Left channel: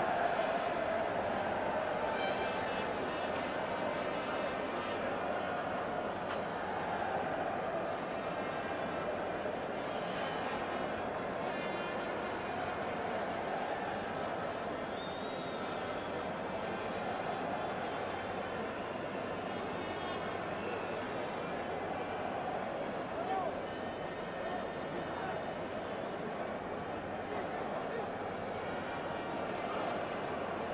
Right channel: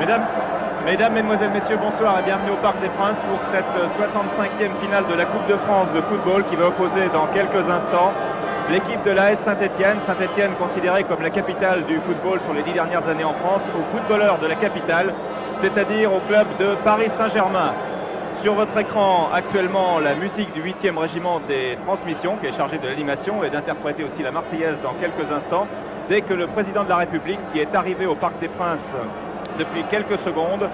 Mesdames, Mesdemoiselles, Messieurs, bonsoir et bienvenue au Parc des Princes pour cette 65e finale de la Coupe de France de football qui va opposer dans quelques instants l'équipe de l'AS Saint-Etienne. Saint-Etienne considérée comme la capitale du football sur les 10 dernières années en France, aux footballeurs de la capitale, c'est-à-dire au club de Paris Saint-Germain. Sur votre écran actuellement la musique du 8e régiment des transmissions qui est chargé de l'animation et d'interpréter aussi la Marseillaise dans quelques instants. Dès que le président de la République, qui est arrivé au Parc des Princes depuis quelques secondes,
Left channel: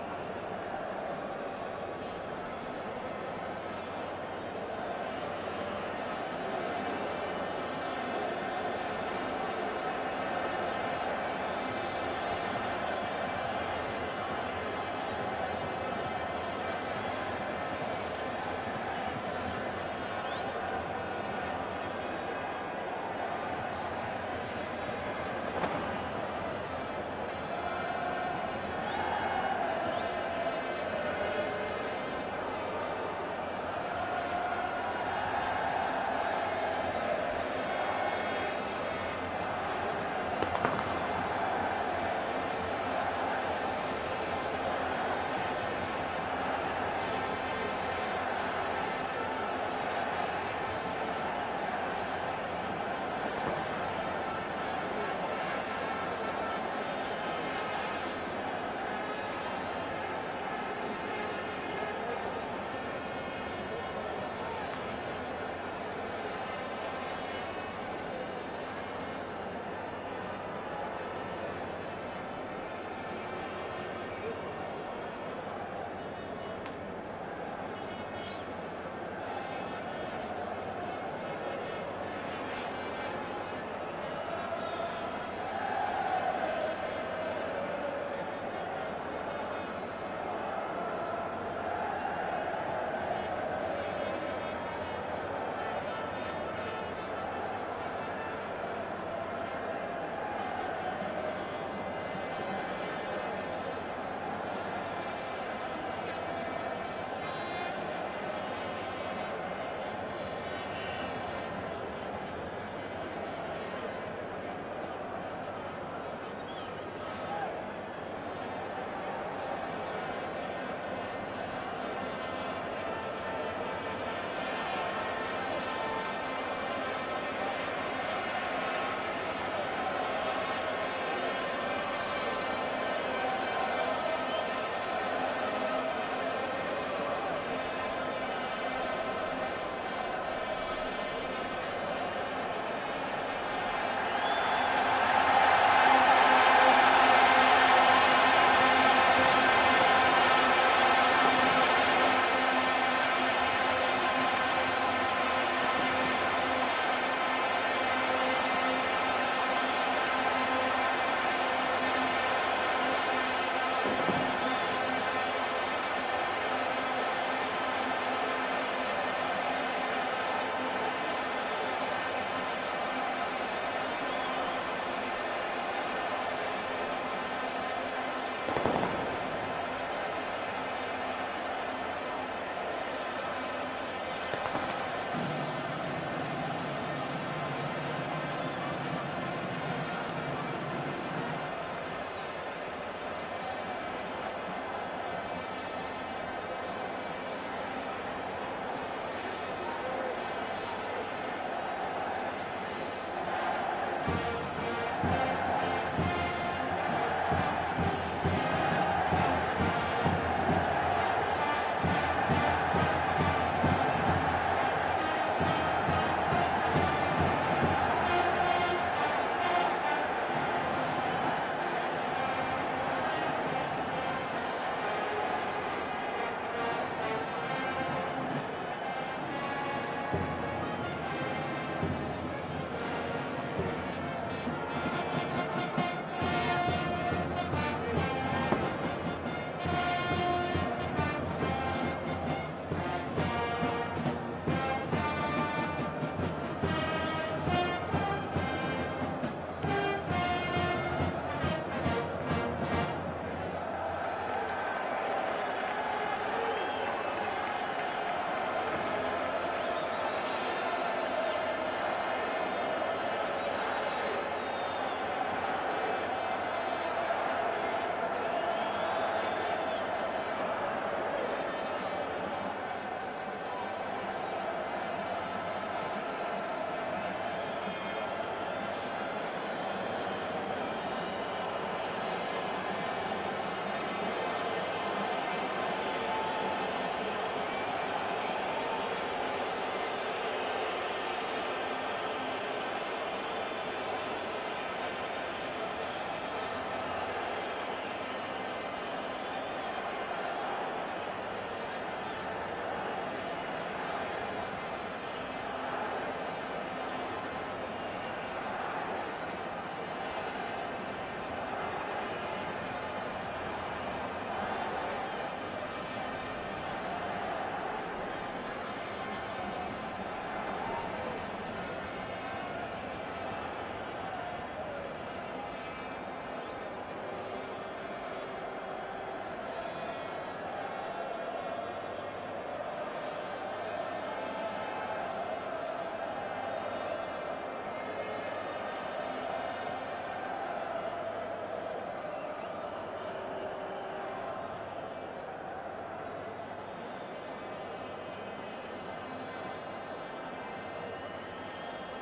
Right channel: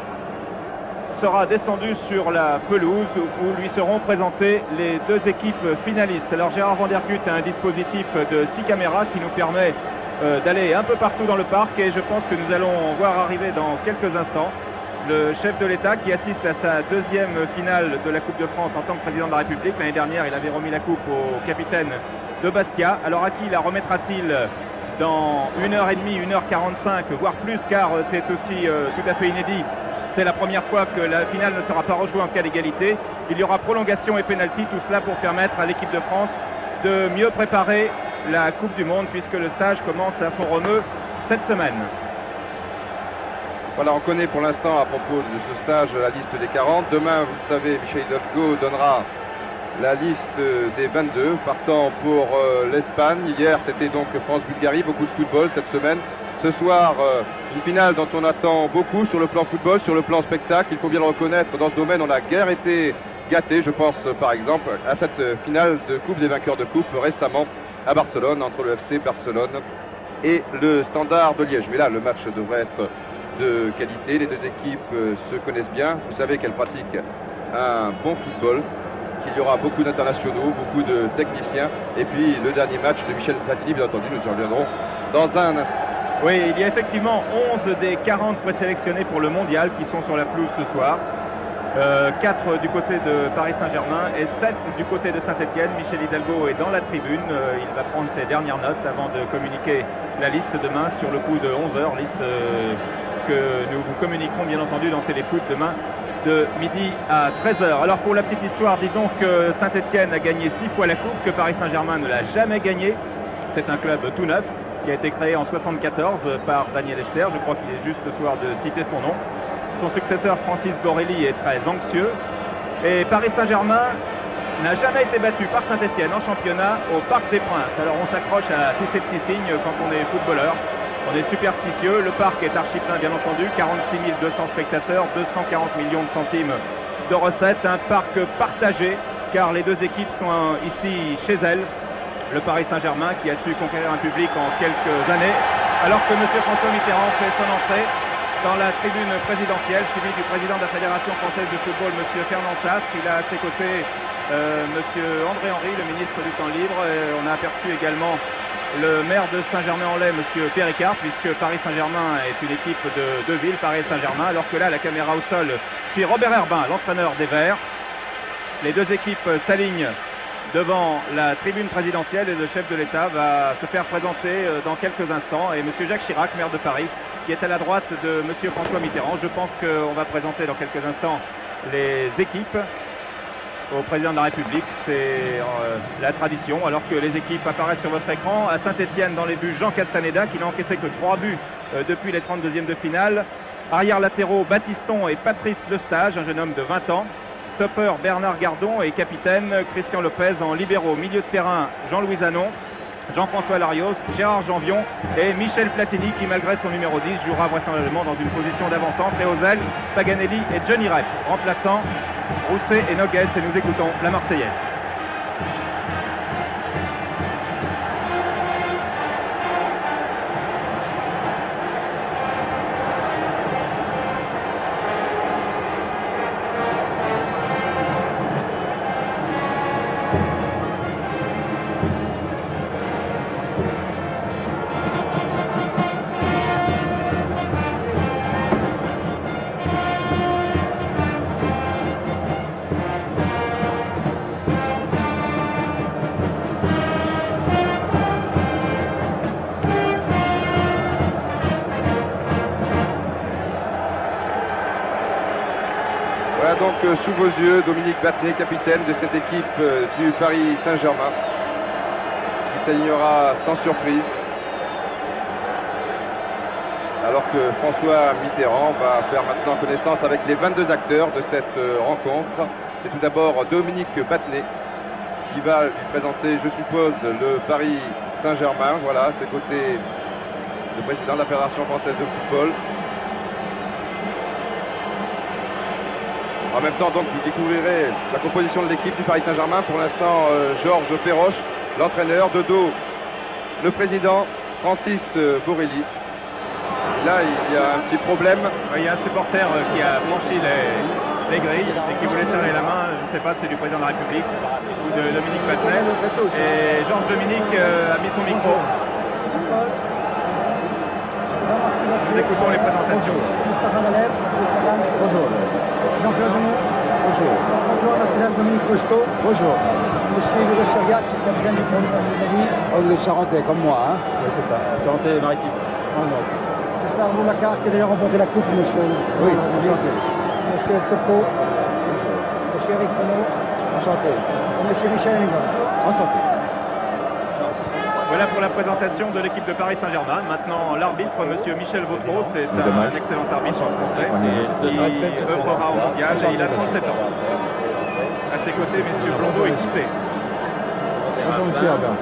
sera descendu sur la pelouse où lui seront présentées les deux équipes finalistes. Alors Gérard Vandergut a un dispositif de 6 caméras qui nous permet d'aller un peu partout dans le parc et je pense que nous allons voir arriver dans quelques instants le chef de l'État qui assiste à sa deuxième finale de la Coupe de France en tant que président de la République. L'année dernière, il avait remis la coupe au capitaine de Bastia. Alors à qui la remettra-t-il dans 1h30, 1h45, voire plus, car c'est aussi tout à fait inédit. C'est la première fois que la finale ne sera pas rejouée en cas d'égalité. Il y aura prolongation et pénalty, tout cela pour permettre à l'équipe de France de mieux préparer la Coupe du Monde puisque le stage commence à Font-Romeu cette semaine. Voilà, on connaît pour l'instant à propos de ce stage la liste des 40. Demain, vous le savez, Michel Hidalgo donnera la liste des 22 partant pour l'Espagne. Hier, c'était donc France-Bulgarie, beaucoup de football cette semaine. Ce soir, une finale dont on attend beaucoup sur le plan football, sur le plan spectacle. Il faut bien le reconnaître, dans ce domaine, on n'a guère été gâté. Je pense par exemple à cette finale de Coupe des vainqueurs de Coupe récemment à Barcelone, entre le FC Barcelone et le Standard de Liège. Mais là, le match devrait être de qualité. Les deux équipes se connaissent bien. Vous savez qu'elles pratiquent un bon football, qu'il y aura beaucoup d'internationaux, beaucoup de techniciens. Et puis le dernier match de Michel Platini, bien entendu, nous y reviendrons dans un instant. Oui, il y a effectivement 11 des 40 présélectionnés pour le mondial qui sont sur la pelouse ce soir. 4 du côté de Paris Saint-Germain et 7 du côté de Saint-Etienne. Michel Hidalgo est dans la tribune. Il va prendre ses dernières notes avant de communiquer la liste demain sur le coup de 11h. Liste que nous vous communiquerons bien entendu dans Téléfoot demain de midi à 13h. Alors pour la petite histoire, disons que Saint-Etienne a gagné 6 fois la coupe, que Paris Saint-Germain ne l'a jamais gagné. C'est un club tout neuf qui a été créé en 1974 par Daniel Echter. Je crois qu'il est juste ce soir de citer son nom. Son successeur Francis Borelli est très anxieux. Et Paris Saint-Germain n'a jamais été battu par Saint-Etienne en championnat au Parc des Princes. Alors on s'accroche à tous ces petits signes quand on est footballeur. On est superstitieux. Le parc est archi plein bien entendu. 46 200 spectateurs, 240 millions de centimes de recettes. Un parc partagé car les deux équipes sont ici chez elles. Le Paris Saint-Germain qui a su conquérir un public en quelques années, alors que M. François Mitterrand fait son entrée dans la tribune présidentielle, suivi du président de la Fédération française de football, M. Fernand Sasse. Il a à ses côtés M. André Henry, le ministre du Temps libre. Et on a aperçu également le maire de Saint-Germain-en-Laye, M. Péricard, puisque Paris Saint-Germain est une équipe de deux villes, Paris Saint-Germain, alors que là, la caméra au sol suit Robert Herbin, l'entraîneur des Verts. Les deux équipes s'alignent devant la tribune présidentielle et le chef de l'État va se faire présenter dans quelques instants. Et M. Jacques Chirac, maire de Paris, qui est à la droite de M. François Mitterrand. Je pense qu'on va présenter dans quelques instants les équipes au président de la République. C'est la tradition. Alors que les équipes apparaissent sur votre écran. À Saint-Etienne, dans les buts, Jean Castaneda, qui n'a encaissé que 3 buts depuis les 32e de finale. Arrière latéraux, Baptiston et Patrice Lestage, un jeune homme de 20 ans. Stopper Bernard Gardon et capitaine Christian Lopez en libéraux. Milieu de terrain Jean-Louis Zanon, Jean-François Larios, Gérard Janvion et Michel Platini qui malgré son numéro 10 jouera vraisemblablement dans une position d'avant-centre. Et aux ailes, Paganelli et Johnny Rep. Remplaçant Rousset et Noguès et nous écoutons la Marseillaise. Voilà donc sous vos yeux Dominique Battenet, capitaine de cette équipe du Paris Saint-Germain, qui s'alignera sans surprise. alors que François Mitterrand va faire maintenant connaissance avec les 22 acteurs de cette rencontre. C'est tout d'abord Dominique Battenet qui va lui présenter, je suppose, le Paris Saint-Germain. Voilà, à ses côtés, le président de la Fédération française de football. En même temps, donc, vous découvrirez la composition de l'équipe du Paris Saint-Germain. Pour l'instant, Georges Perroche, l'entraîneur, de dos, le président Francis Borelli. Là, il y a un petit problème. Il y a un supporter qui a franchi les grilles et qui voulait serrer la main, je ne sais pas si c'est du président de la République ou de Dominique Battenet. Et Georges Dominique a mis son micro. Nous écoutons les présentations. Bonjour. Jean-Claude Denis. Bonjour. Bonjour, national Dominique Rocheteau. Bonjour. Monsieur Hugo Chariat, capitaine du premier de Oh, vous êtes charentais, comme moi, hein? Oui, c'est ça. Charentais maritime. Oh, non. C'est Arnaud Lacarte qui a d'ailleurs remporté la coupe, monsieur. Oui, enchanté. Monsieur Topo. Monsieur Eric Renaud. Enchanté. Et monsieur Michel Engels. Enchanté. Voilà pour la présentation de l'équipe de Paris Saint-Germain. Maintenant, l'arbitre, monsieur Michel Vautreau, c'est un excellent arbitre français qui œuvrera au mondial et il a 37 ans. À ses côtés, messieurs Blondeau et Quitté. Bonjour, monsieur Herbin.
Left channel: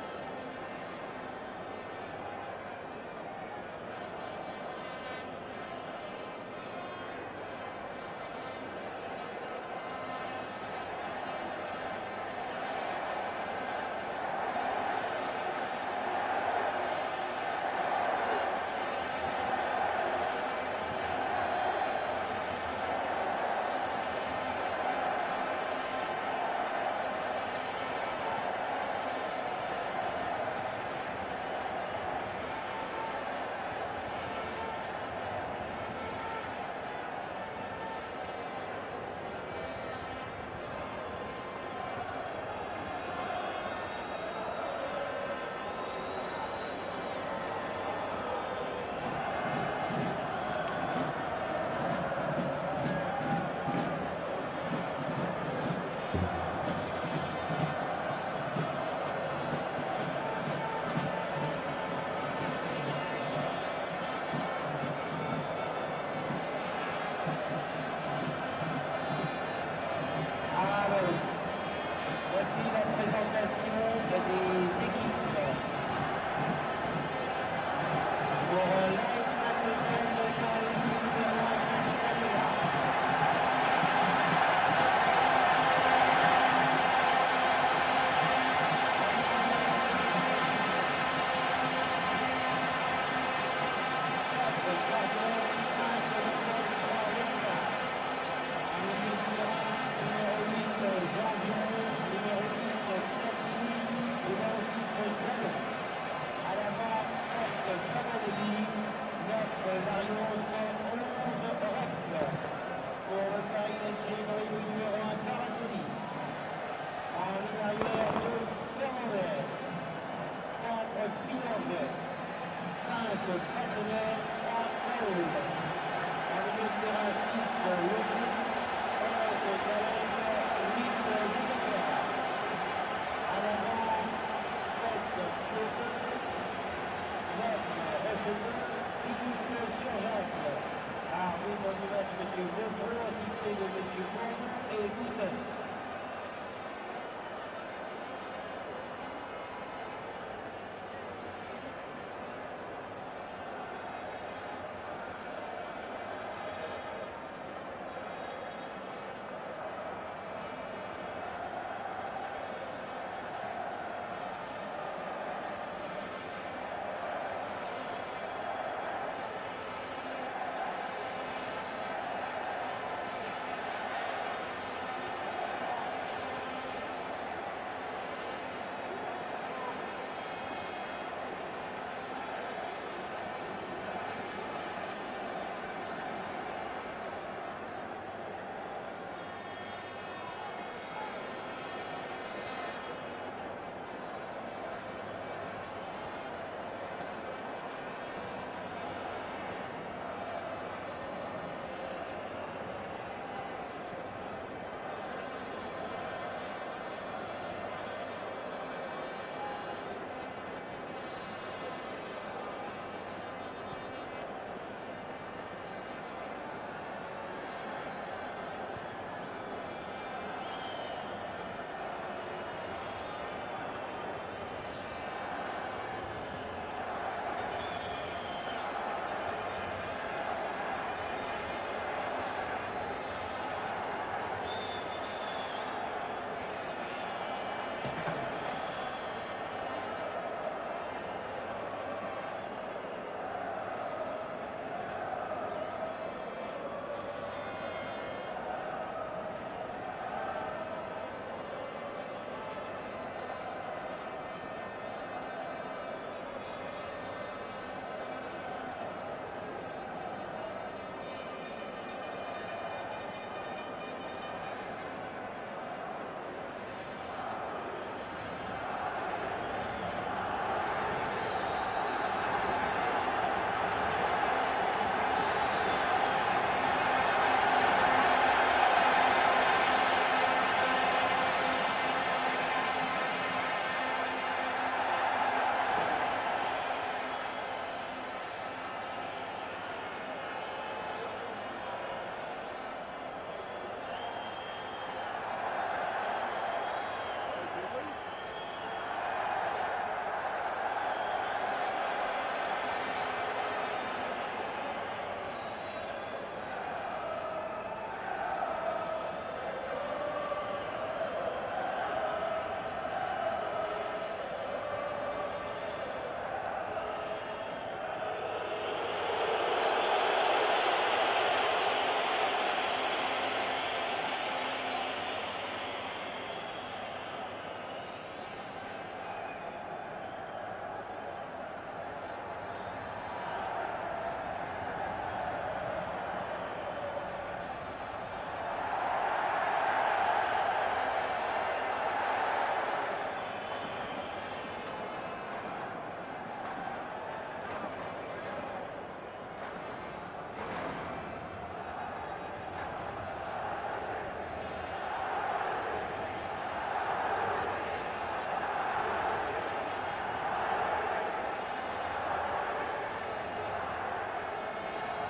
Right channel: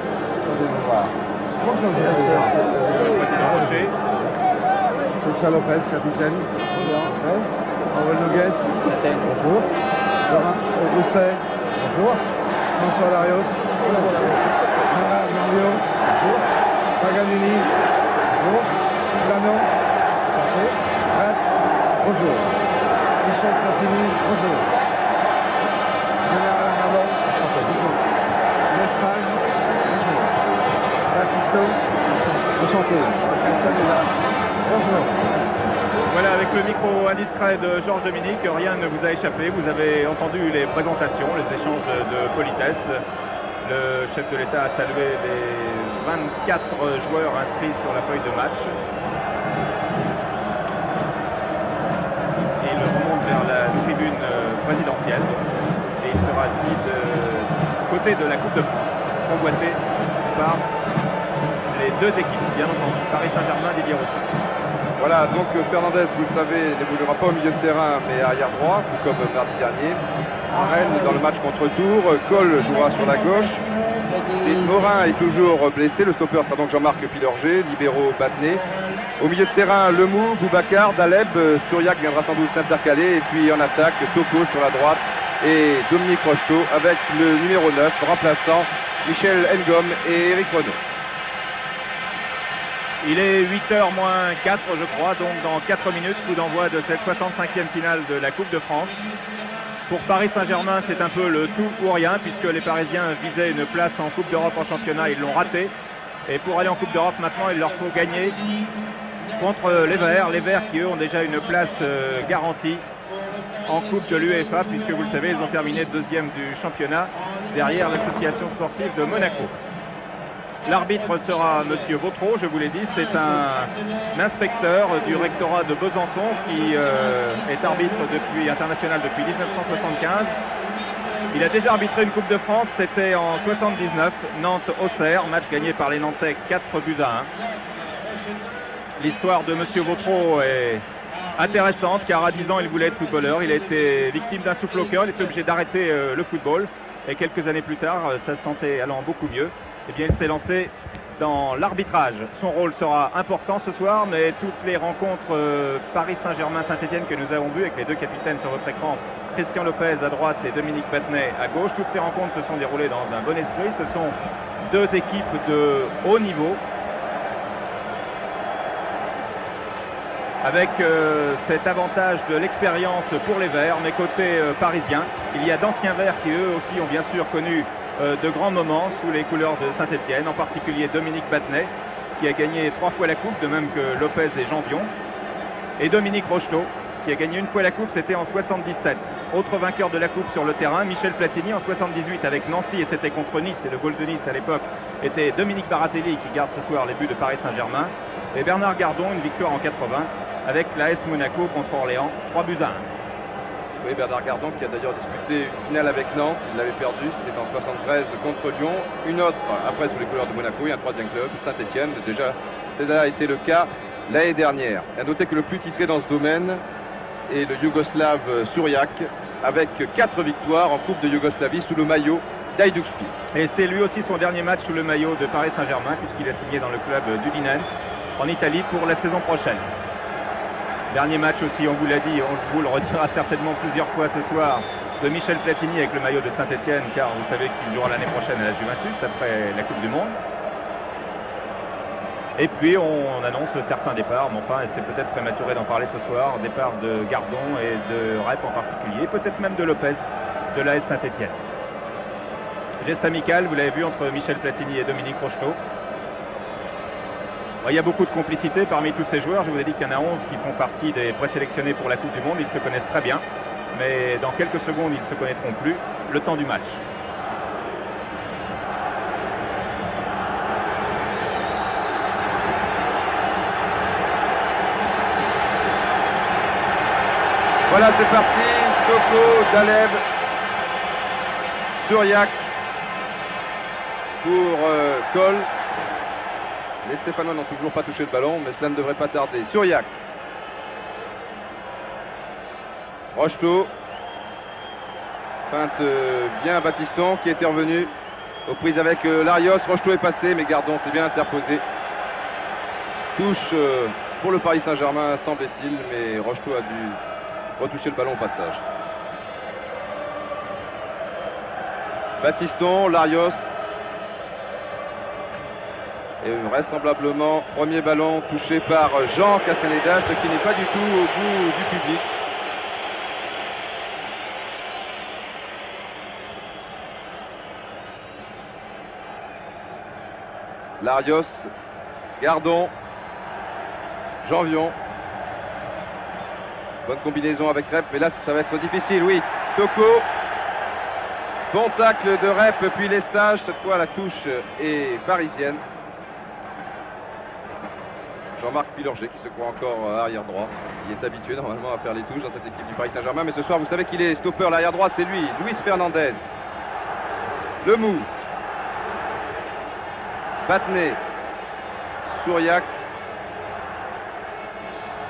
Bonjour, monsieur Le président Rocher. Richard Lopez, capitaine. Bonjour. Aurel Noguès. Bonjour. Laurent Rousset. Bonjour. François Larios. Mario. Bonjour. Paganini. Bonjour. Susano. Bonjour. Michel Platini. Bonjour. Général Arnaud. Bonjour. Lestage. Bonjour. Baptisto. Enchanté. Castaneda. Bonjour. Voilà, avec le micro indiscret de Georges Dominique, rien ne vous a échappé. Vous avez entendu les présentations, les échanges de politesse. Le chef de l'État a salué les 24 joueurs inscrits sur la feuille de match. Et il remonte vers la tribune présidentielle. Et il sera assis de côté de la Coupe de France, convoité par les deux équipes, bien entendu. Paris Saint-Germain, Didier Rousseau. Voilà, donc Fernandez, vous le savez, n'évoluera pas au milieu de terrain, mais arrière droit, tout comme mardi dernier. En Rennes, dans le match contre Tours, Cole jouera sur la gauche. Et Morin est toujours blessé. Le stopper sera donc Jean-Marc Pilorget, libéraux Battenet. Au milieu de terrain, Lemou, Boubacar, Daleb, Sturiac viendra sans doute s'intercaler. Et puis en attaque, Toko sur la droite et Dominique Rocheteau avec le numéro 9, remplaçant Michel Ngom et Eric Renaud. Il est 8h moins 4, je crois, donc dans 4 minutes, coup d'envoi de cette 65e finale de la Coupe de France. Pour Paris Saint-Germain, c'est un peu le tout ou rien, puisque les Parisiens visaient une place en Coupe d'Europe en championnat, ils l'ont raté. Et pour aller en Coupe d'Europe, maintenant, il leur faut gagner contre les Verts qui, eux, ont déjà une place garantie en Coupe de l'UEFA, puisque vous le savez, ils ont terminé deuxième du championnat, derrière l'association sportive de Monaco. L'arbitre sera monsieur Vautreau, je vous l'ai dit, c'est un inspecteur du rectorat de Besançon qui est arbitre international depuis 1975. Il a déjà arbitré une Coupe de France, c'était en 79, Nantes-Auxerre, match gagné par les Nantais 4-1. L'histoire de monsieur Vautreau est intéressante car à 10 ans il voulait être footballeur, il a été victime d'un souffle au cœur, il était obligé d'arrêter le football et quelques années plus tard, sa santé allant beaucoup mieux, eh bien, il s'est lancé dans l'arbitrage. Son rôle sera important ce soir, mais toutes les rencontres Paris Saint-Germain-Saint-Etienne que nous avons vues avec les deux capitaines sur votre écran, Christian Lopez à droite et Dominique Battenet à gauche, toutes ces rencontres se sont déroulées dans un bon esprit. Ce sont deux équipes de haut niveau, avec cet avantage de l'expérience pour les Verts, mais côté parisien, il y a d'anciens Verts qui eux aussi ont bien sûr connu de grands moments sous les couleurs de Saint-Etienne, en particulier Dominique Battenet, qui a gagné 3 fois la Coupe, de même que Lopez et Janvion, et Dominique Rocheteau, qui a gagné une fois la Coupe, c'était en 77. Autre vainqueur de la Coupe sur le terrain, Michel Platini en 78 avec Nancy, et c'était contre Nice, et le goal de Nice à l'époque était Dominique Baratelli, qui garde ce soir les buts de Paris Saint-Germain, et Bernard Gardon, une victoire en 80, avec l'AS Monaco contre Orléans, 3-1. Oui, Bernard Gardon qui a d'ailleurs disputé une finale avec Nantes, il l'avait perdu, c'était en 73 contre Lyon, une autre après sous les couleurs de Monaco et un troisième club, Saint-Etienne. Déjà, cela a été le cas l'année dernière. À noter que le plus titré dans ce domaine est le Yougoslave Šurjak, avec 4 victoires en Coupe de Yougoslavie sous le maillot d'Hajduk Split. Et c'est lui aussi son dernier match sous le maillot de Paris Saint-Germain, puisqu'il a signé dans le club d'Udinese en Italie pour la saison prochaine. Dernier match aussi, on vous l'a dit, on vous le redira certainement plusieurs fois ce soir, de Michel Platini avec le maillot de Saint-Etienne, car vous savez qu'il jouera l'année prochaine à la Juventus après la Coupe du Monde. Et puis on annonce certains départs, mais enfin c'est peut-être prématuré d'en parler ce soir. Départ de Gardon et de Rep en particulier, peut-être même de Lopez de l'AS Saint-Etienne. Geste amical, vous l'avez vu, entre Michel Platini et Dominique Rocheteau. Il y a beaucoup de complicité parmi tous ces joueurs. Je vous ai dit qu'il y en a 11 qui font partie des présélectionnés pour la Coupe du Monde. Ils se connaissent très bien, mais dans quelques secondes ils ne se connaîtront plus le temps du match. Voilà, c'est parti. Toko, Daleb, Šurjak pour Kol. Les Stéphanois n'ont toujours pas touché le ballon, mais cela ne devrait pas tarder. Šurjak. Rocheteau. Feinte bien Battiston qui était revenu aux prises avec Larios. Rocheteau est passé, mais Gardon s'est bien interposé. Touche pour le Paris Saint-Germain, semble-t-il, mais Rocheteau a dû retoucher le ballon au passage. Battiston, Larios. Et vraisemblablement, premier ballon touché par Jean Castaneda, ce qui n'est pas du tout au goût du public. Larios, Gardon, Janvion. Bonne combinaison avec Rep, mais là ça va être difficile, oui. Toko. Bon tacle de Rep, puis Lestage. Cette fois la touche est parisienne. Jean-Marc Pilorget qui se croit encore arrière droit. Il est habitué normalement à faire les touches dans cette équipe du Paris Saint-Germain, mais ce soir vous savez qu'il est stopper, l'arrière droit c'est lui, Luis Fernandez. Le mou. Battenet. Šurjak.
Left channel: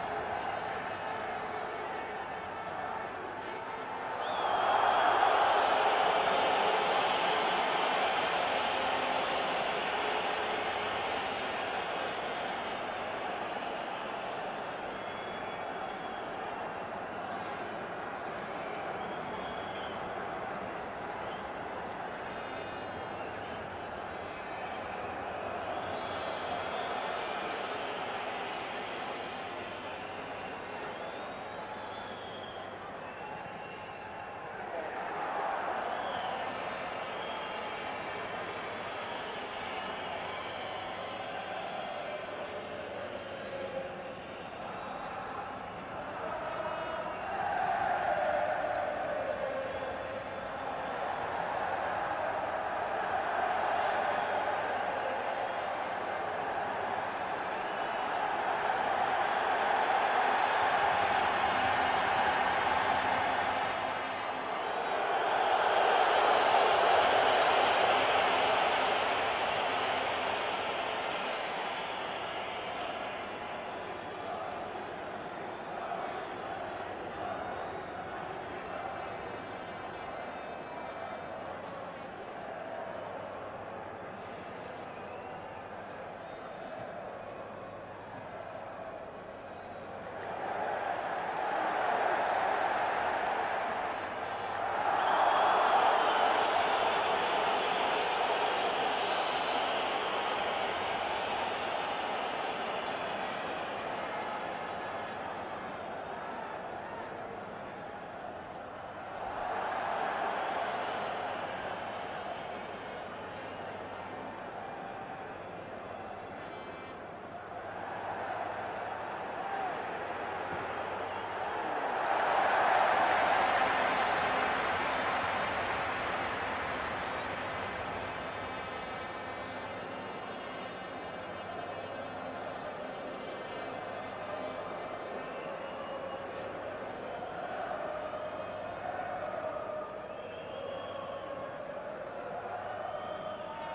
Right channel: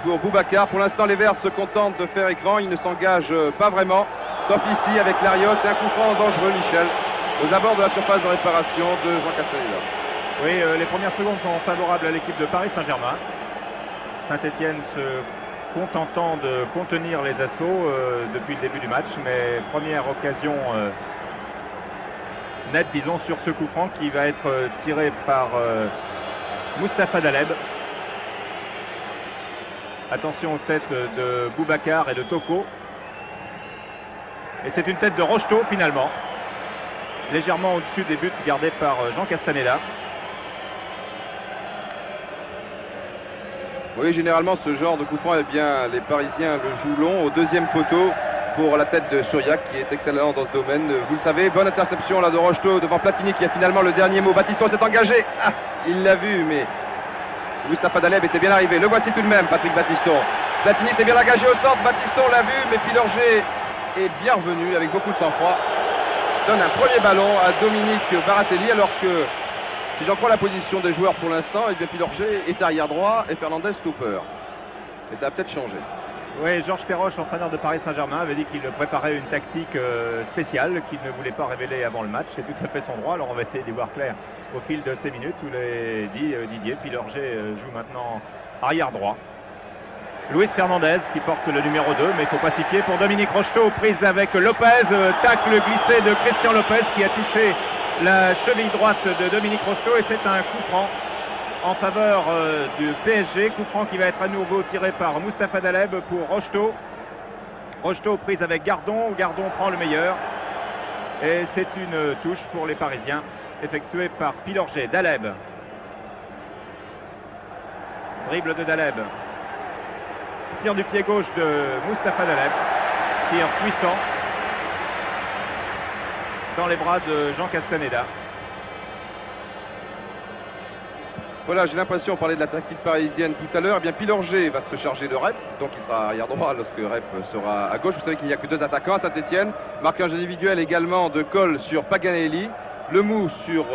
Pour Boubacar. Pour l'instant les Verts se contentent de faire écran, ils ne s'engagent pas vraiment, sauf ici avec Larios et un coup franc dangereux, Michel, aux abords de la surface de réparation de Jean Castaneda. Oui, les premières secondes sont favorables à l'équipe de Paris Saint-Germain. Saint-Etienne se contentant de contenir les assauts depuis le début du match, mais première occasion nette, disons, sur ce coup franc qui va être tiré par Mustapha Daleb. Attention aux têtes de Boubacar et de Toko. Et c'est une tête de Rocheteau finalement, légèrement au-dessus des buts gardés par Jean Castaneda. Oui, généralement ce genre de coup franc, eh bien, les Parisiens le jouent long au deuxième poteau pour la tête de Šurjak qui est excellent dans ce domaine. Vous le savez, bonne interception là de Rocheteau devant Platini qui a finalement le dernier mot. Battiston s'est engagé. Ah, il l'a vu, mais Mustapha Daleb était bien arrivé. Le voici tout de même, Patrick Battiston. Platini s'est bien engagé au centre. Battiston l'a vu, mais Pilorget est bien revenu avec beaucoup de sang-froid. Donne un premier ballon à Dominique Baratelli alors que, si j'en crois la position des joueurs pour l'instant, eh bien Pilorget est arrière droit et Fernandez stopper. Et ça a peut-être changé. Oui, Georges Perroche, entraîneur de Paris Saint-Germain, avait dit qu'il préparait une tactique spéciale qu'il ne voulait pas révéler avant le match. C'est tout à fait son droit. Alors on va essayer d'y voir clair au fil de ces minutes. Vous l'avez dit, Didier, Pilorget joue maintenant arrière droit. Luis Fernandez qui porte le numéro 2, mais il ne faut pas s'y fier pour Dominique Rocheteau, prise avec Lopez, tacle glissé de Christian Lopez qui a touché la cheville droite de Dominique Rocheteau et c'est un coup franc en faveur du PSG. Coup franc qui va être à nouveau tiré par Mustapha Daleb pour Rocheteau. Rocheteau prise avec Gardon. Gardon prend le meilleur. Et c'est une touche pour les Parisiens effectuée par Pilorget. Daleb. Dribble de Daleb. Tir du pied gauche de Mustapha Daleb. Tir puissant dans les bras de Jean Castaneda. Voilà, j'ai l'impression, on parlait de la tactique parisienne tout à l'heure, eh bien Pilorget va se charger de Rep, donc il sera arrière droit lorsque Rep sera à gauche. Vous savez qu'il n'y a que 2 attaquants à Saint-Etienne. Marquage individuel également de Kol sur Paganelli, Le Mou sur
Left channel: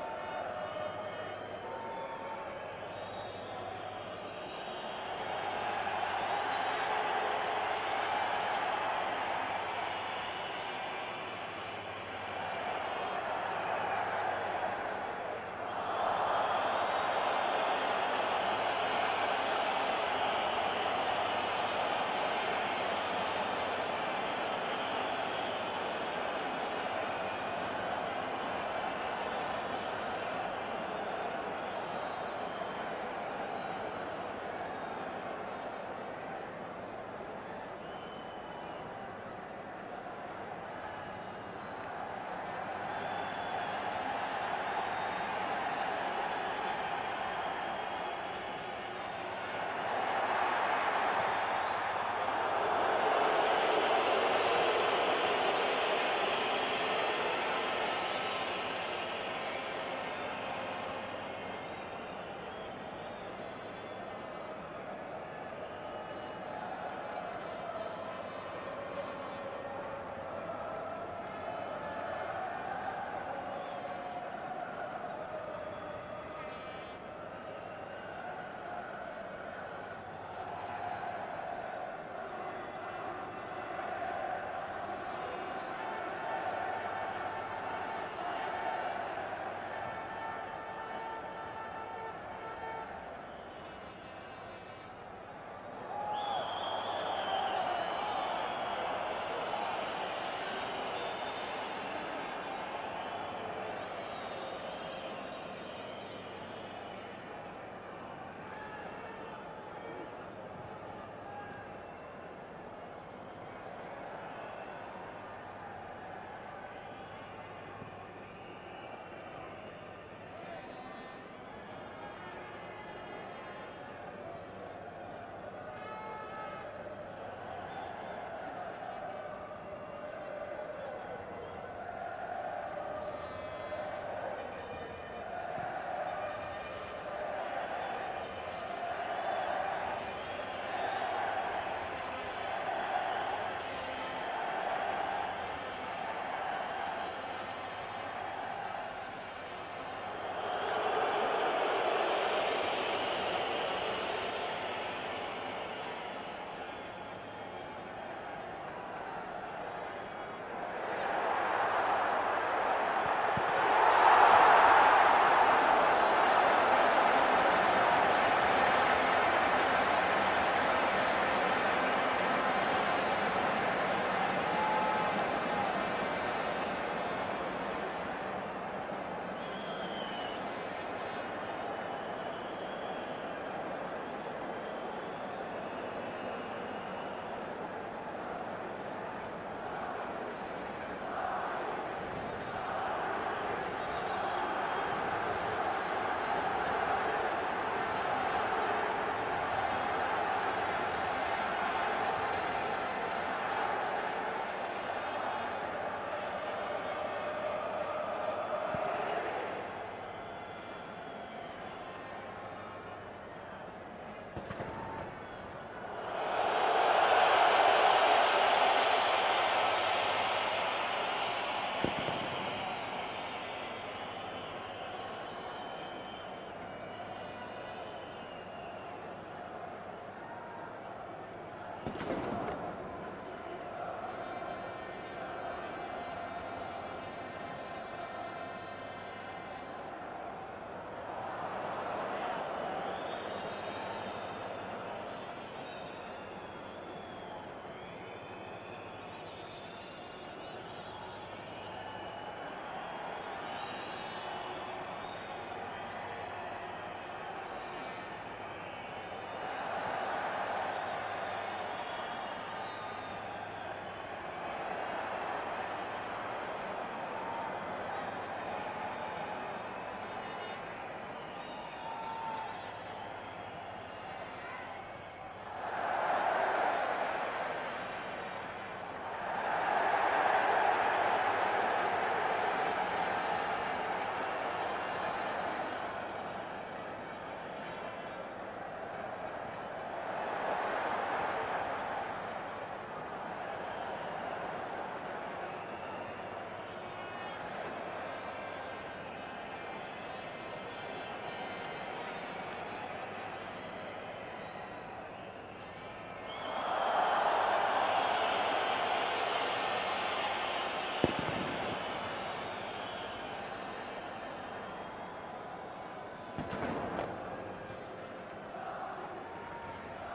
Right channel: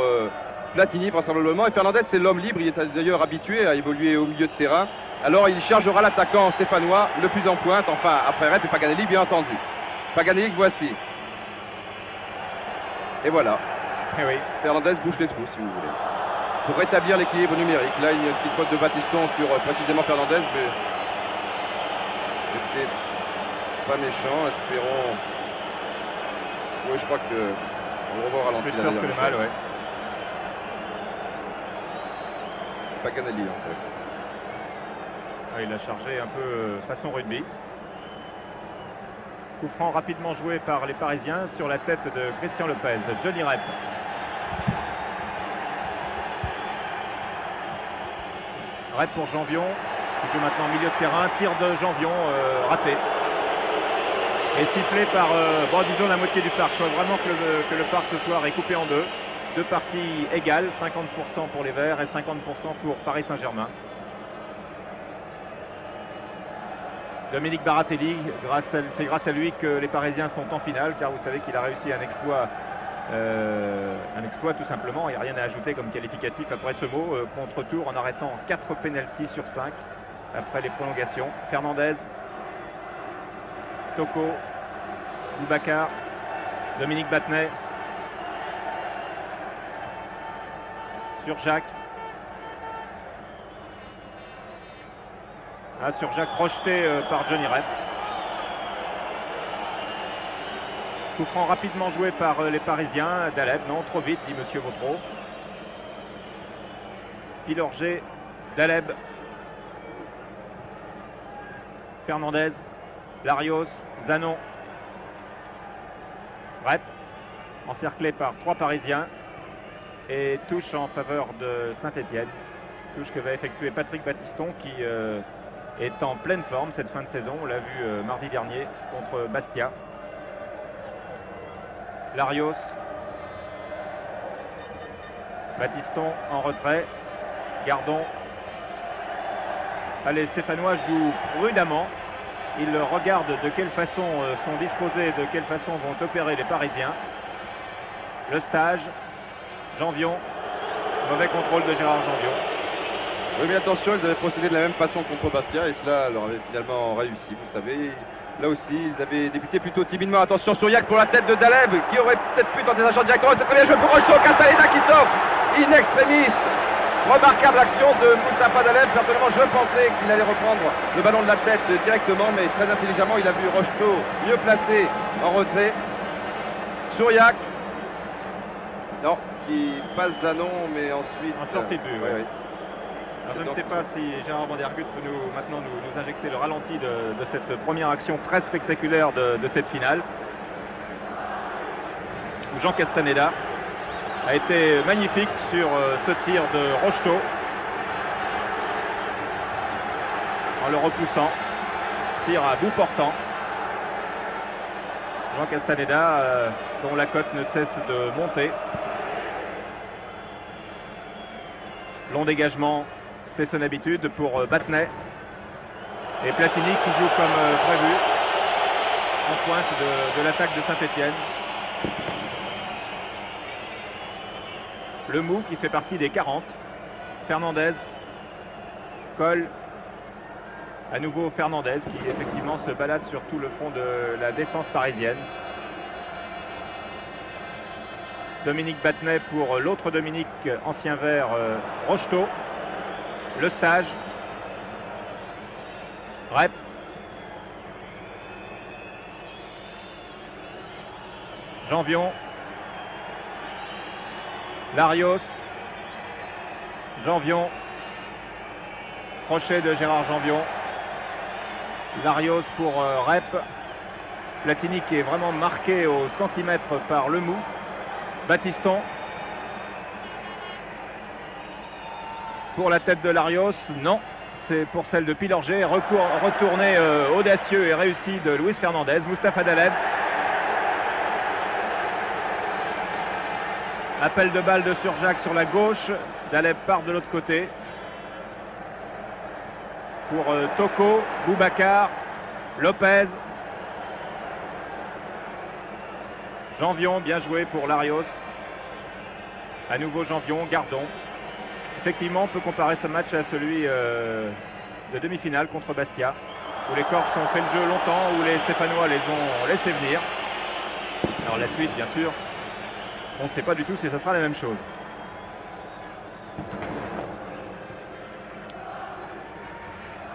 Platini vraisemblablement, et Fernandez c'est l'homme libre, il est d'ailleurs habitué à évoluer au milieu de terrain Alors il chargera l'attaquant stéphanois le plus en pointe, enfin après Rep et Paganelli bien entendu. Paganelli que voici. Et voilà. Eh oui. Fernandez bouche les trous si vous voulez. Pour rétablir l'équilibre numérique. Là il y a une petite faute de Battiston sur précisément Fernandez, mais c'était pas méchant, espérons. Oui, je crois que on le revoit au ralenti. Plus peur que le mal, ouais. Paganelli en fait. Ah, il a chargé un peu façon rugby. Coup franc rapidement joué par les Parisiens sur la tête de Christian Lopez. Johnny Rep. Rep pour Janvion, qui joue maintenant au milieu de terrain. Tir de Janvion raté. Et sifflé par, bon, disons la moitié du parc. Je crois vraiment que le parc ce soir est coupé en deux. Deux parties égales, 50% pour les Verts et 50% pour Paris Saint-Germain. Dominique Baratelli, c'est grâce à lui que les Parisiens sont en finale, car vous savez qu'il a réussi un exploit tout simplement. Il n'y a rien à ajouter comme qualificatif après ce mot. Contre-tour en arrêtant 4 pénaltys sur 5 après les prolongations. Fernandez, Toko, Boubacar, Dominique Battenet, sur Jacques. Ah, sur Jacques projeté par Johnny Rep. Coup franc rapidement joué par les Parisiens. Daleb, non, trop vite, dit Monsieur Vautreau. Pilorget, Daleb, Fernandez, Larios, Zanon, Rep, encerclé par 3 Parisiens. Et touche en faveur de Saint-Étienne. Touche que va effectuer Patrick Battiston qui est en pleine forme cette fin de saison. On l'a vu mardi dernier contre Bastia. Larios. Battiston en retrait. Gardon. Allez, Stéphanois joue prudemment. Il regarde de quelle façon sont disposés, de quelle façon vont opérer les Parisiens. Le stage. Janvion. Mauvais contrôle de Gérard Janvion. Oui, mais attention, ils avaient procédé de la même façon contre Bastia et cela leur avait finalement réussi. Vous savez, là aussi, ils avaient débuté plutôt timidement. Attention, Souriac pour la tête de Daleb qui aurait peut-être pu tenter un champ directement. C'est très bien joué pour Rocheteau. Castaneda qui sauve in extremis. Remarquable action de Moustapha Daleb. Certainement, je pensais qu'il allait reprendre le ballon de la tête directement, mais très intelligemment, il a vu Rocheteau mieux placé en retrait. Souriac. Non, qui passe Zanon, mais ensuite. En sortie de but, oui. oui. Alors, je ne sais pas si Gérard Vandergut peut maintenant nous injecter le ralenti de cette première action très spectaculaire de cette finale. Où Jean Castaneda a été magnifique sur ce tir de Rocheteau. En le repoussant. Tir à bout portant. Jean Castaneda, dont la cote ne cesse de monter. Long dégagement, c'est son habitude pour Battenet. Et Platini qui joue comme prévu en pointe de l'attaque de Saint-Étienne. Le Mou qui fait partie des 40. Fernandez. Colle. À nouveau Fernandez qui effectivement se balade sur tout le front de la défense parisienne. Dominique Battenet pour l'autre Dominique, ancien vert, Rocheteau. Le stage. Rep. Janvion. Larios. Janvion. Crochet de Gérard Janvion. Larios pour Rep. Platini qui est vraiment marqué au centimètre par le Mou. Battiston. Pour la tête de Larios, non. C'est pour celle de Pilorget. Retourné audacieux et réussi de Luis Fernandez. Moustapha Daleb. Appel de balle de Surjacq sur la gauche. Daleb part de l'autre côté. Pour Toko, Boubacar, Lopez. Janvion, bien joué pour Larios. À nouveau Janvion, Gardon. Effectivement, on peut comparer ce match à celui de demi-finale contre Bastia, où les Corses ont fait le jeu longtemps, où les Stéphanois les ont laissés venir. Alors la suite, bien sûr, on ne sait pas du tout si ce sera la même chose.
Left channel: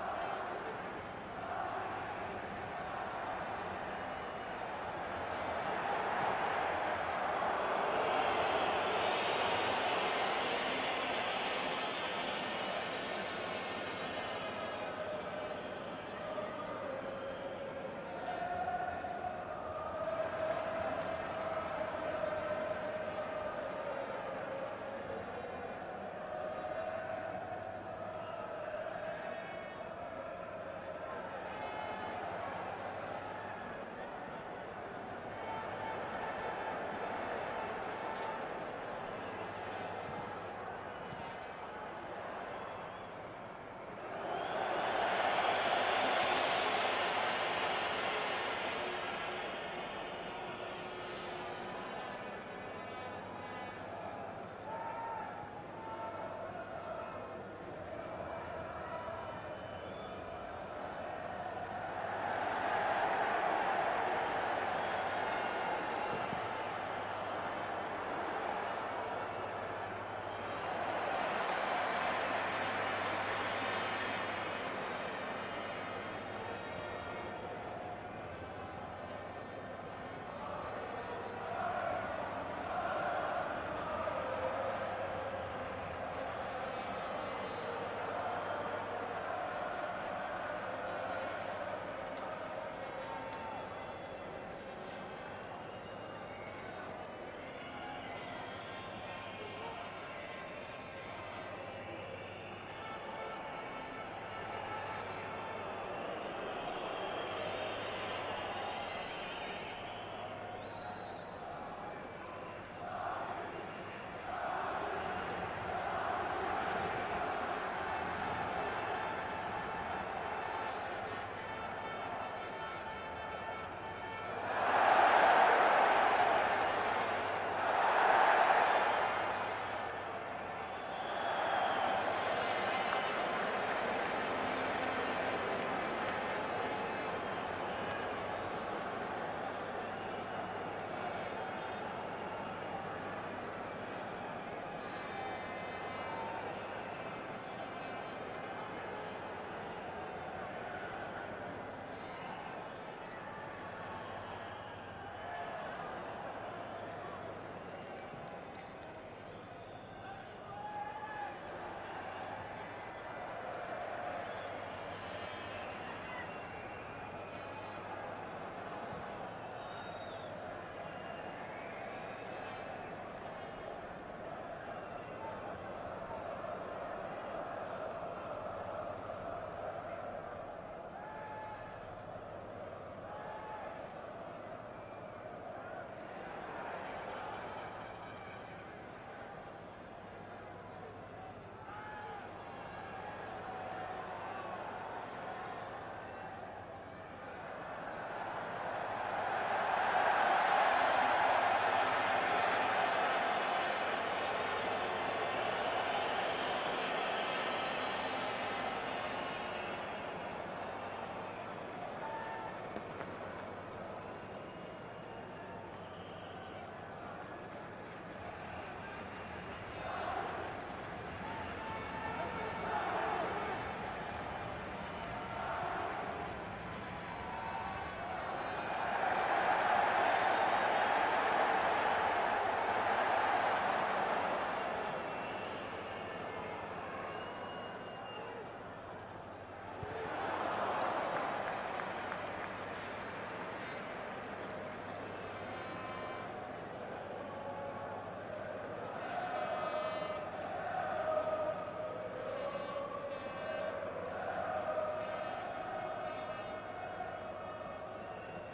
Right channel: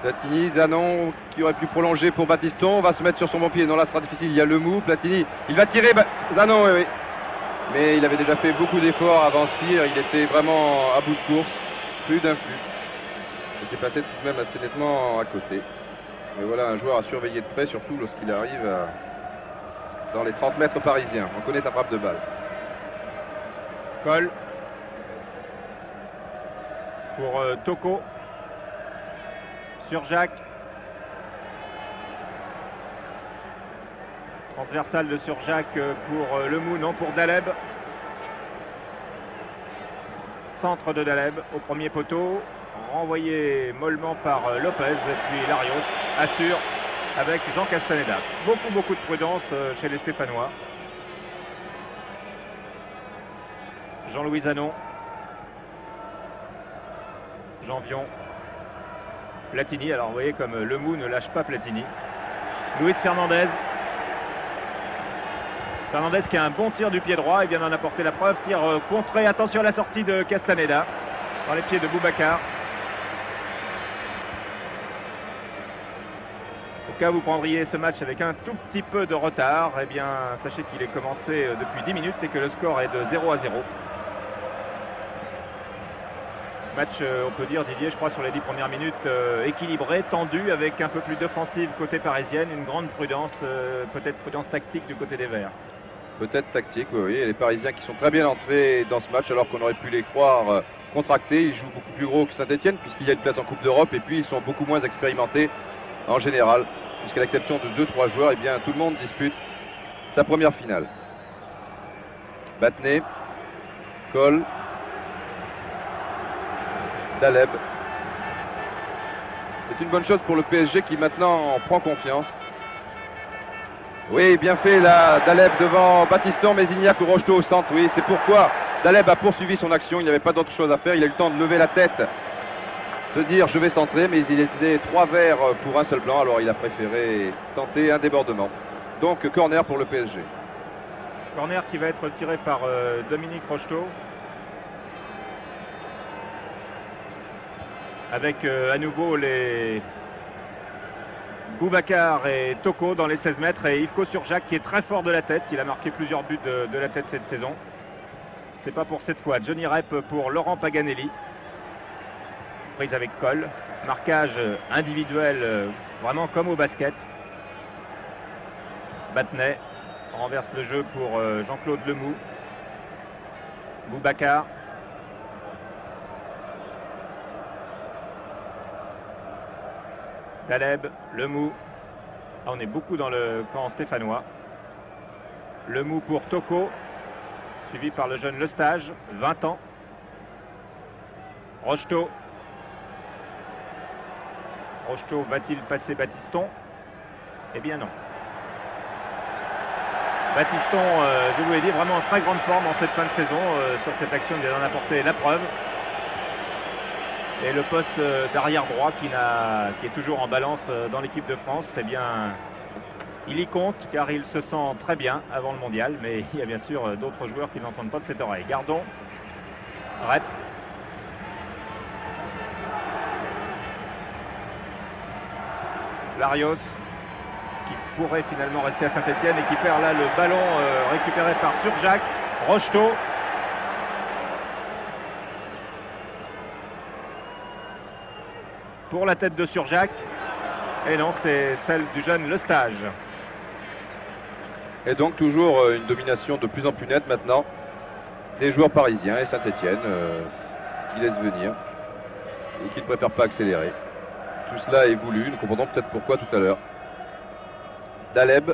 Platini, Zanon qui aurait pu prolonger pour Battiston, va se mettre sur son bon pied. Non, là ce sera difficile, il y a Lemou, Platini, il va tirer, Zanon, oui. Mais il avait déjà fait beaucoup d'efforts avant ce tir, il était vraiment à bout de course, plus d'un flux. Il s'est passé tout de même assez nettement à côté. Mais voilà un joueur à surveiller de près, surtout lorsqu'il arrive dans les 30 mètres parisiens. On connaît sa frappe de balle. Cole pour Toko. Sur Jacques. Transversal de Surjacq pour Lemou, non pour Daleb. Centre de Daleb au premier poteau. Renvoyé mollement par Lopez. Et puis Larios assure avec Jean Castaneda. Beaucoup de prudence chez les Stéphanois. Jean-Louis Zanon. Janvion. Platini, alors vous voyez comme Lemou ne lâche pas Platini. Luis Fernandez. Fernandez qui a un bon tir du pied droit, il vient d'en apporter la preuve. Tir contré, attention à la sortie de Castaneda. Dans les pieds de Boubacar. Au cas où vous prendriez ce match avec un tout petit peu de retard, eh bien sachez qu'il est commencé depuis 10 minutes et que le score est de 0-0. Match, on peut dire, Didier, je crois, sur les 10 premières minutes, équilibré, tendu, avec un peu plus d'offensive côté parisienne, une grande prudence, peut-être prudence tactique du côté des Verts. Peut-être tactique, oui. Et les Parisiens qui sont très bien entrés dans ce match, alors qu'on aurait pu les croire contractés. Ils jouent beaucoup plus gros que Saint-Etienne, puisqu'il y a une place en Coupe d'Europe, et puis ils sont beaucoup moins expérimentés en général, puisqu'à l'exception de 2-3 joueurs, eh bien, tout le monde dispute sa première finale. Battenet, Cole, Daleb. C'est une bonne chose pour le PSG qui maintenant en prend confiance. Oui, bien fait là, Daleb devant Battiston, mais il n'y a que Rocheteau au centre. Oui, c'est pourquoi Daleb a poursuivi son action. Il n'y avait pas d'autre chose à faire. Il a eu le temps de lever la tête, se dire je vais centrer, mais il était 3 verts pour un seul blanc. Alors il a préféré tenter un débordement. Donc corner pour le PSG. Corner qui va être tiré par Dominique Rocheteau. Avec à nouveau les Boubacar et Toko dans les 16 mètres et Yves Surjacq qui est très fort de la tête. Il a marqué plusieurs buts de la tête cette saison. C'est pas pour cette fois. Johnny Rep pour Laurent Paganelli. Prise avec Cole. Marquage individuel vraiment comme au basket. Battenet renverse le jeu pour Jean-Claude Lemou. Boubacar. Daleb, Lemou. Ah, on est beaucoup dans le camp stéphanois. Lemou pour Toko, suivi par le jeune Lestage, 20 ans. Rocheteau. Rocheteau va-t-il passer Battiston? Eh bien non. Battiston, je vous l'ai dit, vraiment en très grande forme en cette fin de saison. Sur cette action, il vient d'en apporter la preuve. Et le poste d'arrière droit qui est toujours en balance dans l'équipe de France, eh bien, il y compte car il se sent très bien avant le mondial. Mais il y a bien sûr d'autres joueurs qui n'entendent pas de cette oreille. Gardon, Rep. Larios qui pourrait finalement rester à Saint-Etienne et qui perd là le ballon récupéré par Surjacq. Rocheteau. Pour la tête de Surjacq. Et non, c'est celle du jeune Lestage. Et donc toujours une domination de plus en plus nette maintenant des joueurs parisiens et Saint-Etienne qui laissent venir et qui ne préfèrent pas accélérer. Tout cela est voulu, nous comprendrons peut-être pourquoi tout à l'heure. Daleb,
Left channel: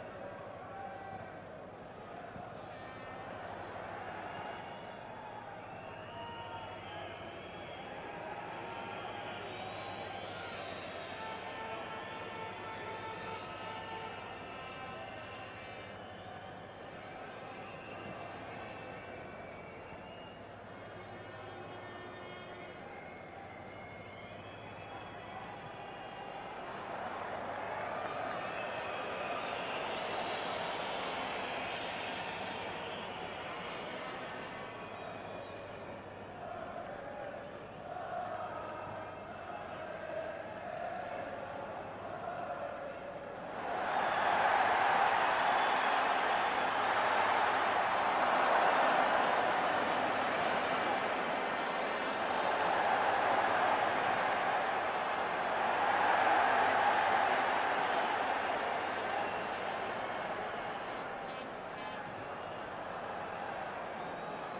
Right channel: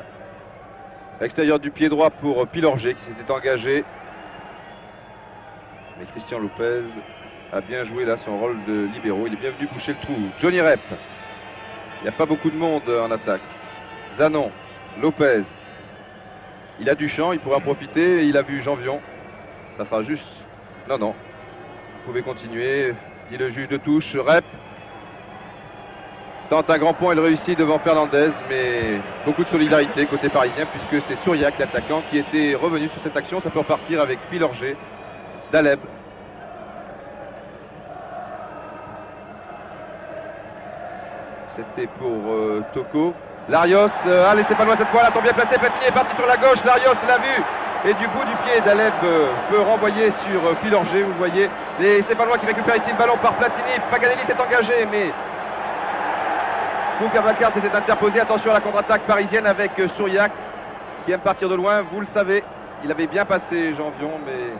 extérieur du pied droit pour Pilorget qui s'était engagé. Mais Christian Lopez a bien joué là son rôle de libéraux. Il est bien venu boucher le trou. Johnny Rep. Il n'y a pas beaucoup de monde en attaque. Zanon, Lopez. Il a du champ, il pourra en profiter. Il a vu Janvion. Ça sera juste. Non, non. Vous pouvez continuer, dit le juge de touche. Rep. tente un grand pont, il réussit devant Fernandez, mais beaucoup de solidarité côté parisien puisque c'est Souriac, l'attaquant, qui était revenu sur cette action. Ça peut repartir avec Pilorget, Daleb. C'était pour Toko. Larios, allez Stéphanois cette fois, là, sont bien placé, Platini est parti sur la gauche, Larios l'a vu. Et du bout du pied, Daleb peut renvoyer sur Pilorget, vous voyez. Les Stéphanois qui récupèrent ici le ballon par Platini. Paganelli s'est engagé, mais Boubacar s'était interposé. Attention à la contre-attaque parisienne avec Souriac qui aime partir de loin, vous le savez. Il avait bien passé Janvion, mais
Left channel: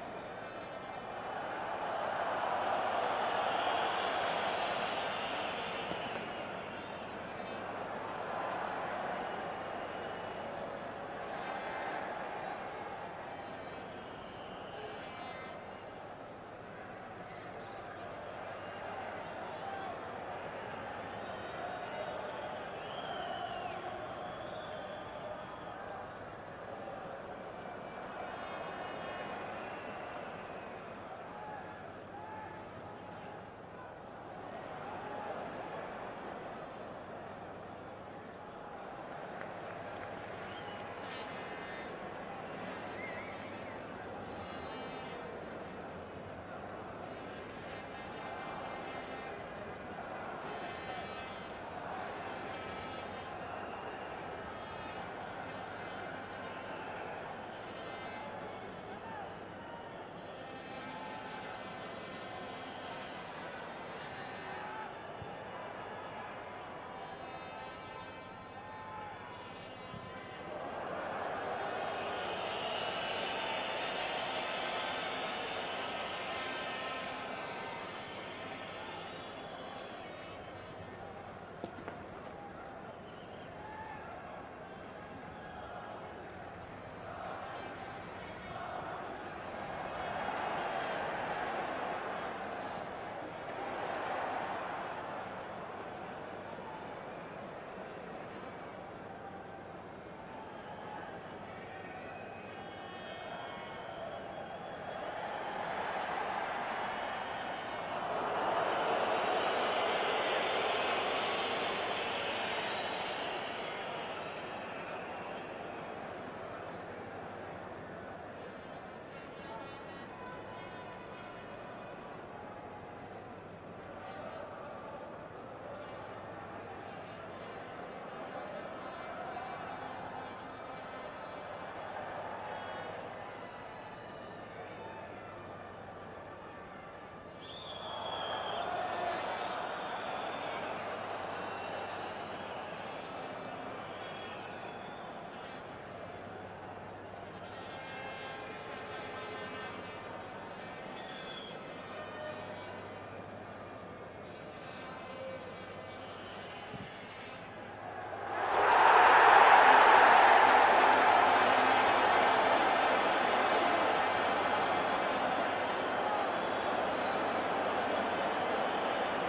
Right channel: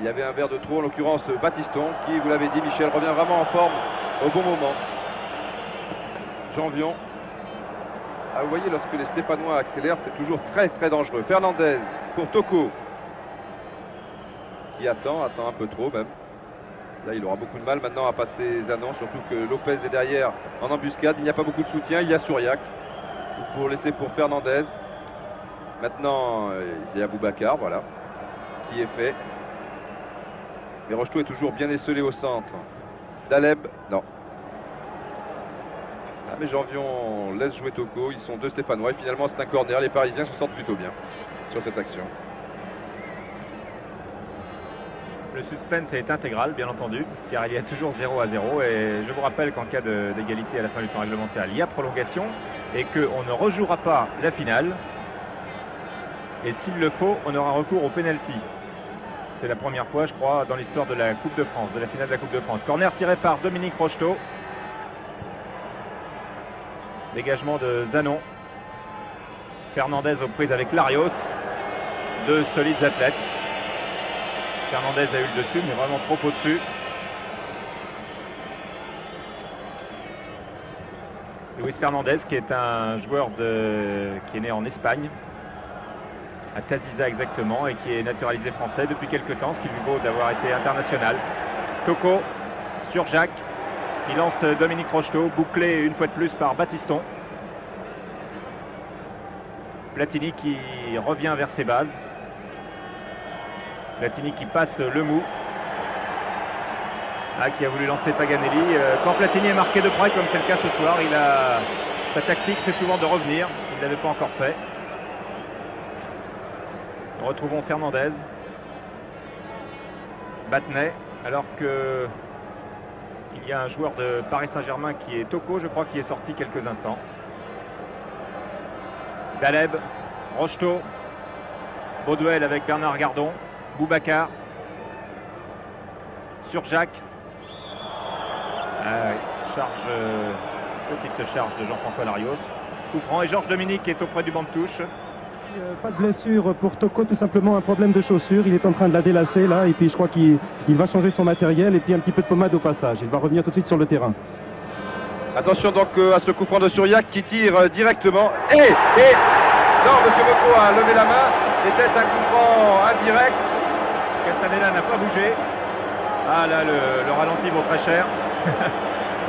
il y avait un verre de trop, en l'occurrence Batiston, qui, vous l'avez dit, Michel, revient vraiment en forme au bon moment. Janvion. Ah, vous voyez, lorsque les Stéphanois accélèrent, c'est toujours très très dangereux. Fernandez pour Toko, qui attend un peu trop même. Là, il aura beaucoup de mal maintenant à passer Zanon, surtout que Lopez est derrière en embuscade. Il n'y a pas beaucoup de soutien. Il y a Souriac pour laisser pour Fernandez. Maintenant, il y a Boubacar, voilà, qui est fait. Et Rocheteau est toujours bien esselé au centre. Daleb, non. Ah, mais Janvion laisse jouer Toko. Ils sont deux Stéphanois et finalement c'est un corner. Les Parisiens se sortent plutôt bien sur cette action. Le suspense est intégral, bien entendu, car il y a toujours 0-0. Et je vous rappelle qu'en cas d'égalité à la fin du temps réglementaire, il y a prolongation et qu'on ne rejouera pas la finale. Et s'il le faut, on aura recours au pénalty. C'est la première fois, je crois, dans l'histoire de la Coupe de France, de la finale de la Coupe de France. Corner tiré par Dominique Rocheteau. Dégagement de Zanon. Fernandez aux prises avec Larios. Deux solides athlètes. Fernandez a eu le dessus, mais vraiment trop au-dessus. Luis Fernandez, qui est un joueur qui est né en Espagne, à Taziza exactement, et qui est naturalisé français depuis quelques temps, ce qui lui vaut d'avoir été international. Toko sur Jacques, qui lance Dominique Rocheteau, bouclé une fois de plus par Batiston. Platini qui revient vers ses bases. Platini qui passe le mou. Ah, qui a voulu lancer Paganelli. Quand Platini est marqué de près, comme c'est le cas ce soir, sa tactique c'est souvent de revenir. Il ne l'avait pas encore fait. Nous retrouvons Fernandez. Battenay, alors que il y a un joueur de Paris Saint-Germain qui est Toko, je crois, qui est sorti quelques instants. Daleb, Rocheteau, beau duel avec Bernard Gardon. Boubacar sur Jacques. Petite charge de Jean-François Larios. Coup franc et Georges Dominique est auprès du banc de touche. Pas de blessure pour Toko, tout simplement un problème de chaussure. Il est en train de la délasser là et puis je crois qu'il va changer son matériel et puis un petit peu de pommade au passage. Il va revenir tout de suite sur le terrain. Attention donc à ce coup franc de Souriac qui tire directement. Et non, monsieur Bocco a levé la main. C'était un coup franc indirect. Castaneda n'a pas bougé. Ah là, le ralenti vaut très cher.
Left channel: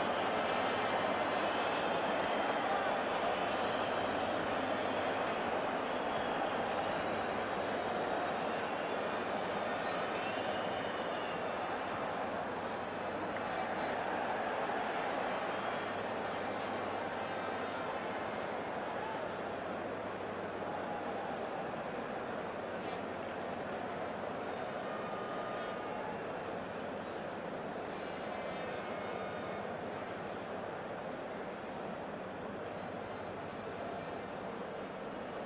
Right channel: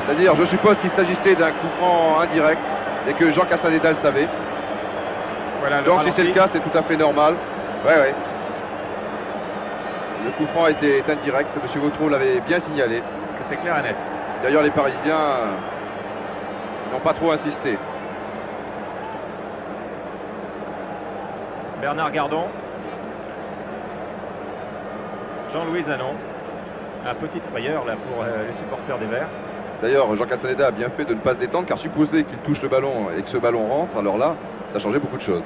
C'est-à-dire, je suppose qu'il s'agissait d'un coup franc indirect et que Jean Castaneda le savait. Voilà, donc si c'est le cas, c'est tout à fait normal. Ouais. Le coup franc était indirect. Monsieur Vautreau l'avait bien signalé. C'était clair et net. D'ailleurs, les Parisiens n'ont pas trop insisté. Bernard Gardon. Jean-Louis Zanon. Un petite frayeur là pour les supporters des Verts. D'ailleurs, Jean Castaneda a bien fait de ne pas se détendre, car supposer qu'il touche le ballon et que ce ballon rentre, alors là, ça changeait beaucoup de choses.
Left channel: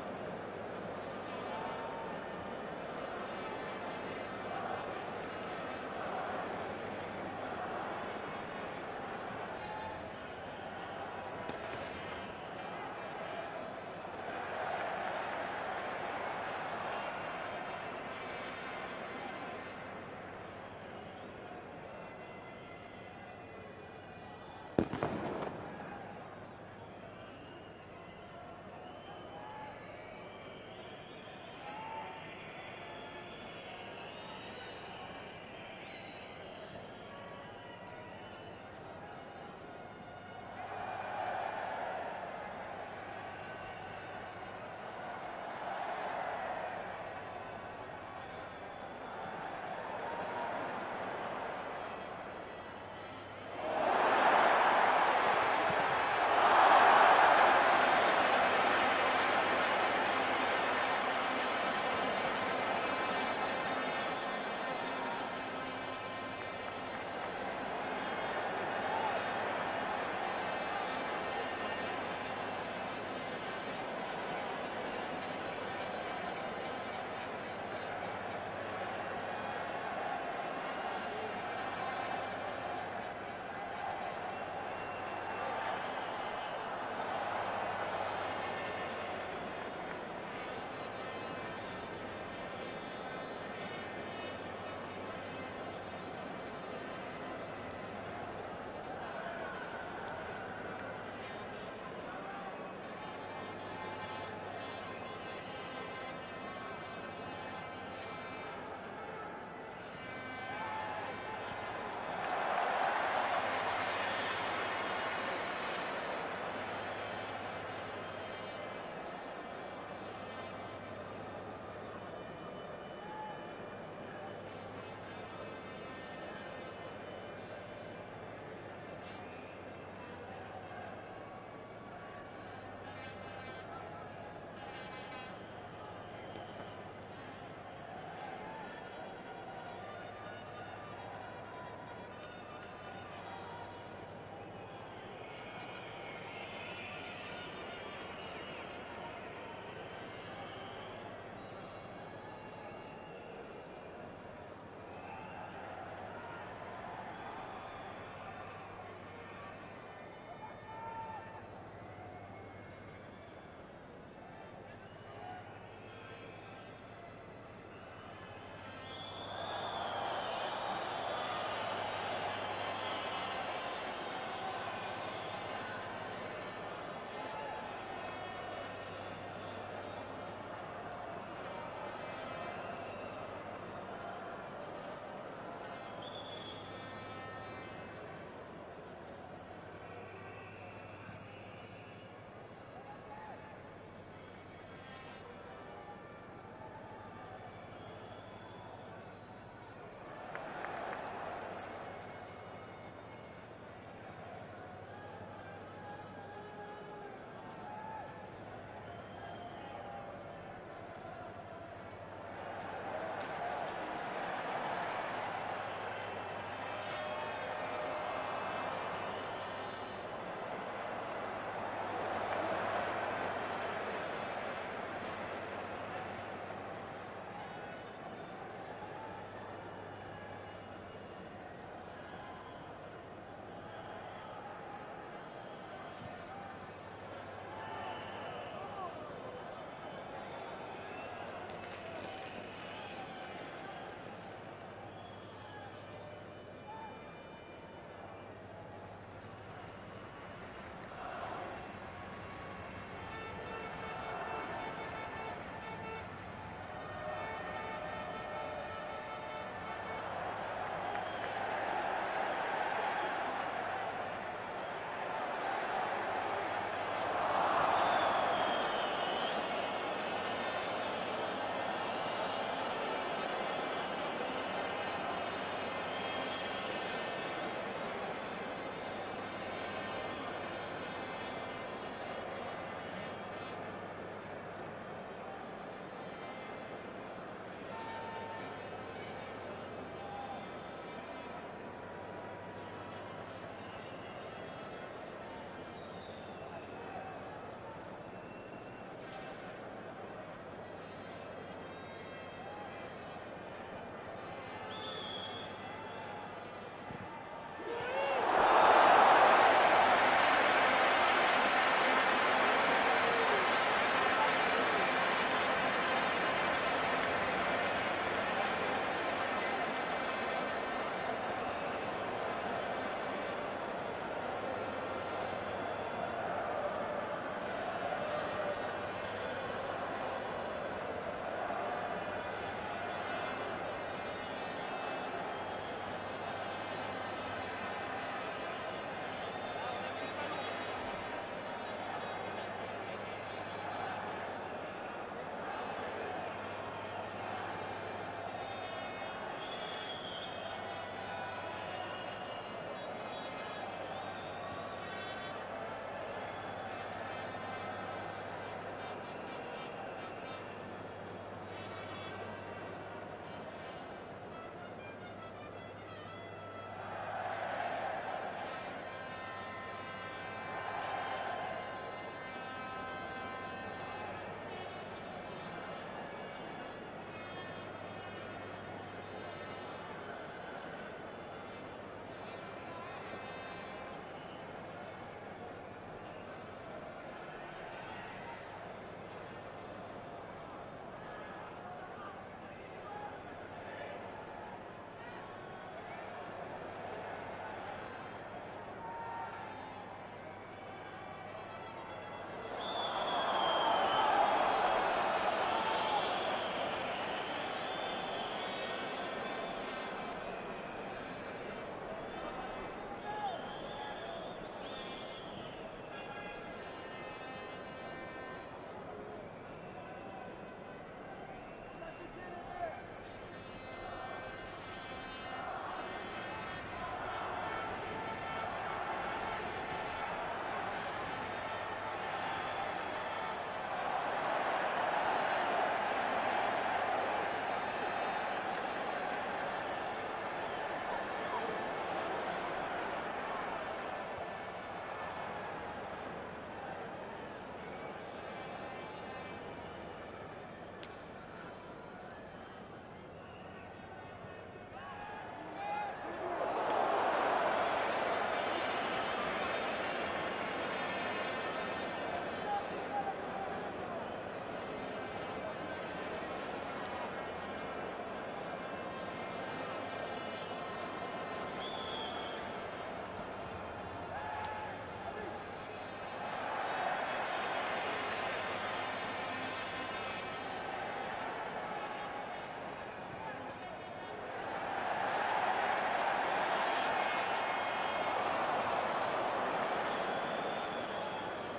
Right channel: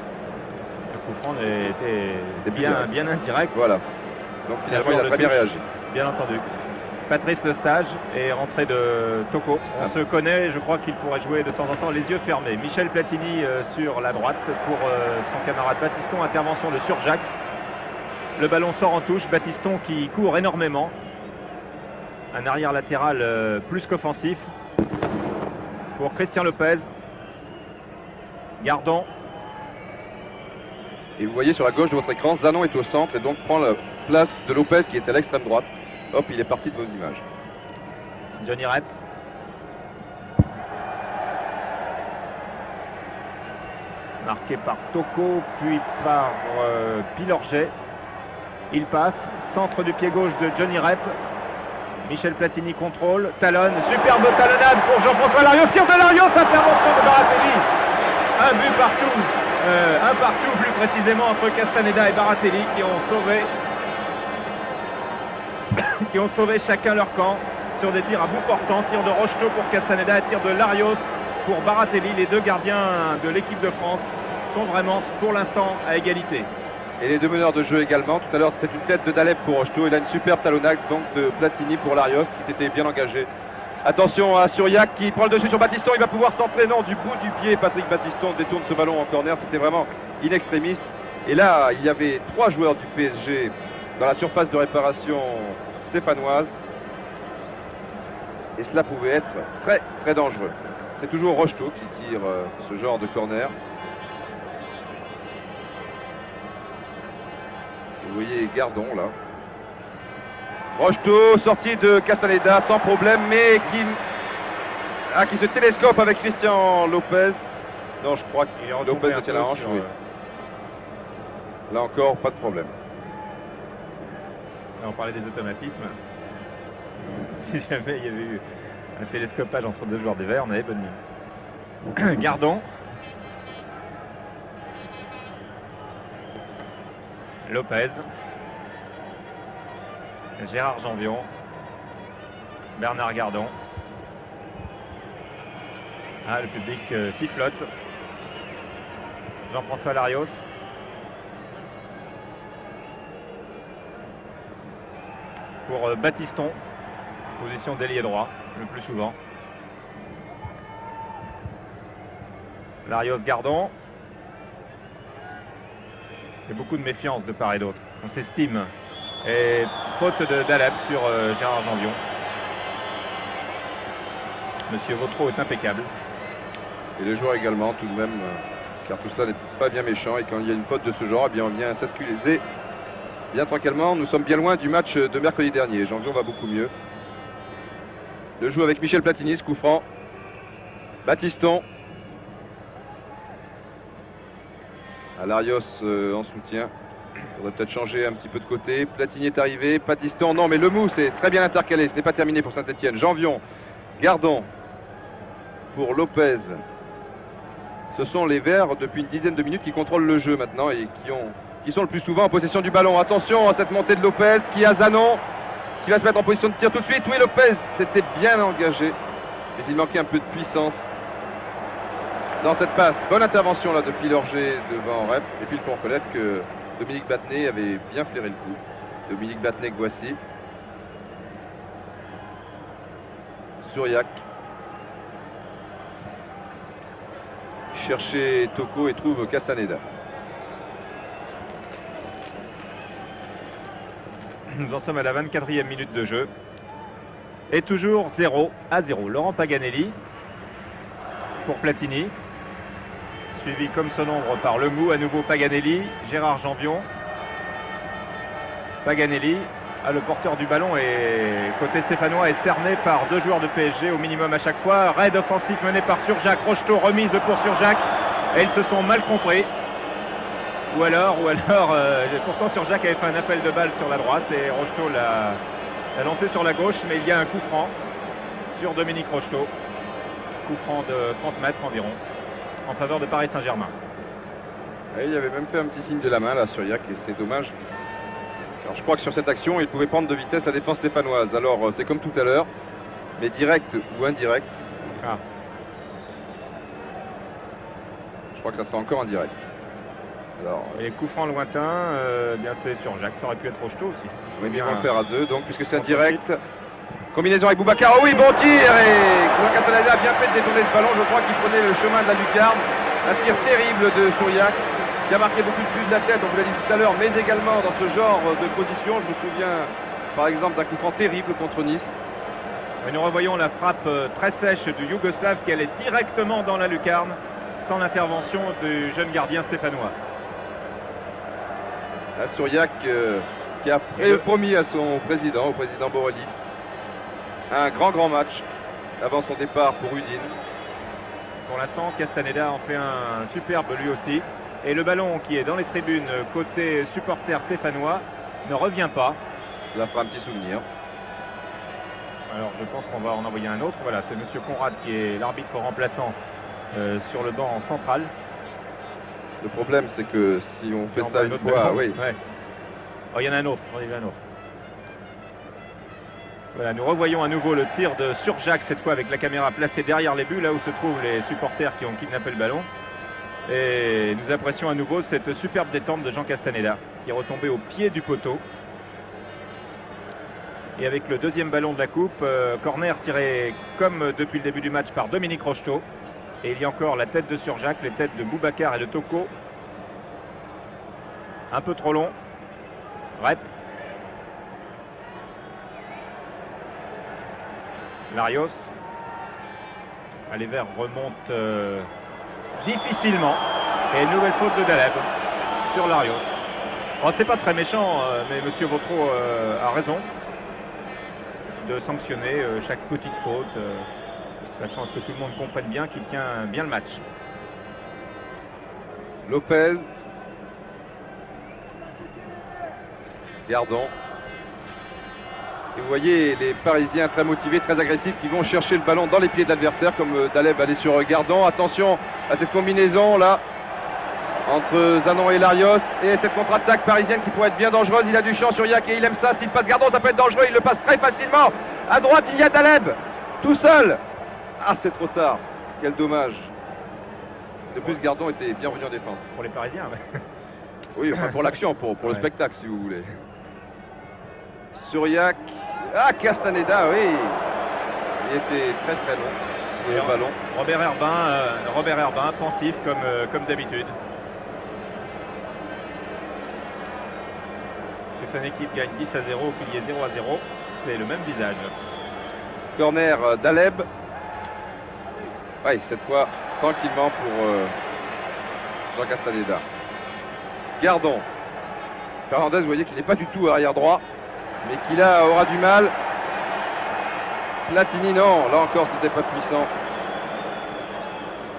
Le coup franc était bien indirect. Voilà. Donc finalement, il a très bien réagi. Bien entendu. Patrice Lestage est rentré de Toko. On se connaît, je crois qu'il pourrait jouer de temps en temps les yeux fermés. Michel Platini sur la droite pour son camarade Batiston. Intervention de Surjacq. Le ballon sort en touche. Batiston qui court énormément. Un arrière latéral plus qu'offensif pour Christian Lopez. Gardon. Et vous voyez sur la gauche de votre écran, Zanon est au centre et donc prend la place de Lopez qui est à l'extrême droite. Hop, il est parti de vos images. Johnny Rep. Marqué par Toko, puis par Pilorget. Il passe, centre du pied gauche de Johnny Rep. Michel Platini contrôle, talonne, superbe talonnade pour Jean-François Larios, tir de Larios, intervention de Baratelli. Un but partout, un partout plus précisément entre Castaneda et Baratelli qui ont sauvé chacun leur camp sur des tirs à bout portant, tir de Rocheteau pour Castaneda, tir de Larios pour Baratelli. Les deux gardiens de l'équipe de France sont vraiment pour l'instant à égalité. Et les deux meneurs de jeu également. Tout à l'heure c'était une tête de Daleb pour Rocheteau. Il a une superbe talonnade donc de Platini pour Larios qui s'était bien engagé. Attention à Suriac qui prend le dessus sur Battiston. Il va pouvoir s'entrer, non, du bout du pied. Patrick Battiston détourne ce ballon en corner. C'était vraiment in extremis. Et là il y avait 3 joueurs du PSG dans la surface de réparation stéphanoise. Et cela pouvait être très très dangereux. C'est toujours Rocheteau qui tire ce genre de corner. Vous voyez Gardon là. Rocheteau sorti de Castaneda sans problème, mais qui se télescope avec Christian Lopez. Non, je crois que Lopez tient la hanche. Oui. Là encore, pas de problème. Là, on parlait des automatismes. Si jamais il y avait eu un télescopage entre deux joueurs des Verts, on avait bonne mine. Gardon. Lopez. Gérard Janvion. Bernard Gardon. Ah, le public sifflote. Jean-François Larios. Pour Battiston, position d'ailier droit le plus souvent. Larios Gardon. Il y a beaucoup de méfiance de part et d'autre. On s'estime. Et faute de Daleb sur Gérard Janvion. Monsieur Vautreau est impeccable. Et le joueur également tout de même, car tout cela n'est pas bien méchant. Et quand il y a une faute de ce genre, eh bien on vient s'excuser bien tranquillement. Nous sommes bien loin du match de mercredi dernier. Janvion va beaucoup mieux. Le joue avec Michel Platini, ce coup franc. Battiston. Larios en soutien. Il faudrait peut-être changer un petit peu de côté. Platini est arrivé. Battiston, non mais le mousse est très bien intercalé. Ce n'est pas terminé pour Saint-Etienne. Janvion. Gardon. Pour Lopez. Ce sont les Verts depuis une dizaine de minutes qui contrôlent le jeu maintenant et qui sont le plus souvent en possession du ballon. Attention à cette montée de Lopez qui a Zanon qui va se mettre en position de tir tout de suite. Oui, Lopez s'était bien engagé, mais il manquait un peu de puissance dans cette passe. Bonne intervention là de Pilorget devant Rep. Et puis il faut reconnaître que Dominique Battenet avait bien flairé le coup. Dominique Battenet que voici. Suriac. Chercher Toko et trouve Castaneda. Nous en sommes à la 24e minute de jeu. Et toujours 0-0. Laurent Paganelli pour Platini. Suivi comme son ombre par Lemou. À nouveau Paganelli. Gérard Janvion. Paganelli. Le porteur du ballon et côté stéphanois est cerné par 2 joueurs de PSG au minimum à chaque fois. Raid offensif mené par Surjacq. Rocheteau remise pour Surjacq. Et ils se sont mal compris. Ou alors, pourtant Surjacq avait fait un appel de balle sur la droite et Rocheteau l'a lancé sur la gauche, mais il y a un coup franc sur Dominique Rocheteau. Coup franc de 30 mètres environ en faveur de Paris Saint-Germain. Il avait même fait un petit signe de la main là Suriac et c'est dommage. Alors je crois que sur cette action, il pouvait prendre de vitesse la défense stéphanoise. Alors c'est comme tout à l'heure, mais direct ou indirect. Ah. Je crois que ça sera encore indirect. Alors, et coup franc lointain, bien fait sur Jacques, ça aurait pu être Rocheteau aussi. Oui, bien on faire à 2, donc puisque c'est indirect. Combinaison avec Boubacar, oh oui, bon tir. Et Castaneda a bien fait de détourner ce ballon. Je crois qu'il prenait le chemin de la lucarne. Un tir terrible de Suriac, qui a marqué beaucoup plus de la tête, on vous l'a dit tout à l'heure, mais également dans ce genre de position. Je me souviens par exemple d'un coup franc terrible contre Nice. Et nous revoyons la frappe très sèche du Yougoslave qui allait directement dans la lucarne sans l'intervention du jeune gardien stéphanois. Suriac qui a promis à son président, au président Borelli, un grand match avant son départ pour Udine. Pour l'instant, Castaneda en fait un superbe lui aussi. Et le ballon qui est dans les tribunes côté supporter stéphanois ne revient pas. Ça fera un petit souvenir. Alors je pense qu'on va en envoyer un autre. Voilà, c'est Monsieur Conrad qui est l'arbitre remplaçant sur le banc central. Le problème, c'est que si on fait On ça voit une autre fois, ballon. oui. Ouais. Oh, il y en a un autre. Il y en a un autre. Voilà, nous revoyons à nouveau le tir de Surjak, cette fois avec la caméra placée derrière les buts, là où se trouvent les supporters qui ont kidnappé le ballon. Et nous apprécions à nouveau cette superbe détente de Jean Castaneda, qui est retombé au pied du poteau. Et avec le deuxième ballon de la coupe, corner tiré comme depuis le début du match par Dominique Rocheteau. Et il y a encore la tête de Surjak, les têtes de Boubacar et de Toko. Un peu trop long. Rep. Larios. Les Verts remontent difficilement. Et une nouvelle faute de Daleb sur Larios. Bon, c'est pas très méchant, mais Monsieur Vautreau a raison de sanctionner chaque petite faute, sachant que tout le monde comprenne bien qu'il tient bien le match. Lopez. Gardon. Et vous voyez les Parisiens très motivés, très agressifs, qui vont chercher le ballon dans les pieds de l'adversaire, comme Daleb allait sur Gardon. Attention à cette combinaison là entre Zanon et Larios, et cette contre-attaque parisienne qui pourrait être bien dangereuse. Il a du champ sur Yak et il aime ça. S'il passe Gardon, ça peut être dangereux. Il le passe très facilement. À droite, il y a Daleb tout seul. Ah, c'est trop tard. Quel dommage. De plus, Gardon était bien revenu en défense. Pour les Parisiens, ouais. Oui, enfin pour l'action, pour le Ouais. spectacle, si vous voulez. Suriac. Ah, Castaneda, oui. Il était très très long sur le ballon. Robert Herbin, pensif comme d'habitude. Que son équipe gagne 10 à 0 ou qu'il y ait 0 à 0, c'est le même visage. Corner Daleb. Oui, cette fois, tranquillement pour Jean Castaneda. Gardon. Fernandez, vous voyez qu'il n'est pas du tout arrière droit, mais qu'il aura du mal. Platini, non, là encore, c'était pas puissant.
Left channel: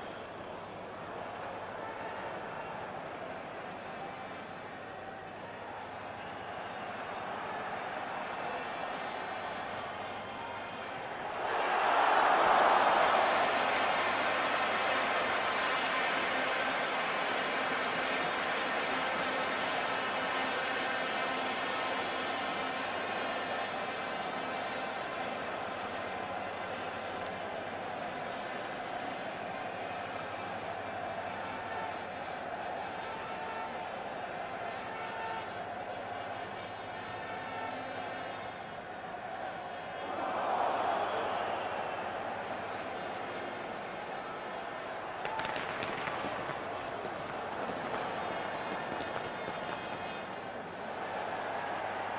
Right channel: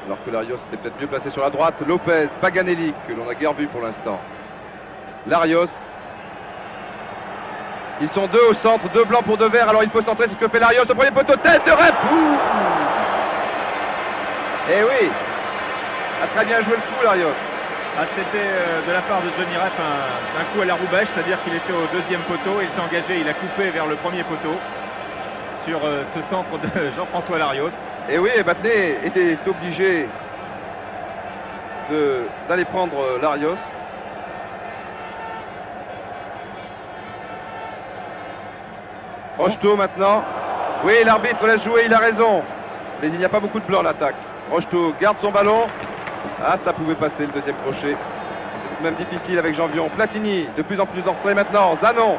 Alors que Larios était peut-être mieux placé sur la droite. Lopez, Paganelli, que l'on a guère vu pour l'instant. Larios. Ils sont deux au centre, deux blancs pour deux verts, alors il faut centrer, c'est ce que fait Larios. Au premier poteau, tête de Rep. Eh oui, a très bien joué le coup, Larios. Ah, c'était de la part de Johnny Rep un coup à la Roubèche, c'est-à-dire qu'il était au deuxième poteau, il s'est engagé, il a coupé vers le premier poteau sur ce centre de Jean-François Larios. Et oui, Battenet était obligé d'aller prendre Larios. Rocheteau maintenant. Oui, l'arbitre laisse jouer, il a raison. Mais il n'y a pas beaucoup de blanc à l'attaque. Rocheteau garde son ballon. Ah, ça pouvait passer le deuxième crochet. C'est tout de même difficile avec Janvion. Platini, de plus en plus entré maintenant. Zanon.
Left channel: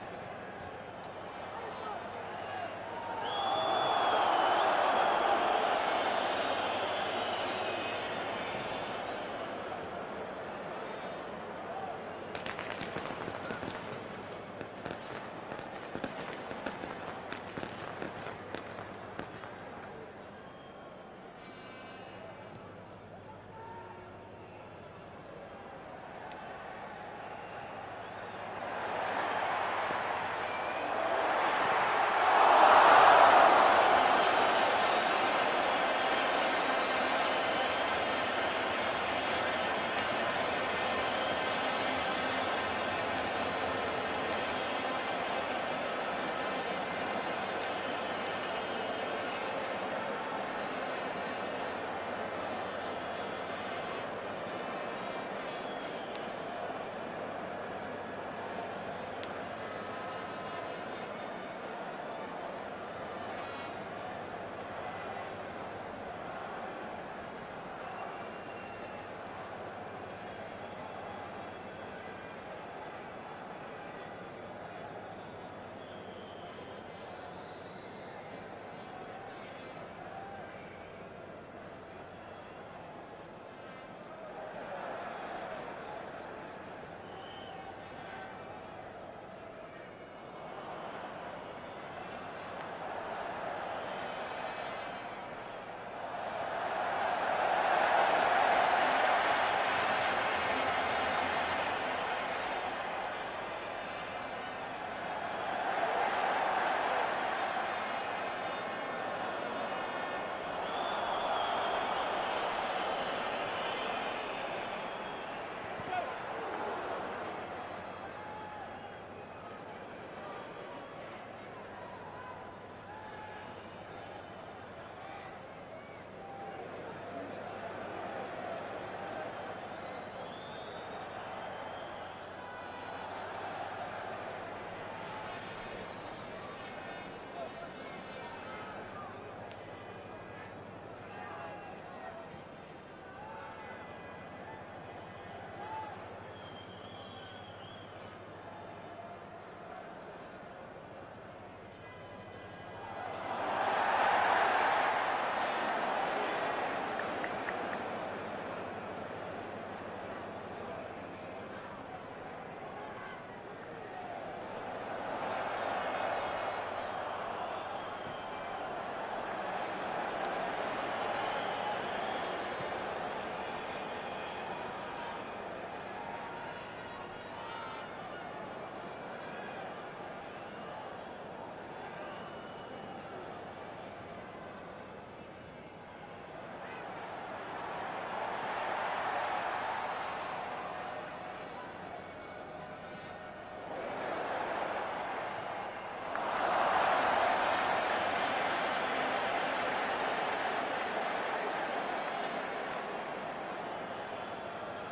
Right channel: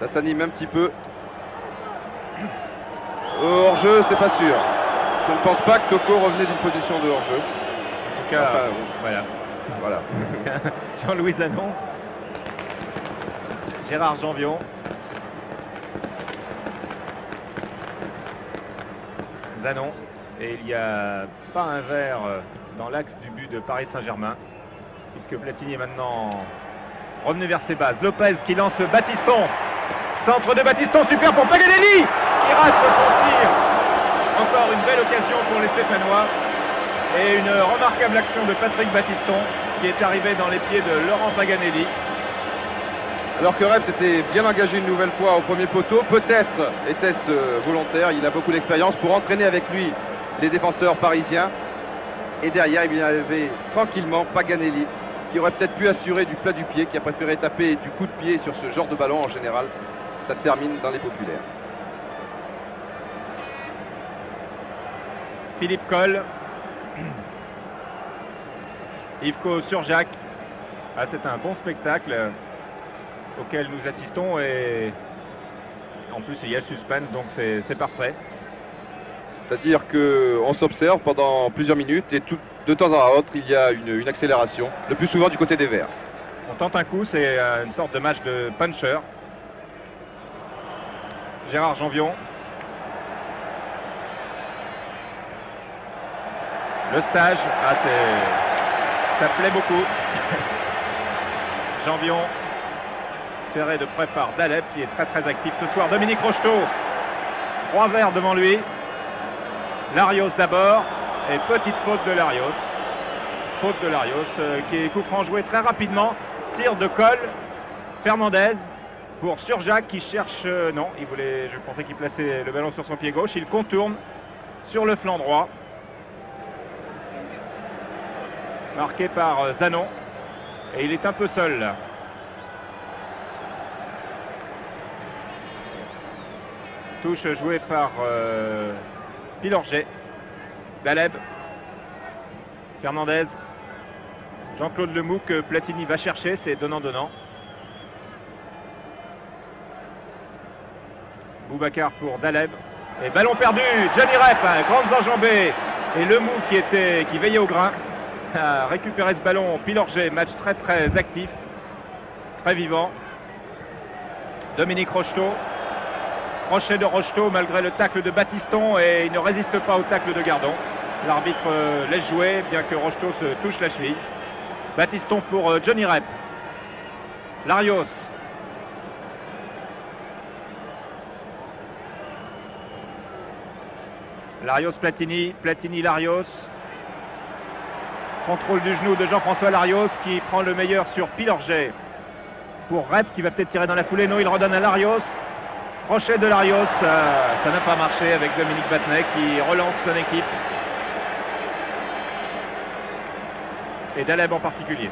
Ça s'anime un petit peu. Hors-jeu, c'est pas sûr. Je ne pense pas que Toko revenait d'une position de hors-jeu. En tout cas, Enfin, voilà. voilà. Jean-Louis Zanon. Gérard Janvion. Zanon. Et il n'y a pas un vert dans l'axe du but de Paris Saint-Germain, puisque Platini est maintenant revenu vers ses bases. Lopez qui lance Battiston. Centre de Battiston, super pour Paganelli, qui rate son tir. Encore une belle occasion pour les Stéphanois. Et une remarquable action de Patrick Battiston, qui est arrivé dans les pieds de Laurent Paganelli. Alors que Rep s'était bien engagé une nouvelle fois au premier poteau, peut-être était-ce volontaire, il a beaucoup d'expérience pour entraîner avec lui les défenseurs parisiens. Et derrière, il y avait tranquillement Paganelli, qui aurait peut-être pu assurer du plat du pied, qui a préféré taper du coup de pied sur ce genre de ballon en général. Ça termine dans les populaires. Philippe Coll. Yvko Surjak. Ah, c'est un bon spectacle auquel nous assistons et en plus il y a le suspense, donc c'est parfait. C'est-à-dire qu'on s'observe pendant plusieurs minutes et de temps à autre il y a une accélération, le plus souvent du côté des Verts. On tente un coup, c'est une sorte de match de puncher. Gérard Janvion. Le stage, ah, ça plaît beaucoup. Janvion. serré de près par Daleb qui est très actif ce soir. Dominique Rocheteau, 3 verres devant lui. Larios d'abord, et petite faute de Larios. Faute de Larios qui est coup franc joué très rapidement. Tir de Coll. Fernandez pour Surjacq qui cherche... non, je pensais qu'il plaçait le ballon sur son pied gauche. Il contourne sur le flanc droit. Marqué par Zanon. Et il est un peu seul là. Touche jouée par Pilorget. Daleb. Fernandez. Jean-Claude Lemoux que Platini va chercher, c'est donnant-donnant. Boubacar pour Daleb. Et ballon perdu, Johnny Rep, grandes enjambées. Et Lemoux qui veillait au grain a récupéré ce ballon. Pilorget, match très actif, très vivant. Dominique Rocheteau. Crochet de Rocheteau malgré le tacle de Battiston et il ne résiste pas au tacle de Gardon. L'arbitre laisse jouer bien que Rocheteau se touche la cheville. Battiston pour Johnny Rep. Larios. Larios Platini. Platini Larios. Contrôle du genou de Jean-François Larios qui prend le meilleur sur Pilorget. Pour Rep qui va peut-être tirer dans la foulée. Non, il redonne à Larios. Crochet de Larios, ça n'a pas marché avec Dominique Battenet qui relance son équipe. Et Daleb en particulier.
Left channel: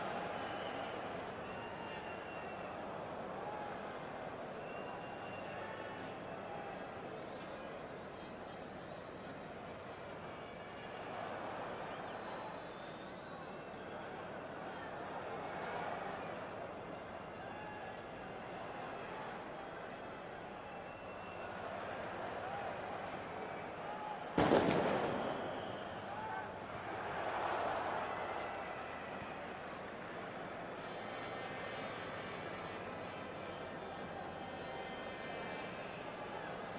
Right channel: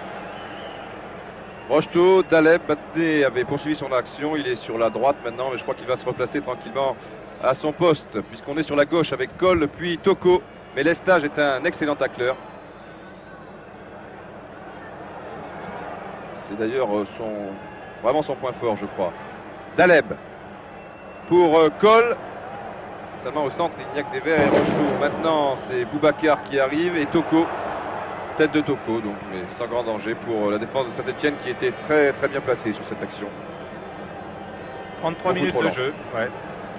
Rocheteau, Daleb, Battenet avait poursuivi son action. Il est sur la droite maintenant, mais je crois qu'il va se replacer tranquillement à son poste, puisqu'on est sur la gauche avec Coll, puis Toko. Mais Lestage est un excellent tacleur. C'est d'ailleurs vraiment son point fort, je crois. Daleb. Pour Coll, seulement au centre, il n'y a que des verts et Rocheteau. Maintenant, c'est Boubacar qui arrive et Toko, tête de Toko, donc, mais sans grand danger pour la défense de Saint-Etienne qui était très bien placée sur cette action. 33 minutes de jeu, ouais.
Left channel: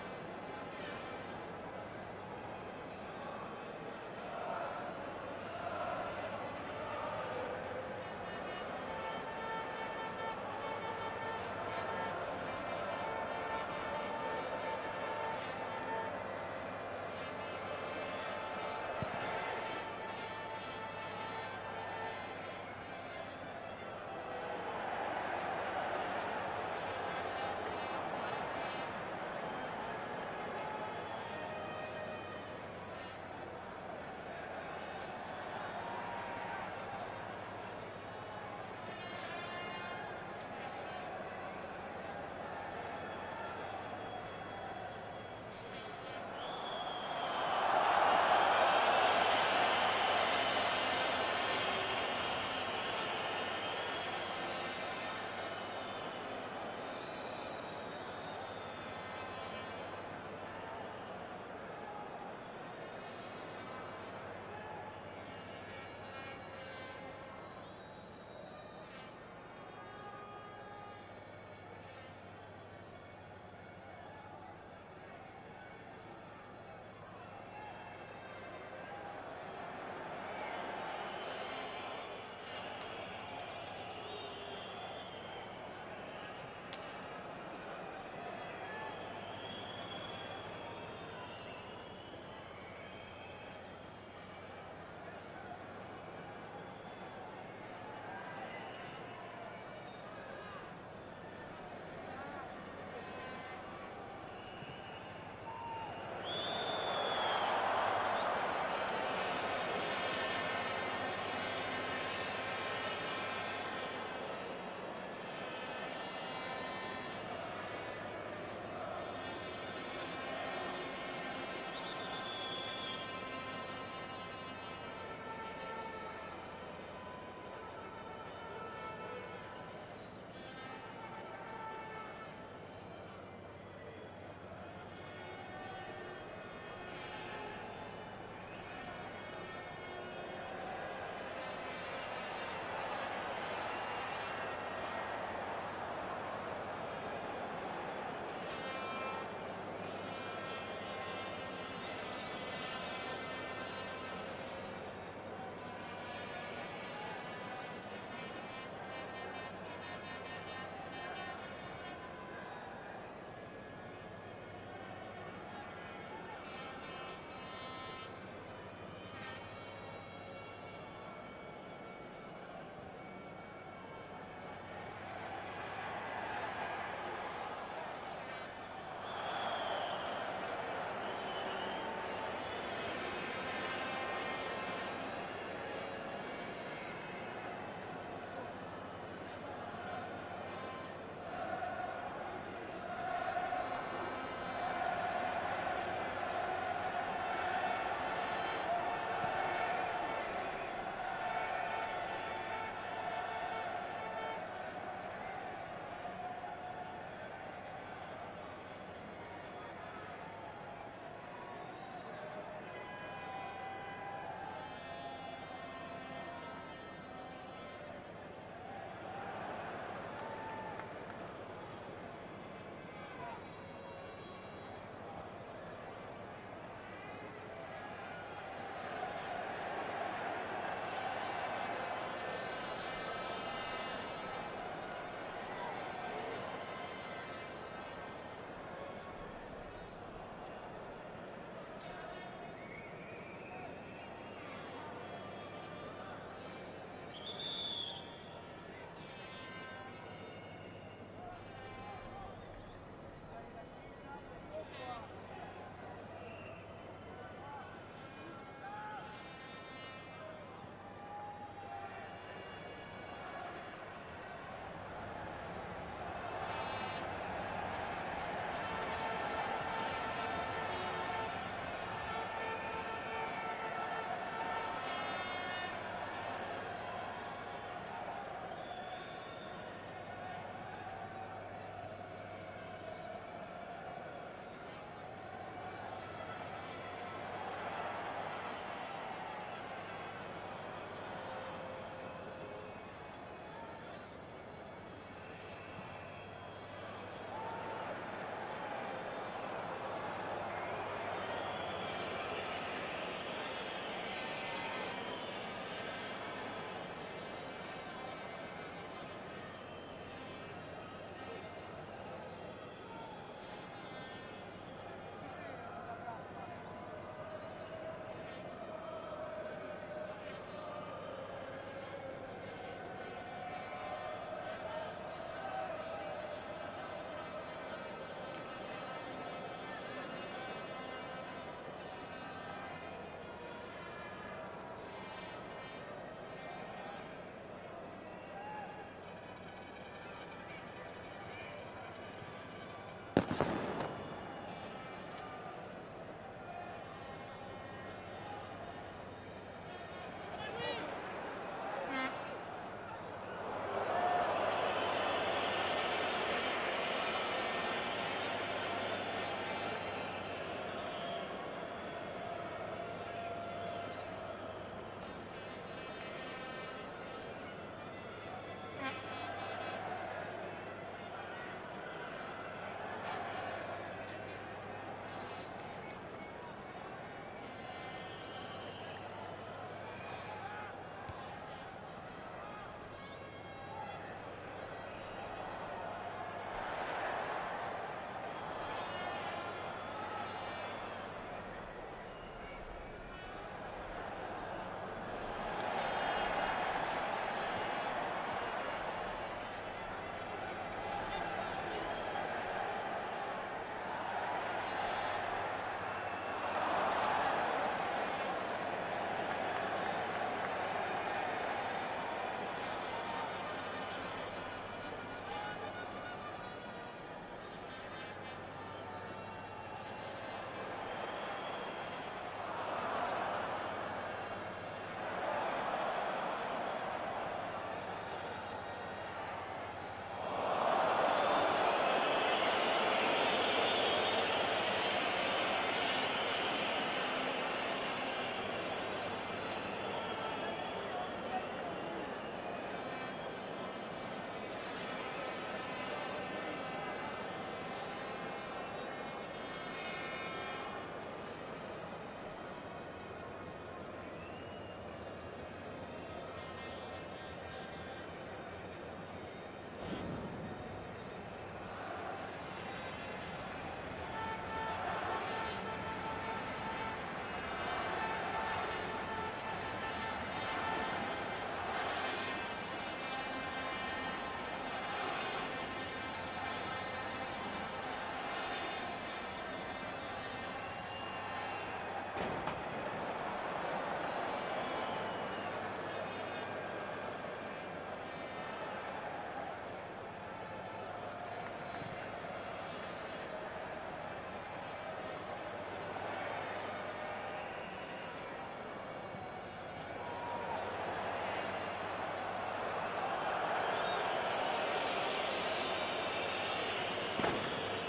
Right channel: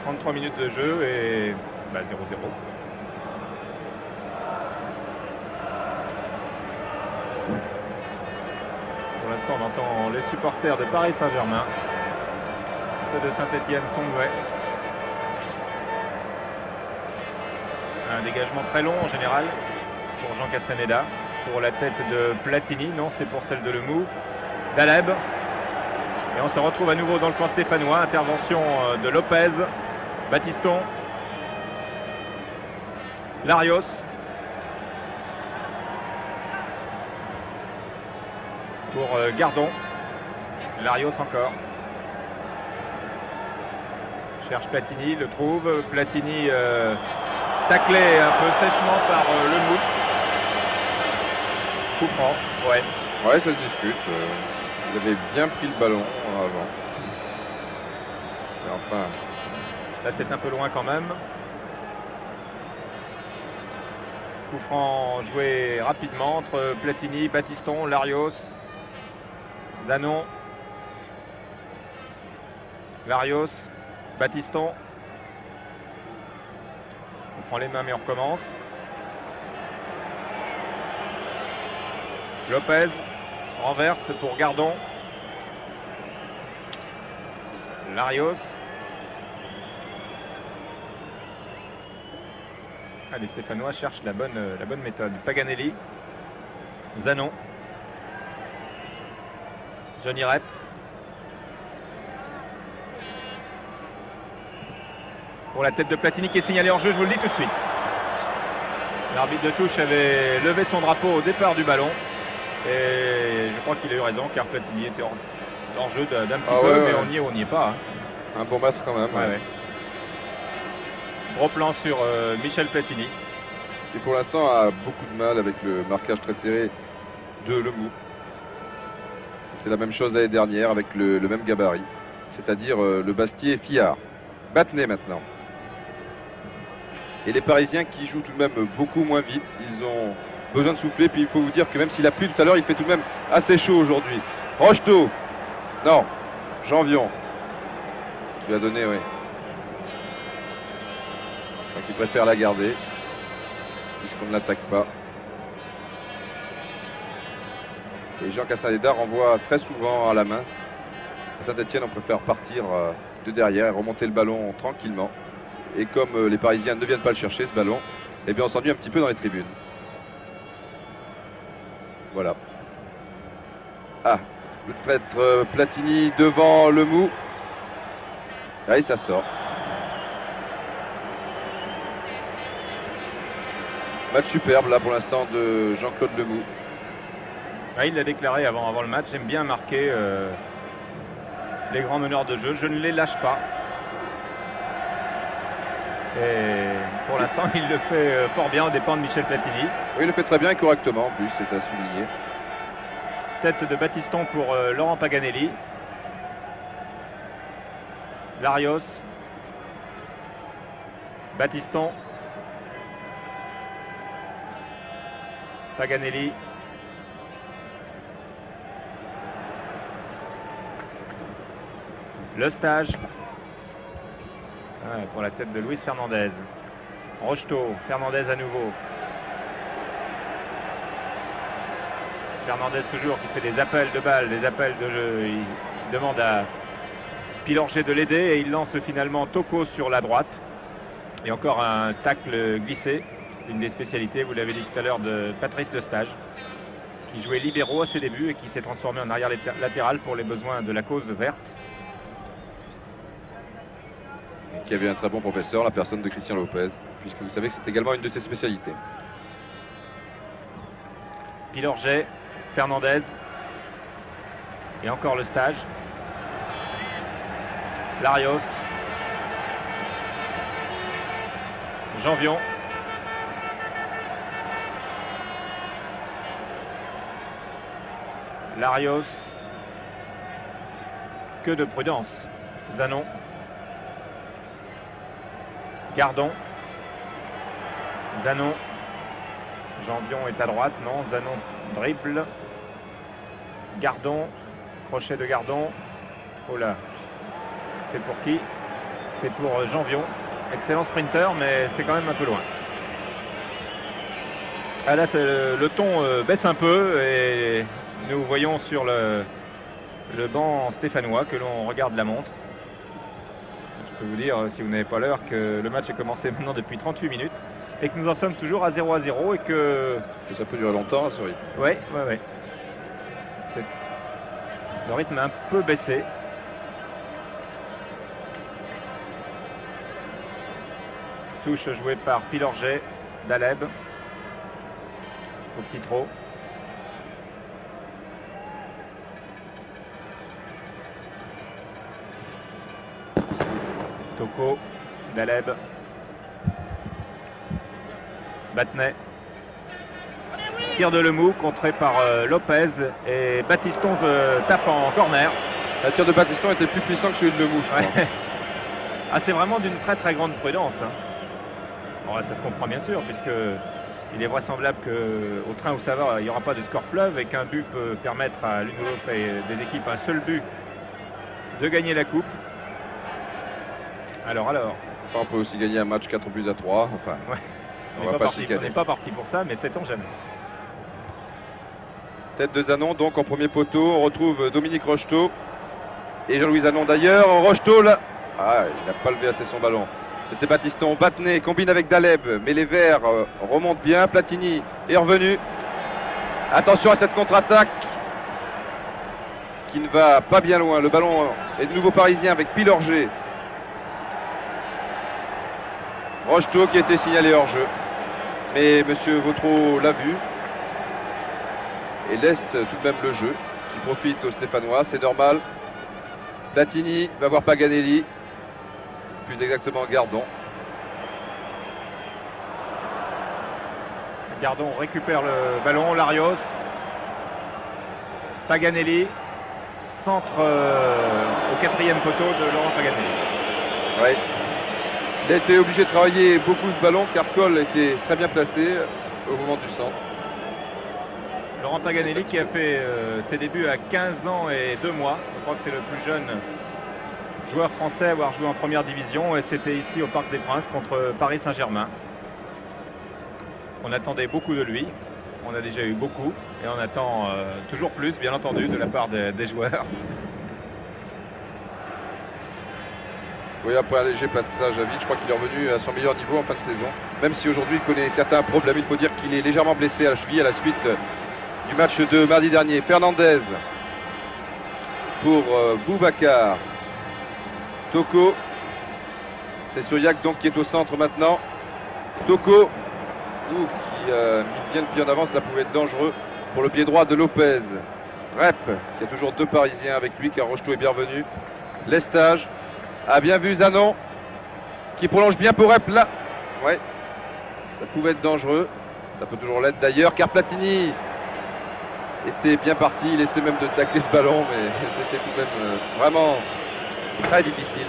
33 minutes de jeu et 0-0. Pour l'instant, on entend les supporters de Paris Saint-Germain. De Saint-Etienne Songway. Un dégagement très long en général pour Jean Castaneda. Pour la tête de Platini, non, c'est pour celle de Lemoux. Daleb. Et on se retrouve à nouveau dans le camp stéphanois. Intervention de Lopez. Battiston. Larios. Pour Gardon. Larios encore. Cherche Platini, le trouve. Platini taclé un peu sèchement par Lemoux. Coup franc, ouais. Ouais, ça se discute. Il avait bien pris le ballon avant. Et enfin. Là, c'est un peu loin quand même. Coup franc joué rapidement entre Platini, Battiston, Larios, Zanon, Larios. Battiston. On prend les mains mais on recommence. Lopez renverse pour Gardon. Larios. Les Stéphanois cherchent la bonne méthode. Paganelli. Zanon. Johnny Rep. Pour la tête de Platini qui est signalée en jeu, je vous le dis tout de suite. L'arbitre de touche avait levé son drapeau au départ du ballon. Et je crois qu'il a eu raison car Platini était en jeu d'un petit peu, mais on n'y est pas. Un bon match quand même. Ouais. Gros plan sur Michel Platini. Qui pour l'instant a beaucoup de mal avec le marquage très serré de Lemoux. C'était la même chose l'année dernière avec le même gabarit. C'est-à-dire le Bastier Fillard. Battenet maintenant. Et les Parisiens qui jouent tout de même beaucoup moins vite. Ils ont besoin de souffler. Puis il faut vous dire que même s'il a plu tout à l'heure, il fait tout de même assez chaud aujourd'hui. Rocheteau. Non. Janvion. Il a donné, oui. Donc il préfère la garder. Puisqu'on ne l'attaque pas. Et Jean Castaneda renvoie très souvent à la main. Saint-Etienne, on préfère partir de derrière et remonter le ballon tranquillement. Et comme les Parisiens ne viennent pas le chercher, ce ballon, eh bien on s'ennuie un petit peu dans les tribunes. Voilà. Ah, le traître Platini devant Lemou. Ah, et ça sort. Match superbe là pour l'instant de Jean-Claude Lemou. Ah, il l'a déclaré avant le match, j'aime bien marquer les grands meneurs de jeu, je ne les lâche pas. Et pour l'instant, il le fait fort bien aux dépens de Michel Platini. Oui, il le fait très bien et correctement en plus, c'est à souligner. Tête de Battiston pour Laurent Paganelli. Larios. Battiston. Paganelli. Le stage. Ouais, pour la tête de Luis Fernandez. Rocheteau, Fernandez à nouveau. Fernandez toujours qui fait des appels de balles, des appels de jeu. Il demande à Pilorget de l'aider et il lance finalement Toko sur la droite. Et encore un tacle glissé. C'est une des spécialités, vous l'avez dit tout à l'heure, de Patrice Lestage, qui jouait libéraux à ses débuts et qui s'est transformé en arrière latéral pour les besoins de la cause verte. Qui avait un très bon professeur, la personne de Christian Lopez, puisque vous savez que c'est également une de ses spécialités. Pilorget, Fernandez, et encore le stage. Larios, Janvion. Larios, que de prudence. Zanon. Gardon. Zanon. Janvion est à droite, non. Zanon dribble. Gardon. Crochet de Gardon. Oh là. C'est pour qui? C'est pour Janvion. Excellent sprinter, mais c'est quand même un peu loin. Ah là, le ton baisse un peu et nous voyons sur le banc stéphanois que l'on regarde la montre. Je peux vous dire, si vous n'avez pas l'heure, que le match est commencé maintenant depuis 38 minutes et que nous en sommes toujours à 0-0 et que... Ça peut durer longtemps, ce rythme. Oui. Le rythme a un peu baissé. Touche jouée par Pilorget, Daleb. Au petit trot. Toko, Daleb, Battenet. Tir de Lemou contré par Lopez et Battiston tape en corner. Le tir de Battiston était plus puissant que celui de Lemou, je crois. Ah, c'est vraiment d'une très très grande prudence. Hein. Alors, ça se comprend bien sûr, puisque il est vraisemblable qu'au train où ça va, il n'y aura pas de score fleuve et qu'un but peut permettre à l'une ou l'autre des équipes, un seul but, de gagner la coupe. Alors. Enfin, on peut aussi gagner un match 4-3. Enfin, ouais. On n'est pas parti pour ça, mais sait-on jamais. Tête de Zanon, donc en premier poteau. On retrouve Dominique Rocheteau. Et Jean-Louis Zanon d'ailleurs. Rocheteau, là. Ah, il n'a pas levé assez son ballon. C'était Battiston. Battenet combine avec Daleb. Mais les Verts remontent bien. Platini est revenu. Attention à cette contre-attaque qui ne va pas bien loin. Le ballon est de nouveau parisien avec Pilorget. Rocheteau qui a été signalé hors jeu. Mais monsieur Vautreau l'a vu. Et laisse tout de même le jeu. Il profite aux Stéphanois, c'est normal. Platini va voir Paganelli. Plus exactement Gardon. Gardon récupère le ballon, Larios. Paganelli. Centre au quatrième poteau de Laurent Paganelli. Oui. Il a été obligé de travailler beaucoup ce ballon car Cole était très bien placé au moment du centre. Laurent Paganelli qui a fait ses débuts à 15 ans et 2 mois. Je crois que c'est le plus jeune joueur français à avoir joué en première division et c'était ici au Parc des Princes contre Paris Saint-Germain. On attendait beaucoup de lui. On a déjà eu beaucoup et on attend toujours plus, bien entendu, de la part des joueurs. Oui, après un léger passage à vide, je crois qu'il est revenu à son meilleur niveau en fin de saison. Même si aujourd'hui il connaît certains problèmes, il faut dire qu'il est légèrement blessé à la cheville à la suite du match de mardi dernier. Fernandez pour Boubacar. Toko. C'est Suriak donc qui est au centre maintenant. Toko qui a mis bien le pied en avant, cela pouvait être dangereux pour le pied droit de Lopez. Rep qui a toujours deux Parisiens avec lui car Rocheteau est bienvenu. Lestage a bien vu Zanon qui prolonge bien pour Rep là. Ouais, ça pouvait être dangereux. Ça peut toujours l'être d'ailleurs car Platini était bien parti. Il essaie même de tacler ce ballon mais c'était tout de même vraiment très difficile.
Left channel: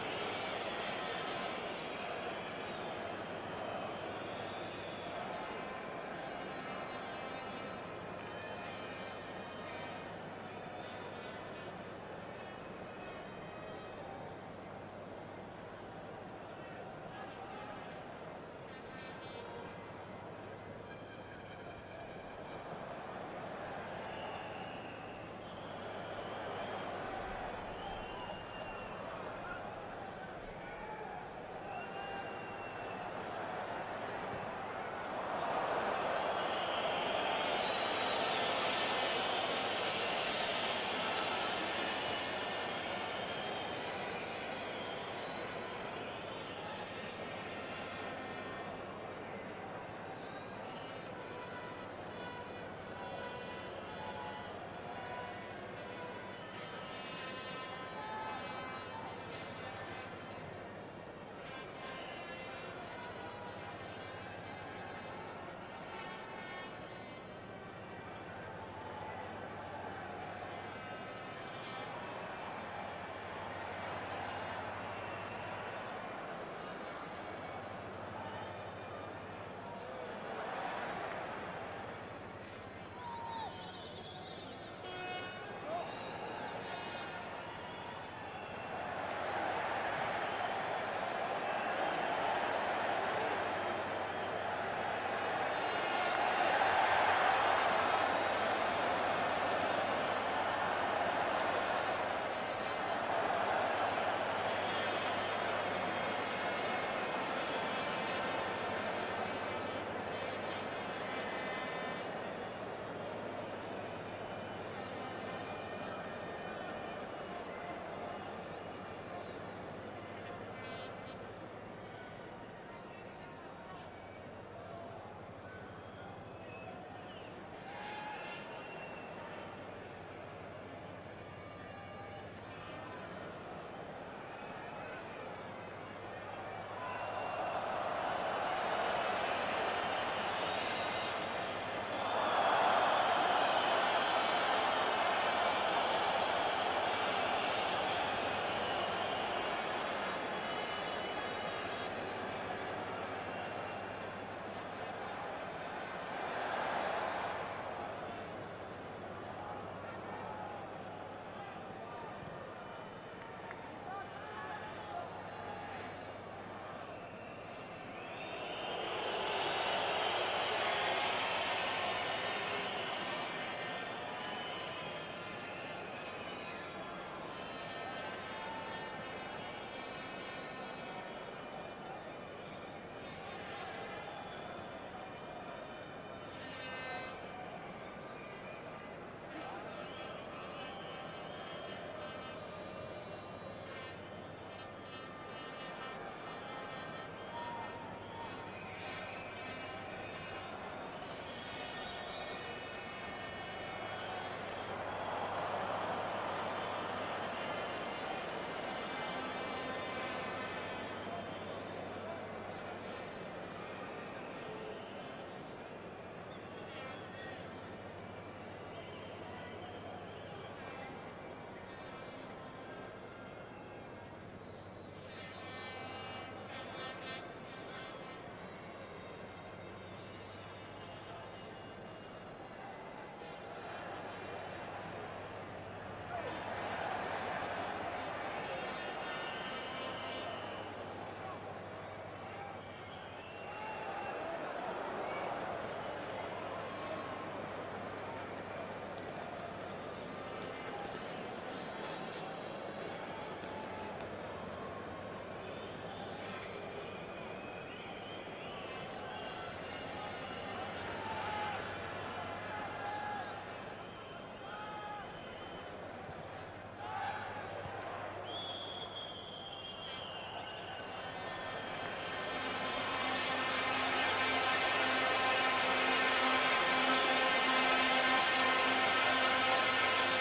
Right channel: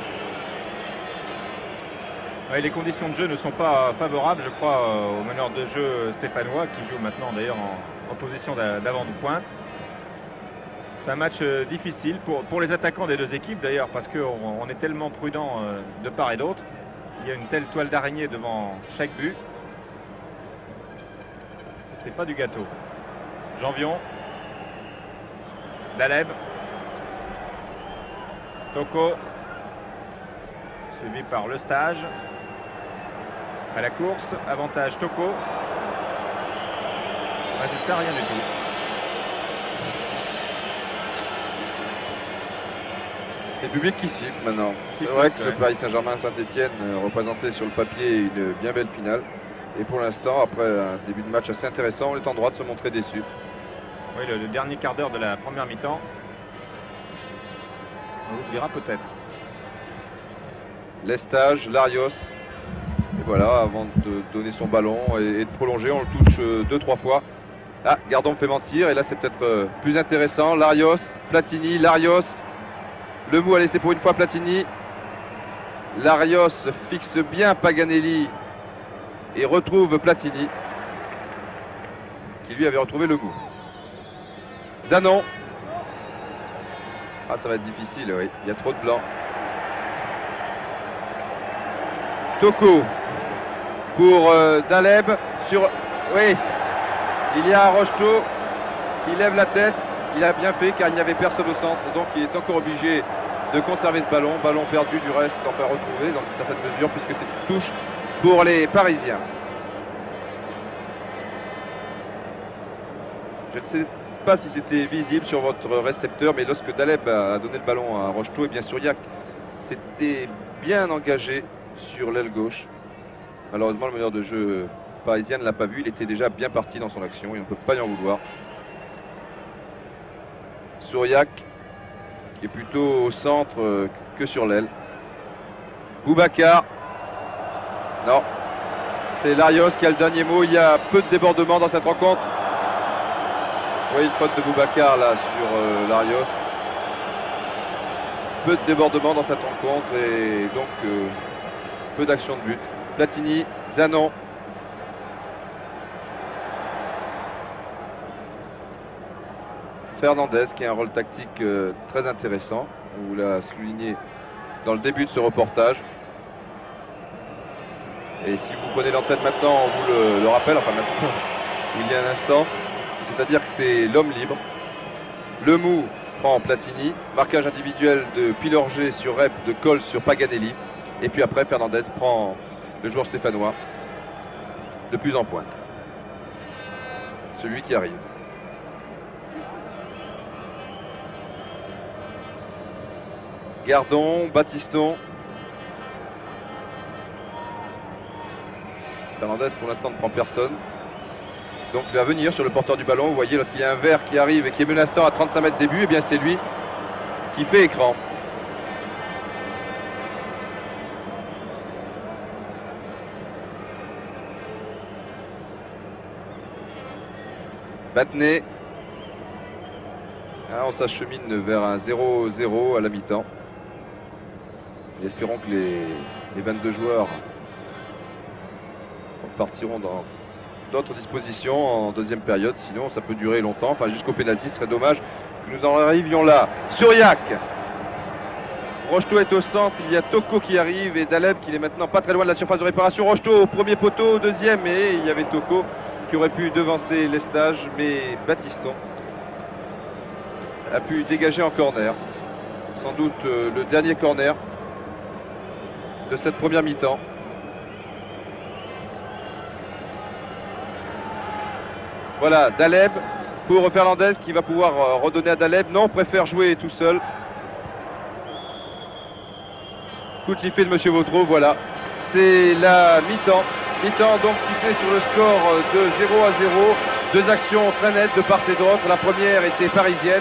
Ouais, les conditions de jeu ne sont pas favorables, je crois, au meneur de jeu stéphanois qui joue maintenant d'ailleurs en position d'avant de pointe. C'est un match difficile pour les attaquants des deux équipes d'ailleurs parce qu'on est tellement prudent de part et d'autre. Il y a une telle toile d'araignée devant chaque but. C'est pas du gâteau. Janvion. Daleb. Toko. Suivi par Lestage. À la course, avantage Toko. Résultat, rien du tout. C'est le public qui siffle maintenant. C'est vrai que ce Paris Saint-Germain Saint-Etienne représentait sur le papier une bien belle finale. Et pour l'instant, après un début de match assez intéressant, on est en droit de se montrer déçu. Oui, le dernier quart d'heure de la première mi-temps. On l'oubliera peut-être. Lestage, Larios. Et voilà, avant de donner son ballon et de prolonger, on le touche 2-3 fois. Ah, Gardon me fait mentir. Et là, c'est peut-être plus intéressant. Larios, Platini, Larios. Le mou a laissé pour une fois Platini. Larios fixe bien Paganelli et retrouve Platini qui lui avait retrouvé le mou. Zanon. Ah, ça va être difficile, oui. Il y a trop de blanc. Toko pour Daleb sur... Oui, il y a Rocheteau qui lève la tête. Il a bien fait car il n'y avait personne au centre, donc il est encore obligé de conserver ce ballon. Ballon perdu du reste, enfin retrouvé dans une certaine mesure puisque c'est une touche pour les Parisiens. Je ne sais pas si c'était visible sur votre récepteur, mais lorsque Daleb a donné le ballon à Rocheteau, et bien Suriak s'était bien engagé sur l'aile gauche. Malheureusement, le meneur de jeu parisien ne l'a pas vu. Il était déjà bien parti dans son action et on ne peut pas y en vouloir. Suriak qui est plutôt au centre que sur l'aile. Boubacar. Non. C'est Larios qui a le dernier mot. Il y a peu de débordements dans cette rencontre. Oui, une faute de Boubacar là sur Larios. Peu de débordements dans cette rencontre et donc peu d'action de but. Platini, Zanon. Fernandez qui a un rôle tactique très intéressant. On vous l'a souligné dans le début de ce reportage. Et si vous prenez l'antenne maintenant, on vous le rappelle, enfin maintenant, il y a un instant. C'est-à-dire que c'est l'homme libre. Le mou prend Platini. Marquage individuel de Pilorget sur Rep, de Coll sur Paganelli. Et puis après, Fernandez prend le joueur stéphanois de plus en pointe. Celui qui arrive. Gardon, Battiston. Fernandez pour l'instant ne prend personne. Donc il va venir sur le porteur du ballon. Vous voyez, lorsqu'il y a un vert qui arrive et qui est menaçant à 35 mètres des buts, et bien c'est lui qui fait écran. Battenet. Ah, on s'achemine vers un 0-0 à la mi-temps. Espérons que les 22 joueurs partiront dans d'autres dispositions en deuxième période. Sinon, ça peut durer longtemps. Enfin, jusqu'au pénalty, ce serait dommage que nous en arrivions là. Suriak. Rocheteau est au centre. Il y a Toko qui arrive et Daleb qui est maintenant pas très loin de la surface de réparation. Rocheteau au premier poteau, au deuxième. Et il y avait Toko qui aurait pu devancer Lestage. Mais Battiston a pu dégager en corner. Sans doute le dernier corner de cette première mi-temps. Voilà, Daleb pour Fernandez qui va pouvoir redonner à Daleb. Non, préfère jouer tout seul. Coup de sifflet de Monsieur Vautreau, voilà. C'est la mi-temps. Mi-temps donc sifflé sur le score de 0-0. Deux actions très nettes de part et d'autre. La première était parisienne,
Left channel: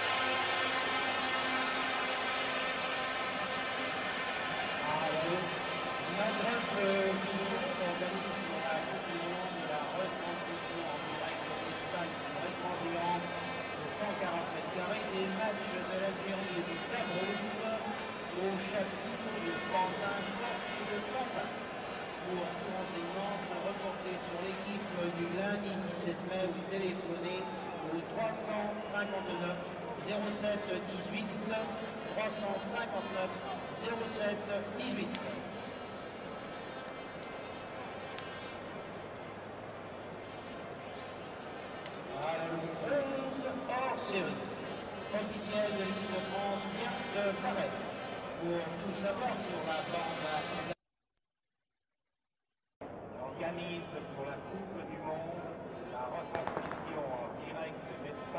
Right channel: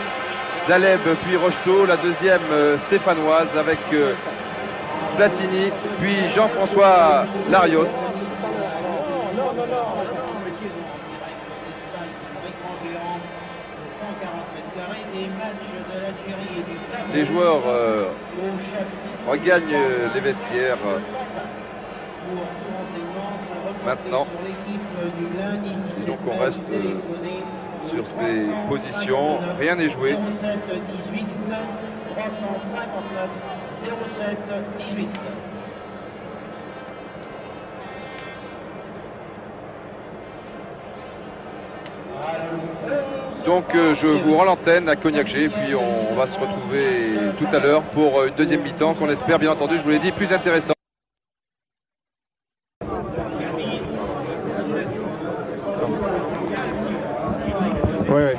Daleb puis Rocheteau. La deuxième stéphanoise avec Platini puis Jean-François Larios. Les joueurs regagnent les vestiaires maintenant. Donc on reste sur ces positions. Rien n'est joué. Donc je vous rends l'antenne à Cognac G, puis on va se retrouver tout à l'heure pour une deuxième mi-temps qu'on espère bien entendu, je vous l'ai dit, plus intéressante. Oui, oui.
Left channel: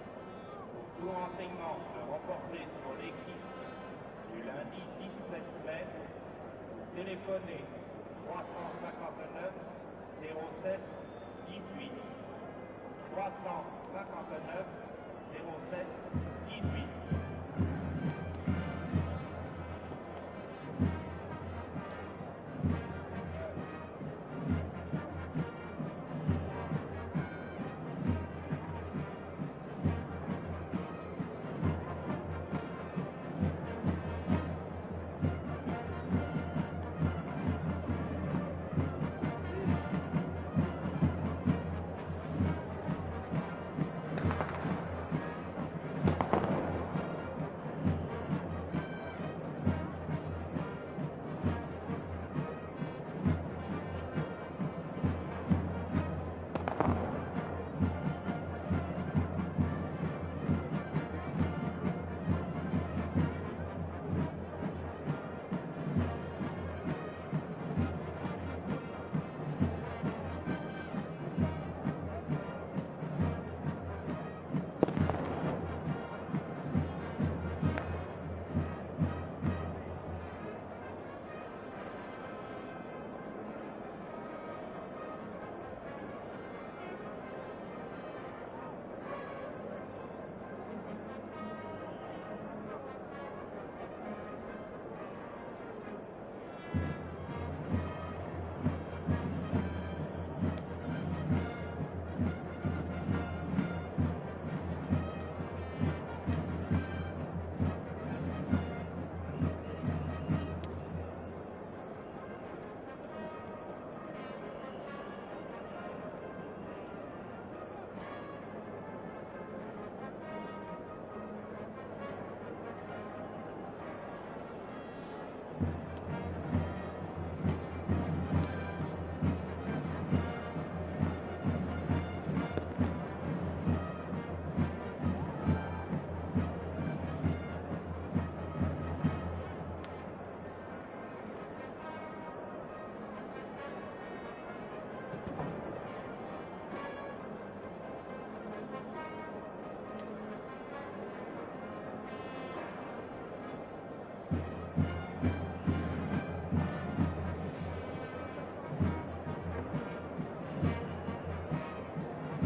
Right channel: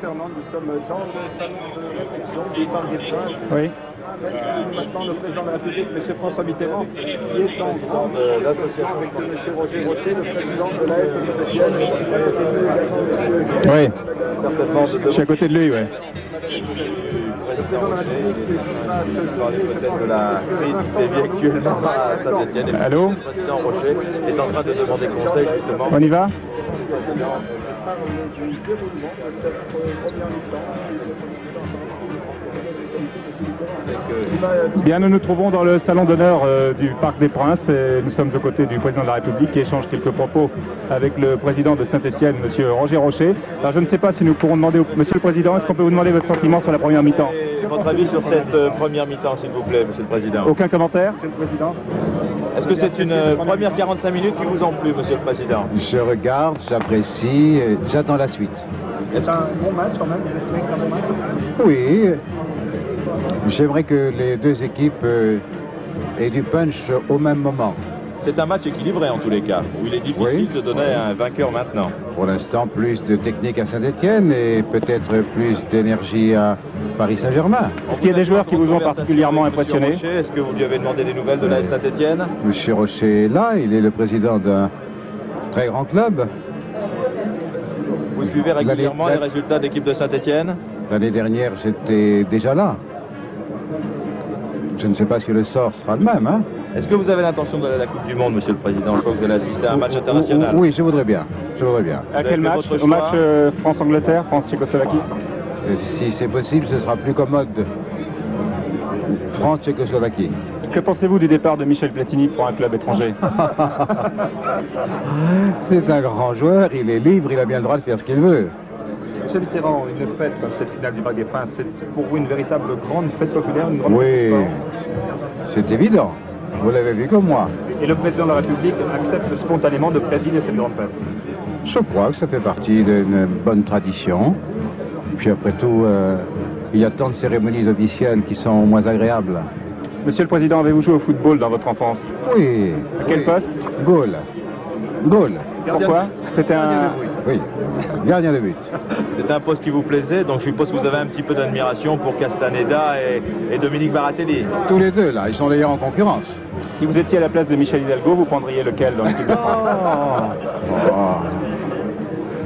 Fernand, nous sommes dans le salon de réception du Parc des Princes. Oui. Avec maintenant le président de la République, M. François Mitterrand, qui est en grande l'association avec M. Roger Rocher, le président de l'AS Saint-Étienne. Oui. Certainement Je suis à côté de lui, oui. Le président de la République qui va se parler peut-être de la crise qui sévit actuellement à Saint-Étienne. Allô ? Le président Rocher est en train de demander conseil justement. On y va ? parle du déroulement de cette première mi-temps. Bien, nous nous trouvons dans le salon d'honneur du Parc des Princes et nous sommes aux côtés du président de la République qui échange quelques propos avec le président de Saint-Étienne, M. Roger Rocher. Alors je ne sais pas si nous pourrons demander au Monsieur le Président, est-ce qu'on peut vous demander votre sentiment sur la première mi-temps? Votre avis sur cette première mi-temps, s'il vous plaît, Monsieur le Président? Aucun commentaire? Monsieur le Président. Est-ce que c'est une première 45 minutes qui vous ont plu, Monsieur le Président? Je regarde, j'apprécie, j'attends la suite. C'est un bon match quand même, vous estimez que c'est un bon match? Oui, j'aimerais que les deux équipes aient du punch au même moment. C'est un match équilibré en tous les cas, où il est difficile de donner un vainqueur maintenant. Pour l'instant, plus de technique à Saint-Étienne et peut-être plus d'énergie à Paris Saint-Germain. Est-ce qu'il y a des joueurs qui vous ont particulièrement impressionné? Est-ce que vous lui avez demandé des nouvelles de l'AS Saint-Étienne? Monsieur Rocher est là, il est le président d'un très grand club. Vous suivez régulièrement les résultats d'équipe de Saint-Étienne? L'année dernière, j'étais déjà là. Je ne sais pas si le sort sera le même. Hein? Est-ce que vous avez l'intention d'aller à la Coupe du Monde, Monsieur le Président? Je crois que vous allez assister à un match international. Oui, je voudrais bien. Je voudrais bien. À quel match? Au match France-Angleterre, France-Tchécoslovaquie? Si c'est possible, ce sera plus commode. France-Tchécoslovaquie. Que pensez-vous du départ de Michel Platini pour un club étranger? C'est un grand joueur, il est libre, il a bien le droit de faire ce qu'il veut. Monsieur Mitterrand, une fête comme cette finale du Parc des Princes, c'est pour vous une véritable grande fête populaire, une grande fête du Oui, sport? c'est évident. Vous l'avez vu comme moi. Et le président de la République accepte spontanément de présider cette grande fête? Je crois que ça fait partie d'une bonne tradition. Puis après tout, il y a tant de cérémonies officielles qui sont moins agréables. Monsieur le Président, avez-vous joué au football dans votre enfance? Oui. À quel poste? Goal. Goal. Pourquoi? C'était un... Oui, gardien de but. C'est un poste qui vous plaisait, donc je suppose que vous avez un petit peu d'admiration pour Castaneda et Dominique Baratelli. Tous les deux, là, ils sont d'ailleurs en concurrence. Si vous étiez à la place de Michel Hidalgo, vous prendriez lequel dans l'équipe de France?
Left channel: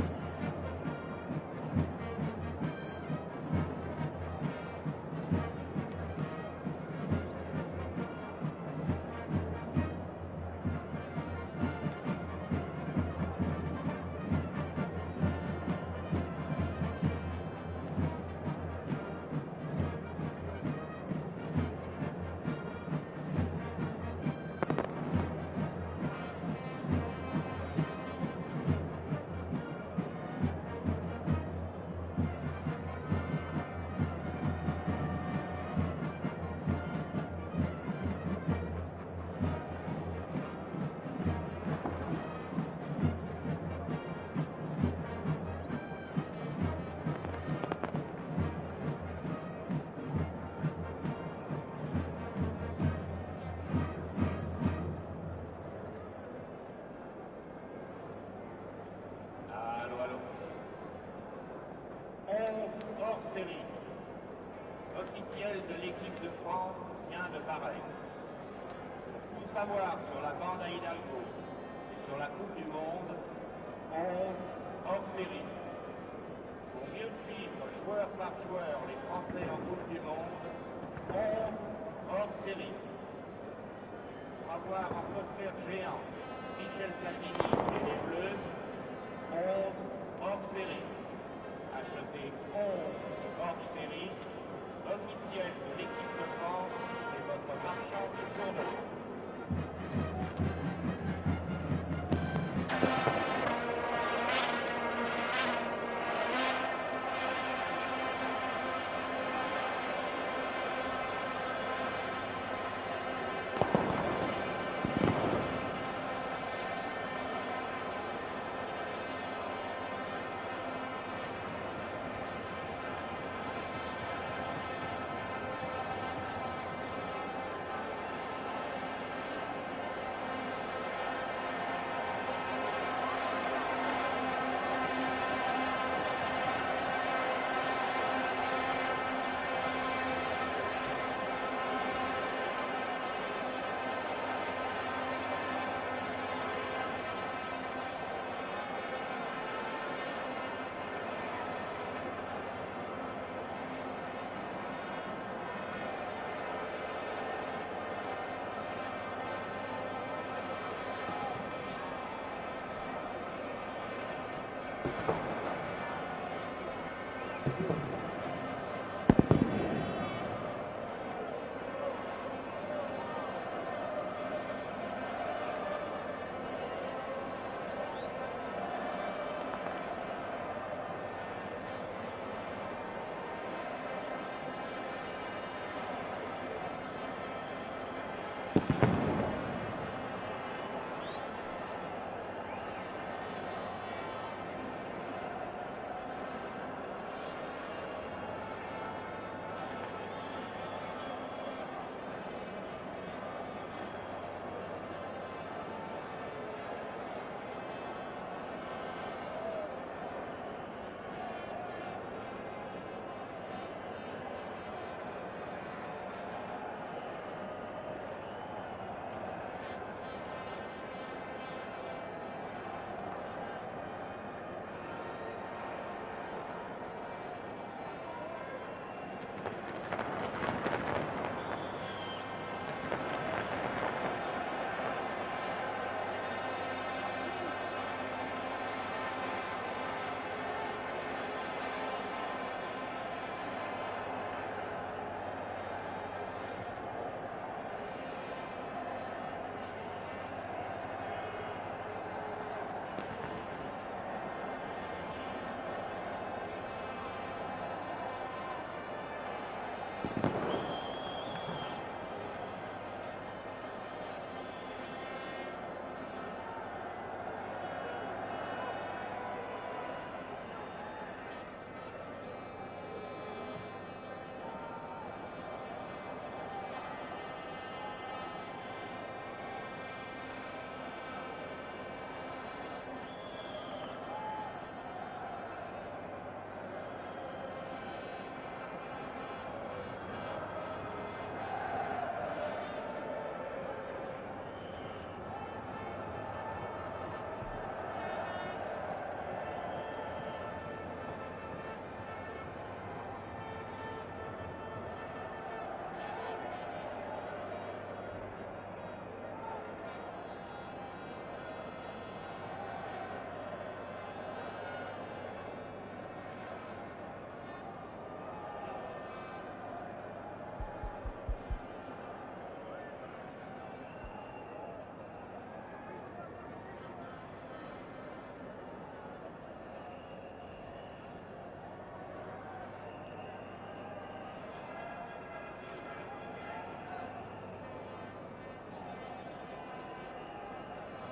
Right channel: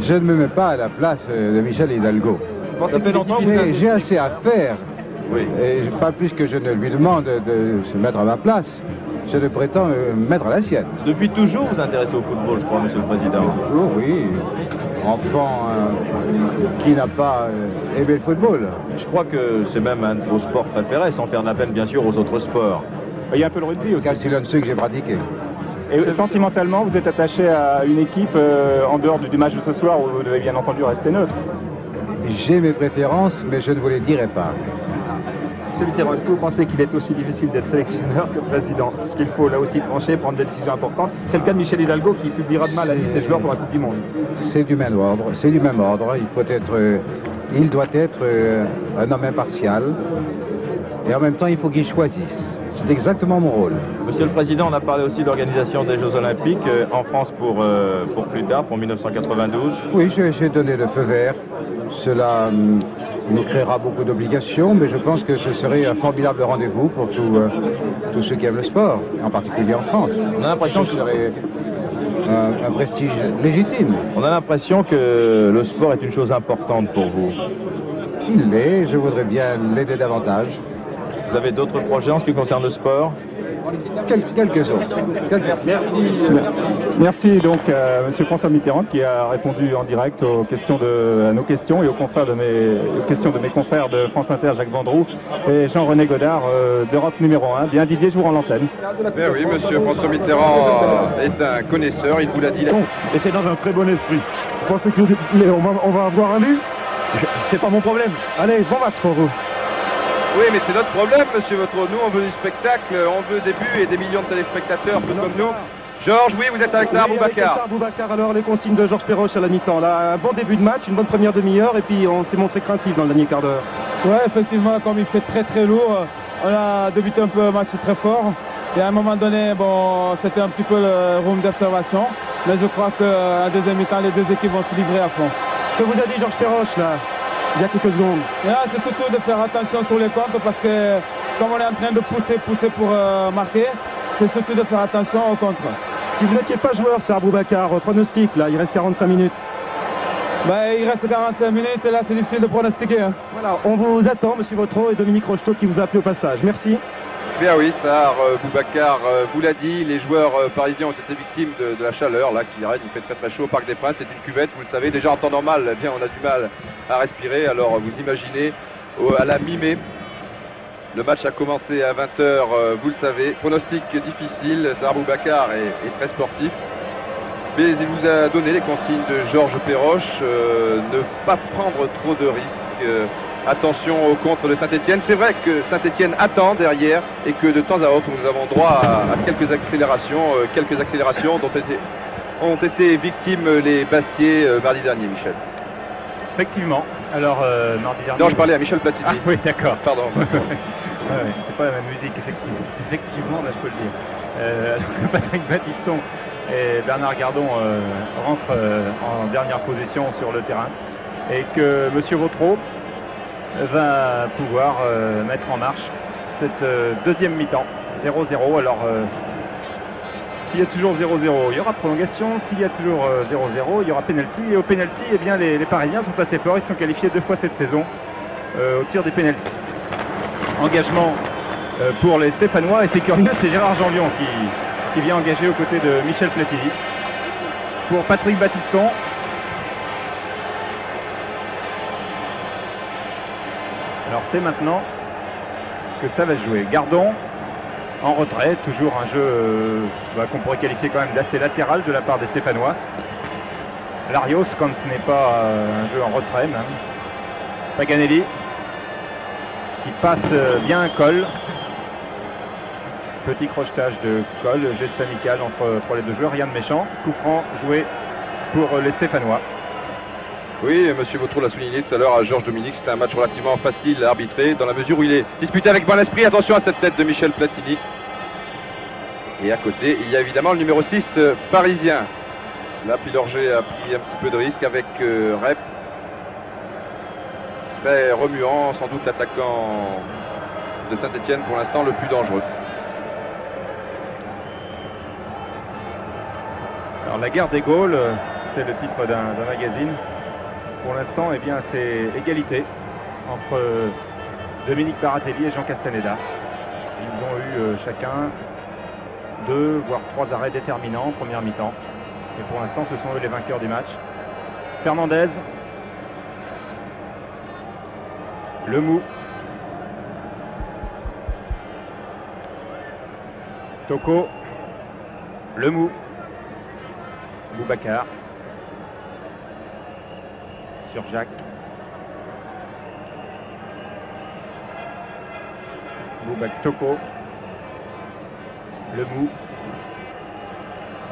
Je ne me mets pas à la place de Michel Hidalgo. Ça fait longtemps que vous avez... J'ai assez à faire. Oui. Et pas plus que je ne lui demande de se mettre à ma place. Je ne prétends me mettre à la sienne. Depuis toujours, vous vous intéressez au football, je crois, Monsieur le Président. Toujours, oui. Enfant qui n'a pas aimé le football. Je crois que c'est même un de vos sports préférés, sans faire de la peine, bien sûr, aux autres sports. Il y a un peu le rugby aussi. Car c'est l'un de ceux que j'ai pratiqué. Et sentimentalement, vous êtes attaché à une équipe en dehors du match de ce soir où vous devez bien entendu rester neutre? J'ai mes préférences, mais je ne vous les dirai pas. Monsieur Mitterrand, est-ce que vous pensez qu'il est aussi difficile d'être sélectionneur que président? Parce qu'il faut là aussi trancher, prendre des décisions importantes. C'est le cas de Michel Hidalgo qui publiera demain la liste des joueurs pour la Coupe du Monde. C'est du même ordre, c'est du même ordre. Il doit être un homme impartial et en même temps il faut qu'il choisisse. C'est exactement mon rôle. Monsieur le Président, on a parlé aussi de l'organisation des Jeux Olympiques en France pour plus tard, pour 1992. Oui, j'ai donné le feu vert. Cela nous créera beaucoup d'obligations, mais je pense que ce serait un formidable rendez-vous pour tous ceux qui aiment le sport, en particulier en France. On a l'impression que ce serait un prestige légitime. On a l'impression que le sport est une chose importante pour vous. Il l'est, je voudrais bien l'aider davantage. Vous avez d'autres projets en ce qui concerne le sport? Quelques autres. Merci donc à M. François Mitterrand qui a répondu en direct à nos questions et aux questions de mes confrères de France Inter, Jacques Vendroux et Jean-René Godard d'Europe numéro 1. Bien Didier, je vous rends l'antenne. Ben oui, M. François Mitterrand est un connaisseur, il vous l'a dit. Et c'est dans un très bon esprit. Vous pensez qu'on va avoir un but? C'est pas mon problème. Allez, bon match pour vous. Oui, mais c'est notre problème, monsieur Vautreau. Nous, on veut du spectacle, on veut des buts et des millions de téléspectateurs, tout comme nous. Georges, oui, vous êtes avec ça, Boubacar. Boubacar, alors les consignes de Georges Perroche à la mi-temps. Là, un bon début de match, une bonne première demi-heure, et puis on s'est montré craintif dans le dernier quart d'heure. Ouais, effectivement, comme il fait très lourd, on a débuté un peu le match très fort. Et à un moment donné, bon, c'était un petit peu le room d'observation. Mais je crois qu'en deuxième mi-temps, les deux équipes vont se livrer à fond. Que vous a dit Georges Perroche, là, il y a quelques secondes? C'est surtout de faire attention sur les comptes parce que comme on est en train de pousser pour marquer, c'est surtout de faire attention au contre. Si vous n'étiez pas joueur, c'est Boubacar, pronostic, là, il reste 45 minutes. Il reste 45 minutes et là c'est difficile de pronostiquer. Hein. Voilà, on vous attend, M. Vautreau et Dominique Rocheteau qui vous a appelé au passage. Merci. Bien oui, Sahar Boubacar vous l'a dit, les joueurs parisiens ont été victimes de la chaleur là qui règne, il fait très chaud au Parc des Princes, c'est une cuvette, vous le savez, déjà en temps normal, eh bien on a du mal à respirer, alors vous imaginez à la mi-mai, le match a commencé à 20h, vous le savez, pronostic difficile, Sahar Boubacar est très sportif, mais il vous a donné les consignes de Georges Perroche, ne pas prendre trop de risques. Attention au contre de Saint-Etienne. C'est vrai que Saint-Etienne attend derrière et que de temps à autre nous avons droit à quelques accélérations dont ont été victimes les Bastiers mardi dernier, Michel. Effectivement. Alors, mardi dernier... Non, je parlais à Michel Platini. Ah oui, d'accord. Pardon. C'est pas la même musique, effectivement, là, je peux le dire. Patrick Battiston et Bernard Gardon rentrent en dernière position sur le terrain et que M. Vautreau va pouvoir mettre en marche cette deuxième mi-temps, 0-0. Alors, s'il y a toujours 0-0, il y aura prolongation. S'il y a toujours 0-0, il y aura pénalty. Et au pénalty, eh bien, les Parisiens sont assez forts. Ils sont qualifiés 2 fois cette saison au tir des pénaltys. Engagement pour les Stéphanois. Et c'est curieux, c'est Gérard Jean-Lion qui vient engager aux côtés de Michel Platini. Pour Patrick Battiston. Alors c'est maintenant que ça va se jouer. Gardon en retrait, toujours un jeu qu'on pourrait qualifier quand même d'assez latéral de la part des Stéphanois. Larios quand ce n'est pas un jeu en retrait même. Paganelli qui passe bien Coll. Petit crochetage de Coll, geste amical pour les deux joueurs, rien de méchant. Coup franc joué pour les Stéphanois. Oui, monsieur Vautreau l'a souligné tout à l'heure à Georges Dominique, c'était un match relativement facile à arbitrer dans la mesure où il est disputé avec bon esprit. Attention à cette tête de Michel Platini. Et à côté, il y a évidemment le numéro 6 parisien. Là, Pilorget a pris un petit peu de risque avec Rep. Très remuant, sans doute l'attaquant de Saint-Etienne pour l'instant le plus dangereux. Alors la guerre des Gaules, c'est le titre d'un magazine. Pour l'instant, eh bien, c'est égalité entre Dominique Baratelli et Jean Castaneda. Ils ont eu chacun 2 voire 3 arrêts déterminants en première mi-temps. Et pour l'instant, ce sont eux les vainqueurs du match. Fernandez. Lemou. Toko. Lemou. Boubacar. Sur Jacques. Toko. Le Mou.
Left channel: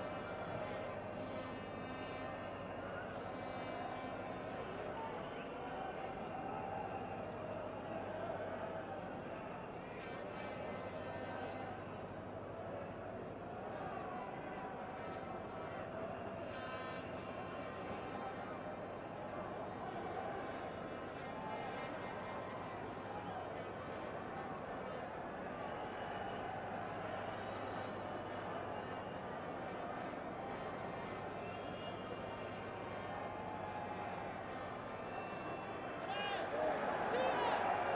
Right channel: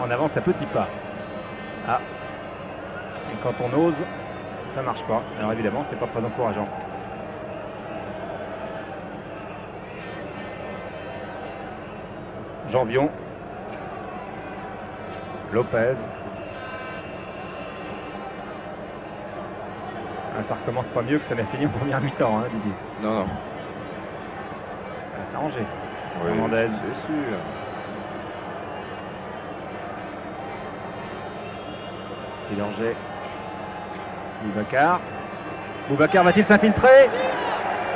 En avance à petits pas. Ah. Et quand on ose, ça marche pas. Alors évidemment, c'est pas très encourageant. Janvion. Lopez. Ah, ça recommence pas mieux que ça n'a fini en première mi-temps, hein, Didier. Non, non. Ça va s'arranger. Oui, Hernandez. c'est sûr. Pillanger. Boubacar. Boubacar va-t-il s'infiltrer?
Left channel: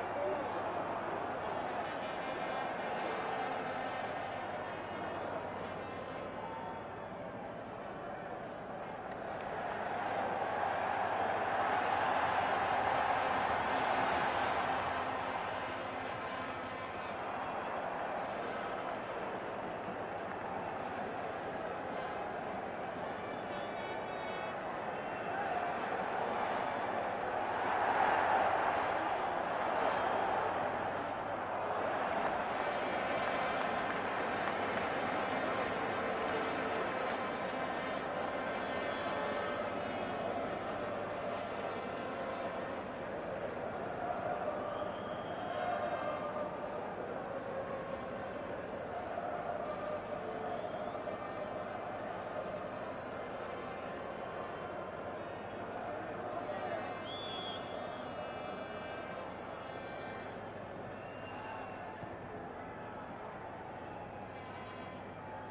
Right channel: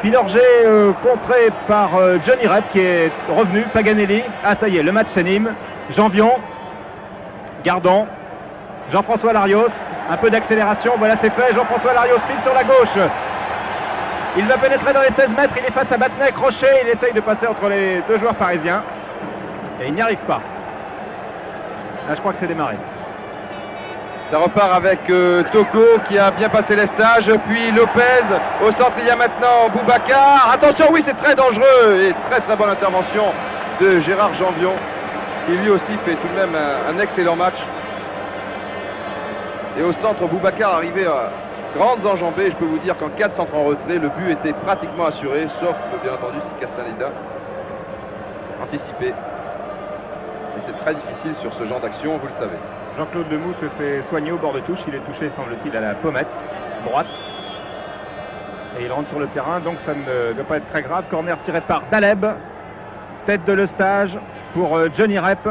Pillanger contré par Johnny Rep qui est revenu. Paganelli. Ah ça y est, le match s'anime. Janvion. Gardon. Jean-François Larios. Un peu d'accélération, voilà c'est fait. Jean-François Larios file sur la gauche. Il va pénétrer dans les 16 mètres. Il est face à Batnet. Crochet. Il essaye de passer entre les deux joueurs parisiens. Et il n'y arrive pas. Là je crois que c'est démarré. Ça repart avec Toko qui a bien passé les stages, puis Lopez. Au centre, il y a maintenant Boubacar. Attention, oui, c'est très dangereux et très très bonne intervention de Gérard Janvion qui lui aussi fait tout de même un excellent match. Et au centre, Boubacar arrivé à grandes enjambées. Je peux vous dire qu'en 4 centres en retrait, le but était pratiquement assuré, sauf bien entendu si Castaneda anticipé. Et c'est très difficile sur ce genre d'action, vous le savez. Jean-Claude Lemou se fait soigner au bord de touche. Il est touché, semble-t-il, à la pommette droite. Et il rentre sur le terrain, donc ça ne doit pas être très grave. Corner tiré par Daleb. Tête de Lestage pour Johnny Rep.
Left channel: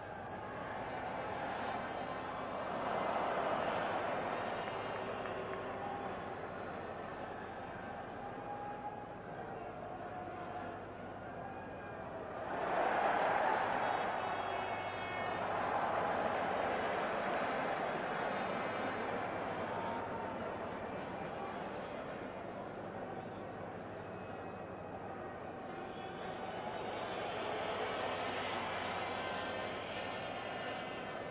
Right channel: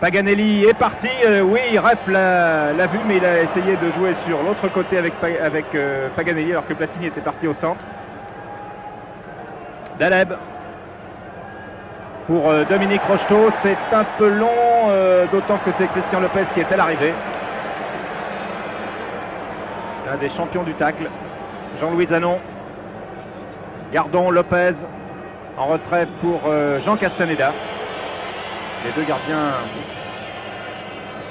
Paganelli est parti. Oui, Rep l'a vu, mais il a essayé de jouer sur l'autre côté avec Paganelli, alors que Platini était parti au centre. Daleb. Pour Dominique Rocheteau, c'est un peu long, d'autant que c'est Christian Lopez qui est à l'arrivée. L'un des champions du tacle. Jean-Louis Zanon. Gardon, Lopez. En retrait pour Jean Castaneda. Les deux gardiens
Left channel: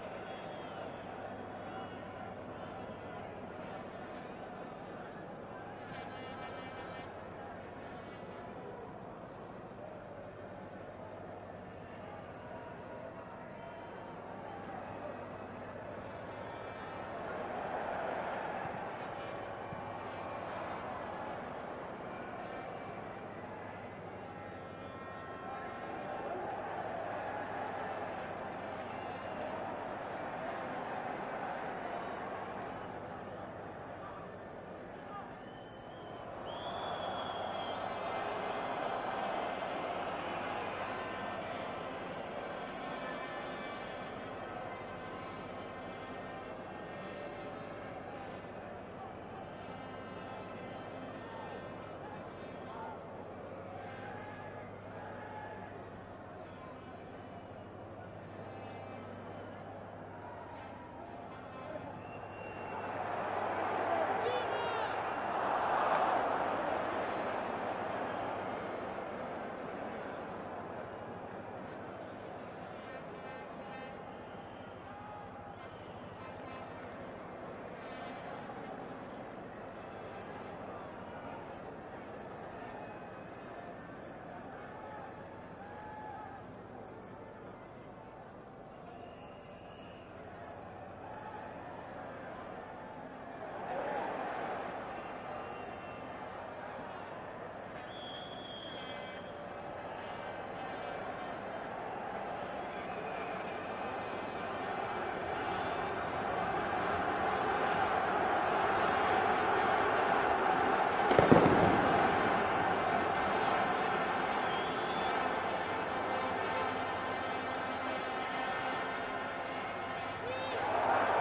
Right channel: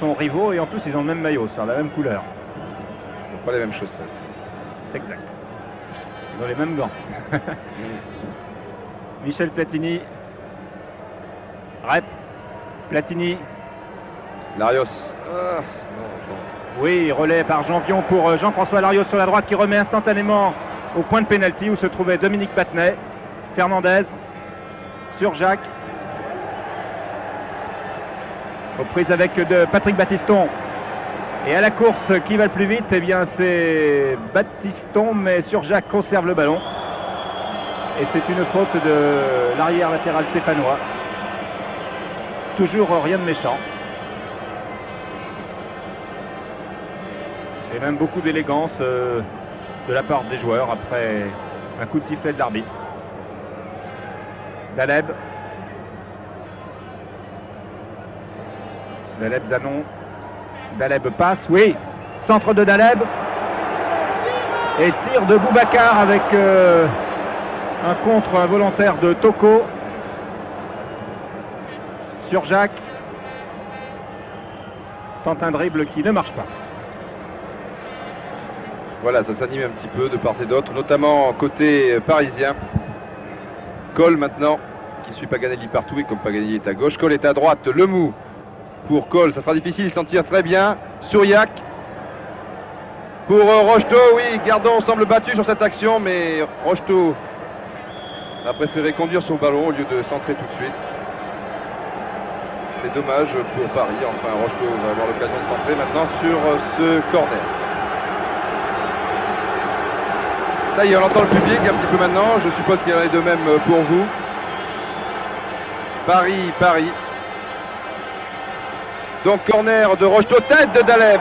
sont rivaux et en plus ils ont le même maillot, c'est la même couleur. Ils n'ont pas les mêmes chaussettes. Exact. Ils ont les mêmes gants. Michel Platini. Rep. Platini. Larios. Ah, non. Oui, relais par Janvion pour Jean-François Larios sur la droite qui remet instantanément au point de pénalty où se trouvait Dominique Batnet. Fernandez sur Jacques. Aux prises avec de Patrick Battiston. Et à la course, qui va le plus vite? Eh bien, c'est Battiston, mais sur Jacques conserve le ballon. Et c'est une faute de l'arrière latéral stéphanois. Toujours rien de méchant. Et même beaucoup d'élégance de la part des joueurs après un coup de sifflet de l'arbitre. Daleb. Daleb Zanon. Daleb passe, oui. Centre de Daleb. Et tir de Boubacar avec un contre involontaire de Toko. Sur Jacques. Tente un dribble qui ne marche pas. Voilà, ça s'anime un petit peu de part et d'autre, notamment côté parisien. Cole maintenant, qui suit Paganelli partout, et comme Paganelli est à gauche, Cole est à droite. Lemou pour Cole, ça sera difficile, il s'en tire très bien. Souriac pour Rocheteau, oui, Gardon semble battu sur cette action, mais Rocheteau a préféré conduire son ballon au lieu de centrer tout de suite. C'est dommage pour Paris, enfin Rocheteau va avoir l'occasion de centrer maintenant sur ce corner. Ça y est, on entend le public un petit peu maintenant, je suppose qu'il y en a de même pour vous. Paris. Donc corner de Rocheteau, tête de Daleb.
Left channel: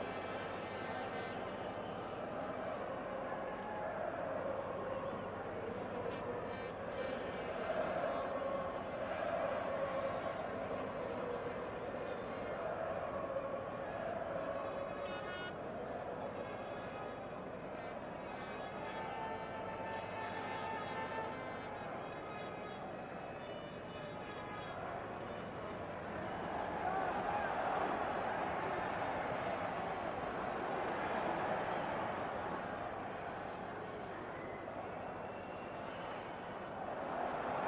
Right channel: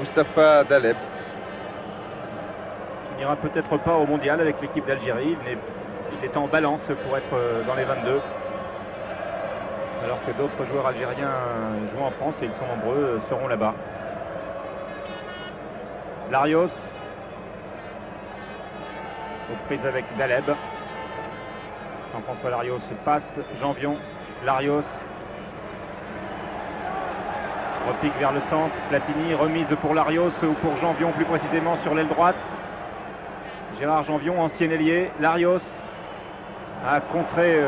Mustapha Daleb. Il n'ira peut-être pas au mondial avec l'équipe d'Algérie. Il est en balance pour être dans les 22. Alors que d'autres joueurs algériens jouant en France, et ils sont nombreux, seront là-bas. Larios. Aux prises avec Daleb. Jean-François Larios passe. Janvion. Larios. Repique vers le centre, Platini, remise pour Larios ou pour Janvion plus précisément sur l'aile droite. Gérard Janvion, ancien ailier. Larios a contré,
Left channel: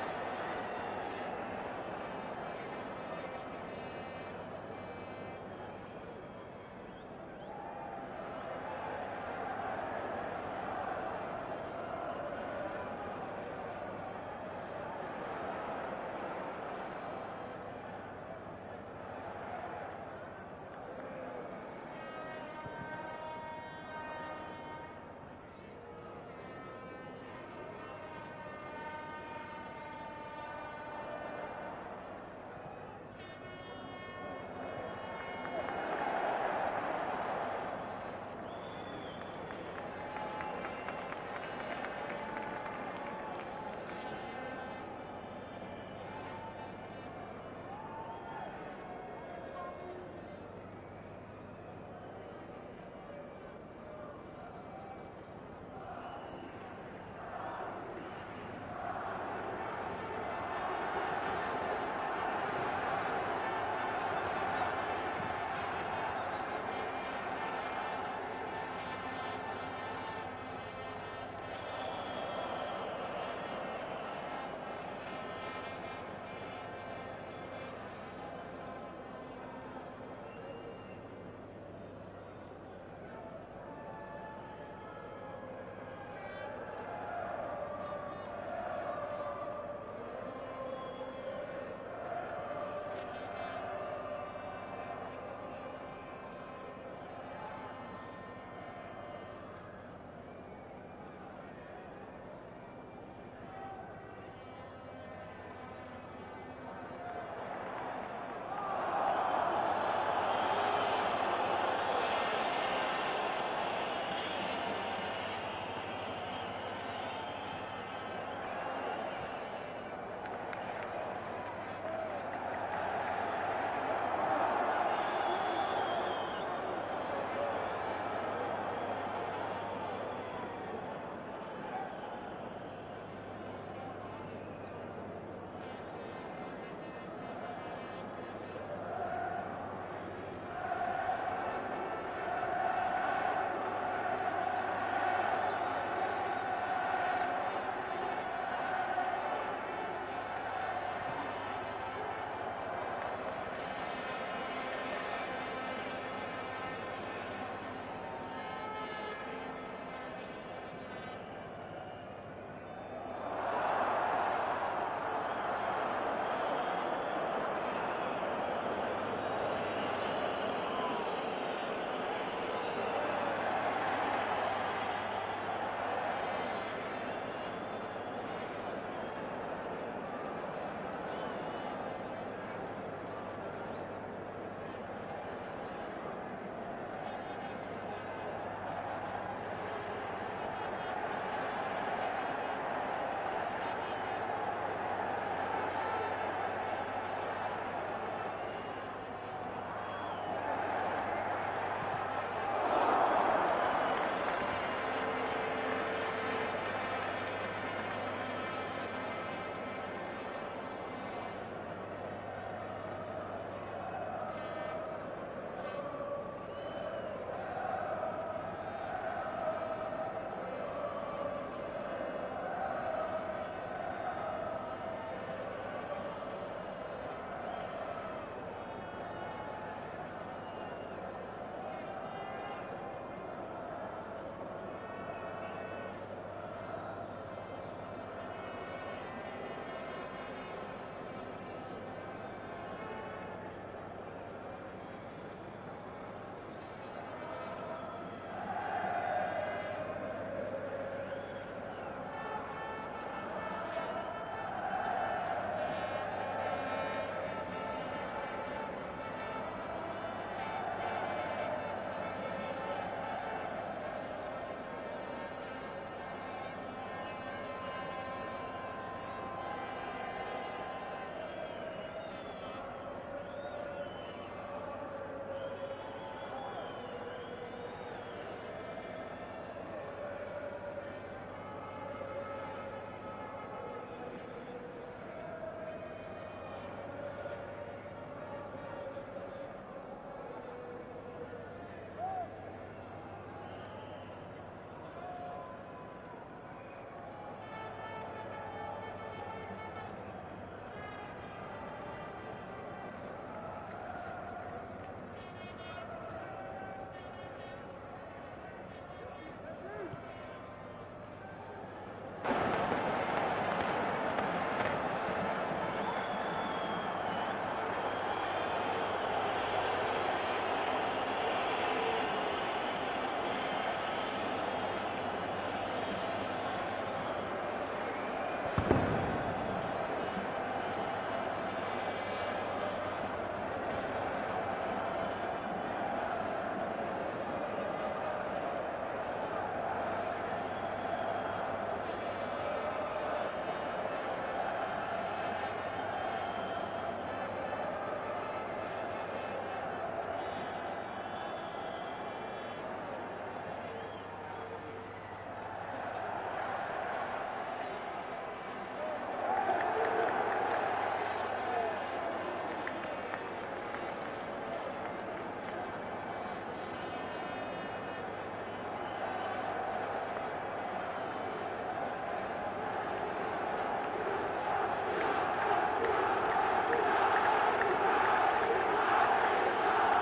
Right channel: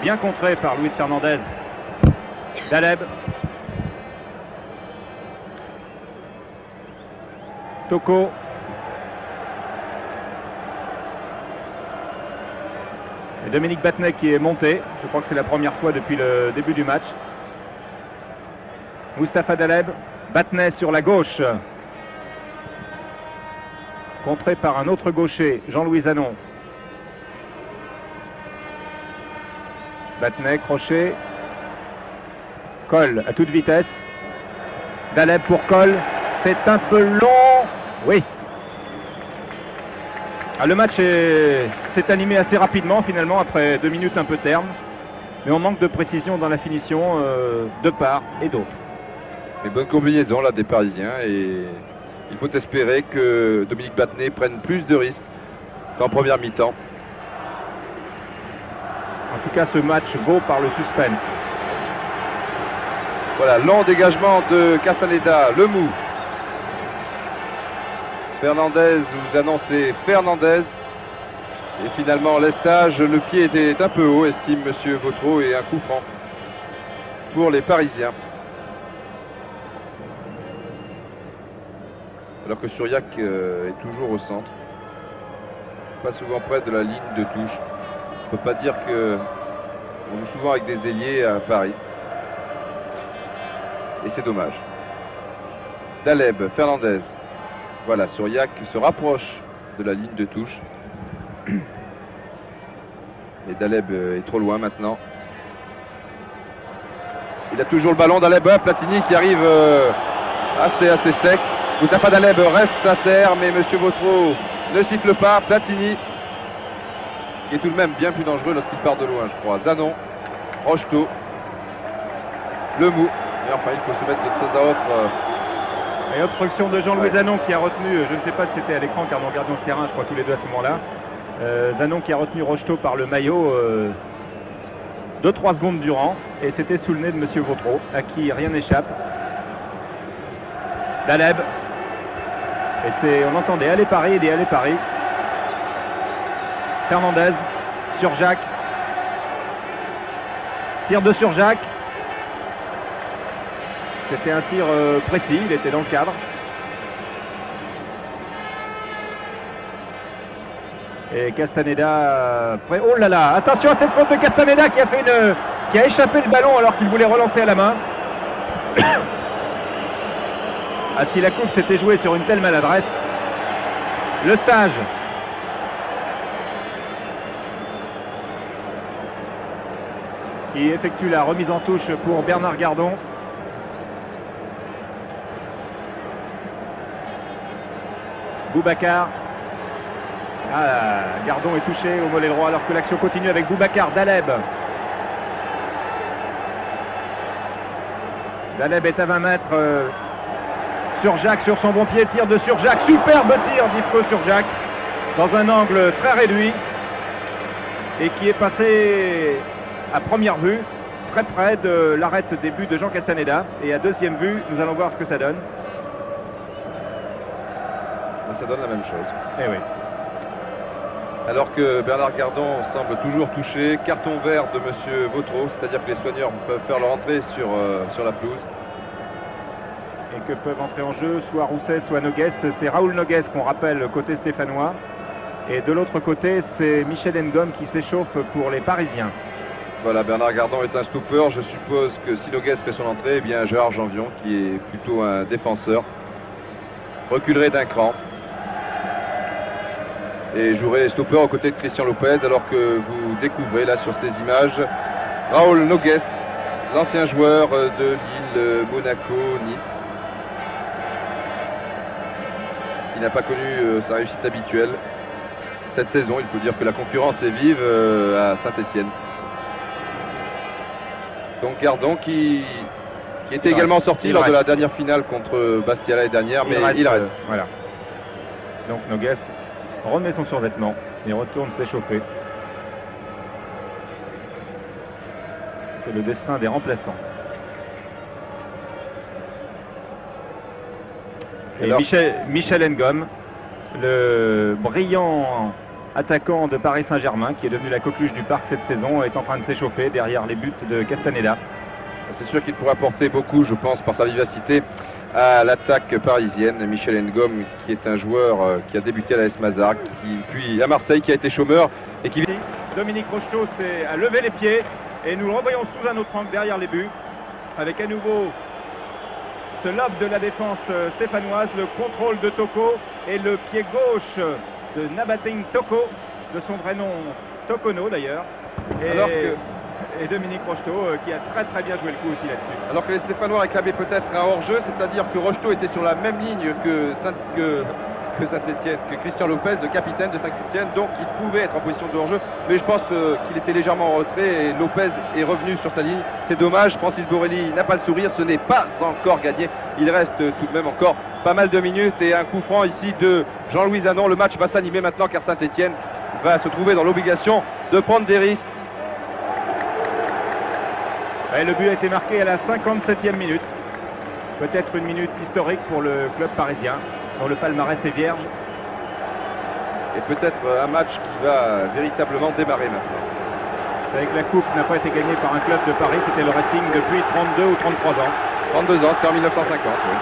bien contré par Luis Fernandez. Daleb. Toko. Et Dominique Battenet qui est monté. Je crois que c'est la première fois depuis le début du match. Mustapha Daleb. Battenet sur la gauche. Contré par un autre gaucher, Jean-Louis Zanon. Battenet, crochet. Coll à toute vitesse. Daleb pour Coll. C'est un peu long. Oui. Ah, le match s'est animé assez rapidement finalement après 2 minutes un peu terme. Mais on manque de précision dans la finition de part et d'autre. Mais bonne combinaison là des Parisiens et il faut espérer que Dominique Battenet prenne plus de risques qu'en première mi-temps. En tout cas, ce match vaut par le suspense. Voilà, long dégagement de Castaneda, le mou. Fernandez, vous annoncez Fernandez. Et finalement, l'estage, le pied était un peu haut, estime Monsieur Vautreau, et un coup franc pour les Parisiens. Alors que Suriac est toujours au centre. Pas souvent près de la ligne de touche. On ne peut pas dire que on joue souvent avec des ailiers à Paris. Et c'est dommage. Daleb, Fernandez. Voilà, Suriac se rapproche de la ligne de touche. Et Daleb est trop loin maintenant. Il a toujours le ballon, Daleb, Platini qui arrive assez sec. Mustapha Daleb reste à terre, mais Monsieur Vautreau ne siffle pas. Platini, qui est tout de même bien plus dangereux lorsqu'il part de loin, je crois. Zanon, Rocheteau, le mou. Et enfin, il faut se mettre de temps à autre. Et obstruction de Jean-Louis Zanon qui a retenu, je ne sais pas si c'était à l'écran car nous regardions ce terrain, je crois tous les deux à ce moment-là. Zanon qui a retenu Rocheteau par le maillot 2-3 secondes durant. Et c'était sous le nez de Monsieur Vautreau, à qui rien n'échappe. Daleb. Et on entendait aller Paris, et aller Paris. Fernandez, Surjacq. Tir de Surjacq. C'était un tir précis, il était dans le cadre. Et Castaneda prêt. Oh là là, attention à cette faute de Castaneda qui a échappé le ballon alors qu'il voulait relancer à la main. Ah, si la coupe s'était jouée sur une telle maladresse. Le stage. Qui effectue la remise en touche pour Bernard Gardon. Boubacar. Ah, Gardon est touché au mollet droit alors que l'action continue avec Boubacar. Daleb. Daleb est à 20 mètres. Surjacq sur son bon pied, tir de Surjacq. Superbe tir d'Yves Surjacq dans un angle très réduit et qui est passé à première vue très près de l'arrêt des buts de Jean Castaneda. Et à deuxième vue, nous allons voir ce que ça donne. Ça donne la même chose. Eh oui. Alors que Bernard Gardon semble toujours touché. Carton vert de Monsieur Vautreau, c'est-à-dire que les soigneurs peuvent faire leur entrée sur la pelouse. Et que peuvent entrer en jeu soit Rousset, soit Noguès. C'est Raoul Noguès qu'on rappelle côté stéphanois. Et de l'autre côté, c'est Michel Ngom qui s'échauffe pour les Parisiens. Voilà, Bernard Gardon est un stopper. Je suppose que si Noguès fait son entrée, eh bien Gérard Janvion, qui est plutôt un défenseur, reculerait d'un cran. Et jouerait stopper aux côtés de Christian Lopez, alors que vous découvrez là sur ces images Raoul Noguès, l'ancien joueur de Lille, Monaco, Nice, qui n'a pas connu sa réussite habituelle cette saison. Il faut dire que la concurrence est vive à Saint-Étienne. Donc Gardon qui était également sorti lors de la dernière finale contre Bastia l'année dernière, mais il reste. Voilà. Donc Noguès remet son survêtement et retourne s'échauffer. C'est le destin des remplaçants. Et alors, Michel Ngom, le brillant attaquant de Paris Saint-Germain, qui est devenu la coqueluche du parc cette saison, est en train de s'échauffer derrière les buts de Castaneda. C'est sûr qu'il pourrait apporter beaucoup, je pense, par sa vivacité à l'attaque parisienne. Michel Ngom, qui est un joueur qui a débuté à l'AS Mazar, puis à Marseille, qui a été chômeur et qui... Dominique Rocheteau a levé les pieds et nous le revoyons sous un autre angle derrière les buts, avec à nouveau ce lob de la défense stéphanoise, le contrôle de Toko et le pied gauche de Nabating Toko, de son vrai nom Tokono d'ailleurs. Et Dominique Rocheteau qui a très bien joué le coup aussi là-dessus. Alors que les Stéphanois réclamaient peut-être un hors-jeu, c'est-à-dire que Rocheteau était sur la même ligne que Saint-Étienne, que Christian Lopez, le capitaine de Saint-Étienne, donc il pouvait être en position de hors-jeu, mais je pense qu'il était légèrement en retrait et Lopez est revenu sur sa ligne. C'est dommage, Francis Borelli n'a pas le sourire, ce n'est pas encore gagné, il reste tout de même encore pas mal de minutes et un coup franc ici de Jean-Louis Zanon. Le match va s'animer maintenant car Saint-Étienne va se trouver dans l'obligation de prendre des risques. Et le but a été marqué à la 57e minute, peut-être une minute historique pour le club parisien, dont le palmarès est vierge. Et peut-être un match qui va véritablement démarrer maintenant. Vous savez que la coupe n'a pas été gagnée par un club de Paris, c'était le Racing depuis 32 ou 33 ans. 32 ans, c'était en 1950, oui.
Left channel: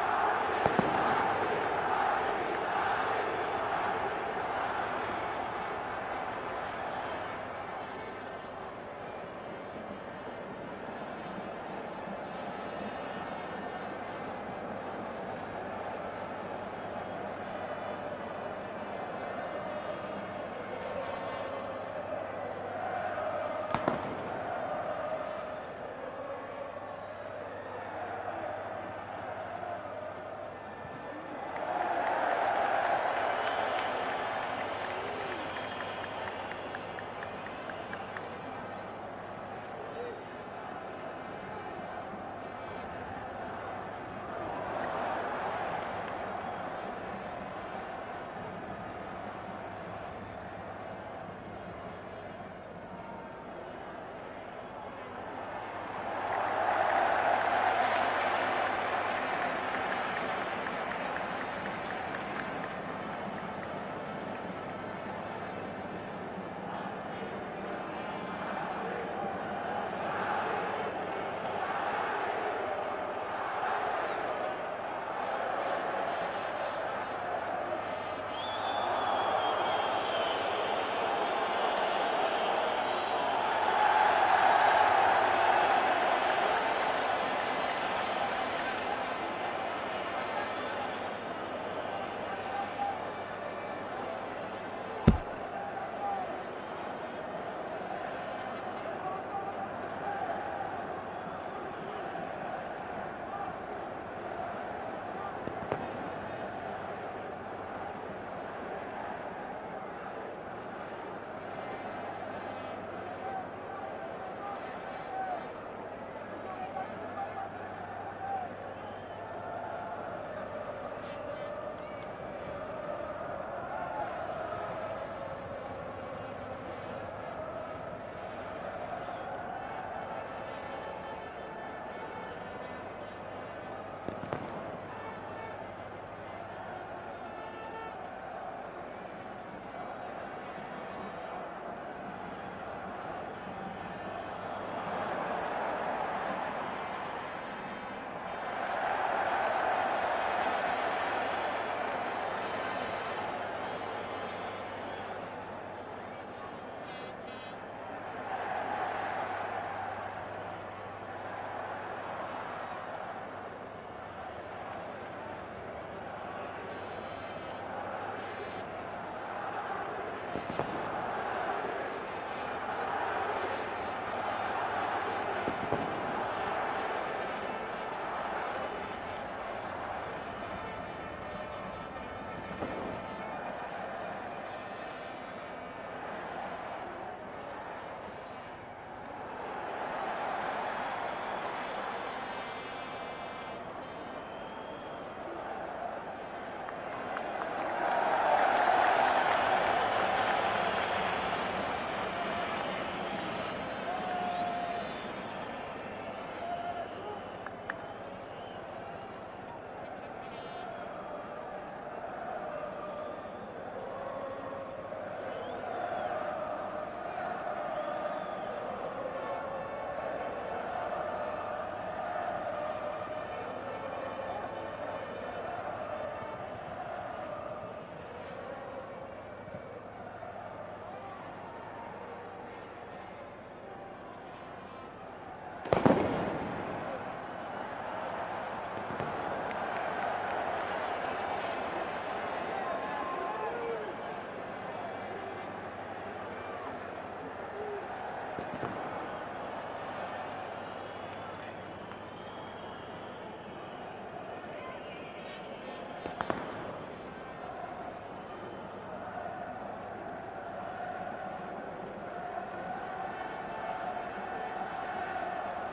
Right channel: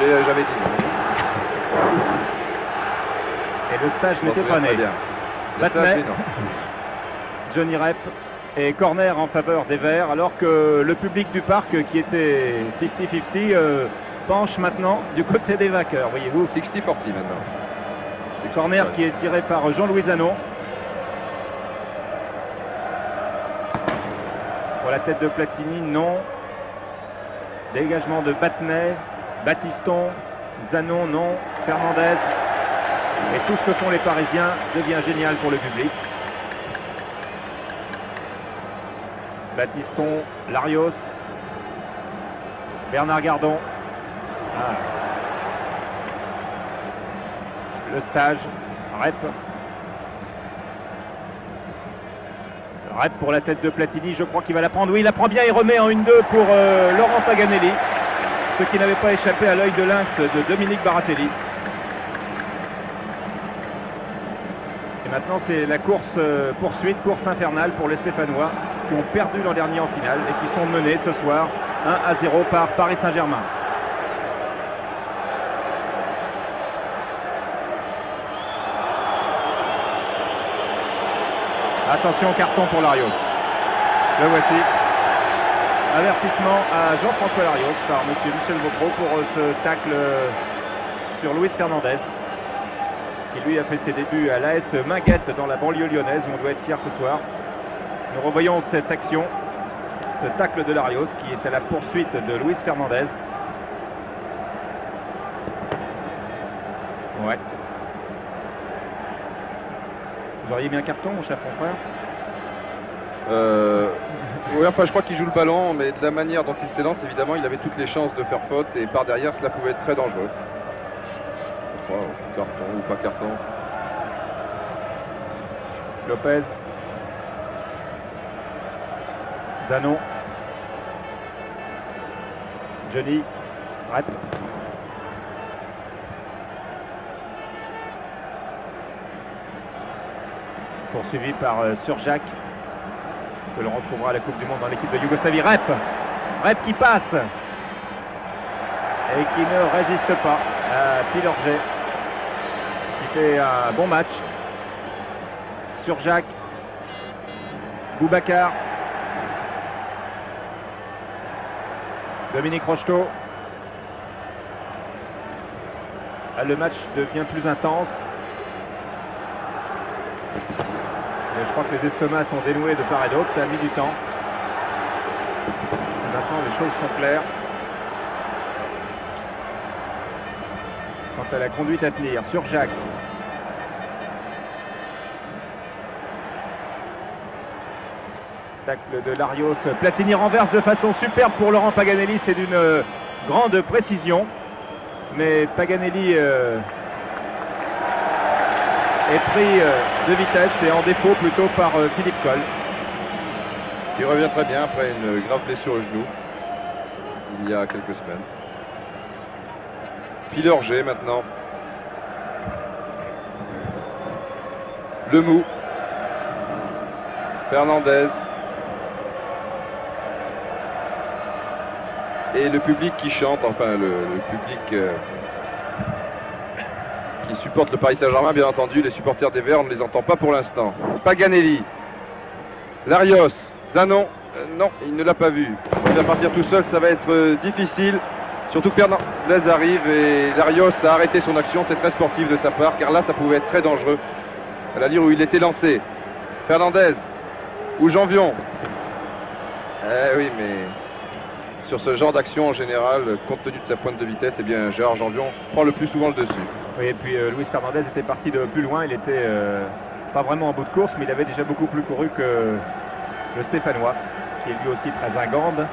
J'avais 10 ans. Et le stage n'était pas né. Battenet, Johnny Rep et corner en faveur des Verts, alors que le public du parc, qui était 50-50, penche maintenant du côté des vainqueurs, voyez-vous. 60-40 maintenant. Corner qui est tiré par Jean-Louis Zanon. Pour la tête de Platini, non. Dégagement de Battenet, Battiston, Zanon, non. Fernandez. Et tout ce que font les Parisiens devient génial pour le public. Battiston, Larios, Bernard Gardon. Le stage, Rep. Rep pour la tête de Platini, je crois qu'il va la prendre. Oui, il la prend bien, il remet en 1-2 pour Laurent Paganelli. Ce qui n'avait pas échappé à l'œil de lynx de Dominique Baratelli. Et maintenant c'est la course-poursuite, course infernale pour les Stéphanois qui ont perdu l'an dernier en finale et qui sont menés ce soir 1-0 par Paris Saint-Germain. Attention, carton pour Larios. Le voici. Avertissement à Jean-François Larios par M. Michel Vautreau pour ce tacle sur Luis Fernandez, qui lui a fait ses débuts à l'AS Minguette dans la banlieue lyonnaise où on doit être fier ce soir. Nous revoyons cette action, ce tacle de Larios qui est à la poursuite de Luis Fernandez. Ouais. Vous auriez mis un carton, mon cher confrère? Oui, enfin je crois qu'il joue le ballon, mais de la manière dont il s'élance, évidemment, il avait toutes les chances de faire faute et par derrière, cela pouvait être très dangereux. Je crois, carton ou pas carton. Lopez. Zanon. Johnny. Rep. Poursuivi par Surjak, que l'on retrouvera à la Coupe du Monde dans l'équipe de Yougoslavie. Rep qui passe et qui ne résiste pas à Pilorget, qui fait un bon match. Surjak, Boubacar, Dominique Rocheteau. Le match devient plus intense. Je crois que les estomacs sont dénoués de part et d'autre, ça a mis du temps. Et maintenant les choses sont claires. Quant à la conduite à tenir, sur Jacques. Tacle de Larios, Platini renverse de façon superbe pour Laurent Paganelli, c'est d'une grande précision. Mais Paganelli est pris de vitesse et en défaut plutôt par Philippe Coll. Qui revient très bien après une grave blessure au genou il y a quelques semaines. Pilorget maintenant. Lemou. Fernandez. Et le public qui chante, enfin le public qui supporte le Paris Saint-Germain, bien entendu. Les supporters des Verts, on ne les entend pas pour l'instant. Paganelli. Larios. Zanon. Non, il ne l'a pas vu. Il va partir tout seul, ça va être difficile. Surtout que Fernandez arrive et Larios a arrêté son action. C'est très sportif de sa part, car là, ça pouvait être très dangereux. À la lire où il était lancé. Fernandez. Ou Janvion. Eh oui, mais sur ce genre d'action en général, compte tenu de sa pointe de vitesse, eh bien Gérard Janvion prend le plus souvent le dessus. Oui, et puis Luis Fernandez était parti de plus loin. Il était pas vraiment en bout de course, mais il avait déjà beaucoup plus couru que le Stéphanois, qui est lui aussi très ingambe.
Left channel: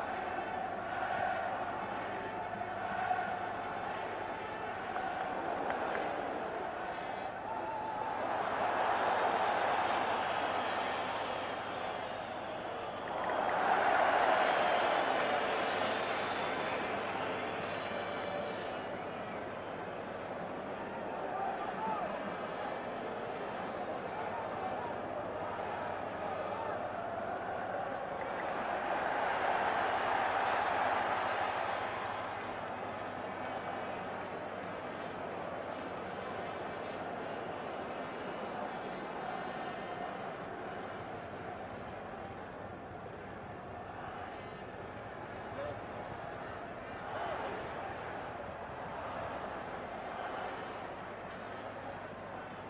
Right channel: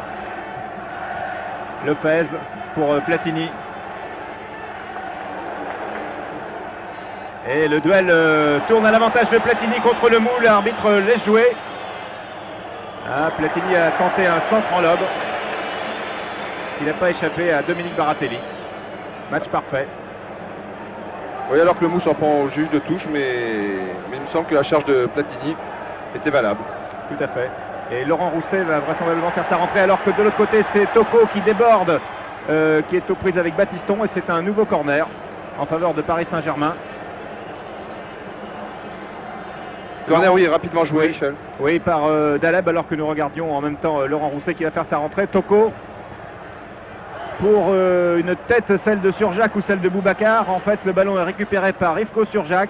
Lopez pour Platini. Et le duel tourne à l'avantage de Platini contre le Mou. L'arbitre laisse jouer. Ah, Platini a tenté un centre en lobe. Il n'a pas échappé à Dominique Baratelli. Match parfait. Oui, alors que le Mou s'en prend au juge de touche, mais il me semble que la charge de Platini était valable. Tout à fait. Et Laurent Rousset va vraisemblablement faire sa rentrée, alors que de l'autre côté, c'est Toko qui déborde, qui est aux prises avec Batiston. Et c'est un nouveau corner en faveur de Paris Saint-Germain. Corner, oui, rapidement joué, Michel. Oui, par Daleb, alors que nous regardions en même temps Laurent Rousset qui va faire sa rentrée. Toko pour une tête, celle de Surjak ou celle de Boubacar. En fait, le ballon est récupéré par Ivko Surjak.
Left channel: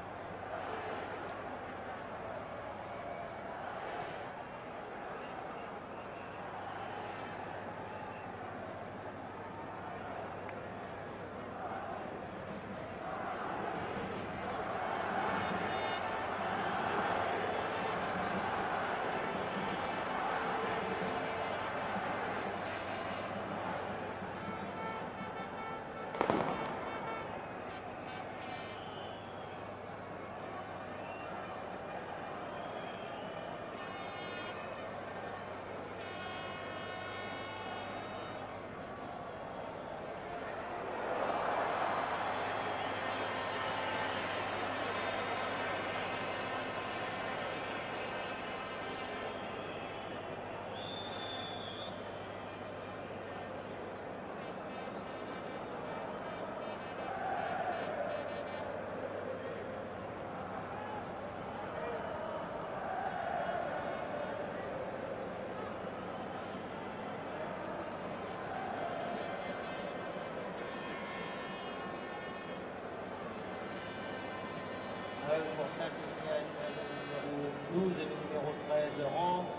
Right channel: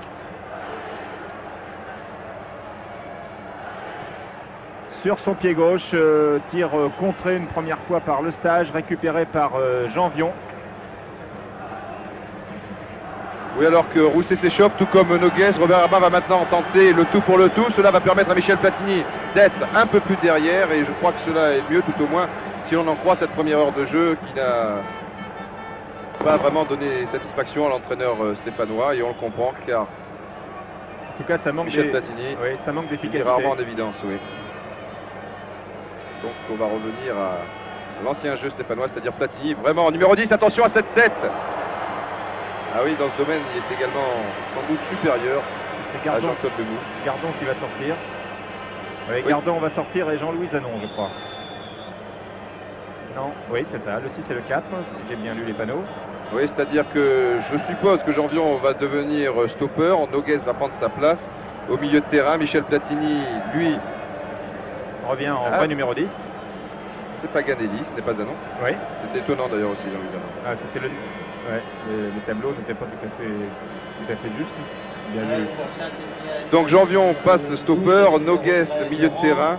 Sur son pied gauche, tir contré une première fois par Le Stage, récupéré par Janvion. Oui, alors que Rousset s'échauffe, tout comme Noguès. Robert Herbin va maintenant tenter le tout pour le tout. Cela va permettre à Michel Platini d'être un peu plus derrière. Et je crois que cela est mieux, tout au moins, si l'on en croit cette première heure de jeu qui n'a pas vraiment donné satisfaction à l'entraîneur stéphanois. Et on le comprend, car en tout cas, ça manque Michel Platini, oui, ça manque d'efficacité. Rarement en évidence, oui. Donc on va revenir à l'ancien jeu stéphanois, c'est-à-dire Platini. Vraiment, en numéro 10, attention à cette tête. Ah oui, dans ce domaine, il est également sans doute supérieur à Jean-Claude Lemou. Gardon qui va sortir. Oui, oui. Gardon va sortir et Jean-Louis Zanon, je crois. Non, oui, c'est ça. Le 6 et le 4, si j'ai bien lu les panneaux. Oui, c'est-à-dire que je suppose que Janvion va devenir stopper. Noguès va prendre sa place. Au milieu de terrain, Michel Platini, lui, revient en vrai numéro 10. C'est Paganelli, ce n'est pas Zanon. Oui. C'est étonnant d'ailleurs aussi, Jean-Louis Zanon. Ah, c'était le... Ouais, le tableau n'était pas tout à fait juste. Bien vu. Donc Janvion passe stopper, Noguès milieu de terrain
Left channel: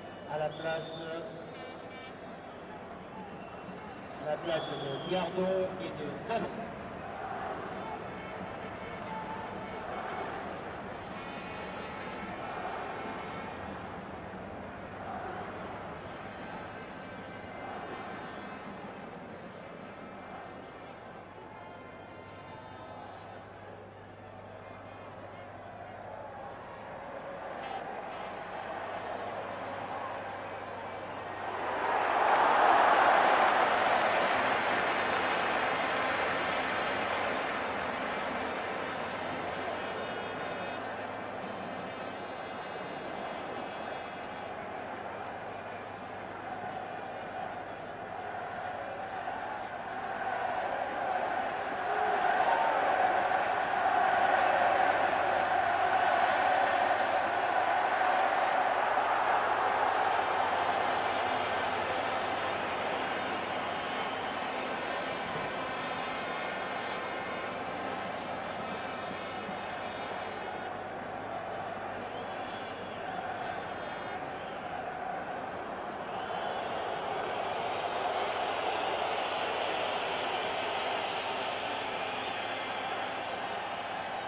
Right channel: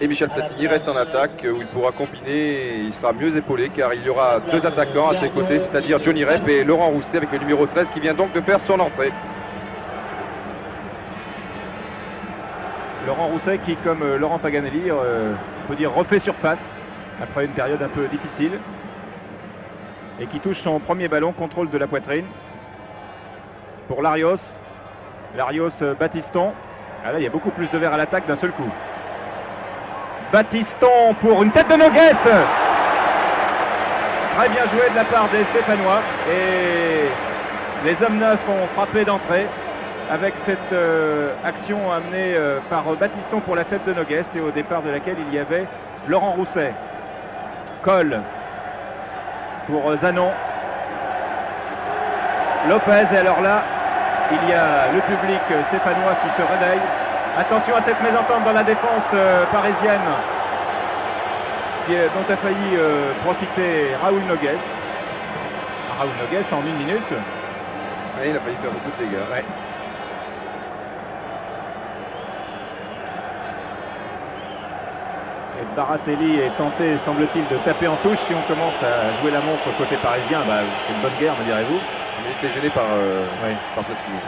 et Michel Platini reste en attaque où il pourra combiner et il sera mieux épaulé car il y aura deux attaquants à ses côtés, c'est-à-dire Johnny Rep et Laurent Rousset avec le numéro 13 qui vient donc de faire son entrée. Laurent Rousset qui, comme Laurent Paganelli, on peut dire refait surface après une période un peu difficile. Et qui touche son premier ballon, contrôle de la poitrine. Pour Larios. Larios, Batiston. Ah là, il y a beaucoup plus de verre à l'attaque d'un seul coup. Batiston pour une tête de Noguès. Très bien joué de la part des Stéphanois. Et les hommes neufs ont frappé d'entrée avec cette action amenée par Batiston pour la tête de Noguès et au départ de laquelle il y avait Laurent Rousset. Cole pour Zanon. Lopez, et alors là, il y a le public stéphanois qui se réveille. Attention à cette mésentente dans la défense parisienne dont a failli profiter Raoul Noguès. Raoul Noguès en 1 minute. Oui, il a failli faire beaucoup de dégâts. Ouais. Et Baratelli est tenté, semble-t-il, de taper en touche. Si on commence à jouer la montre côté parisien, bah, c'est une bonne guerre, me direz-vous. On a été gêné par Platini.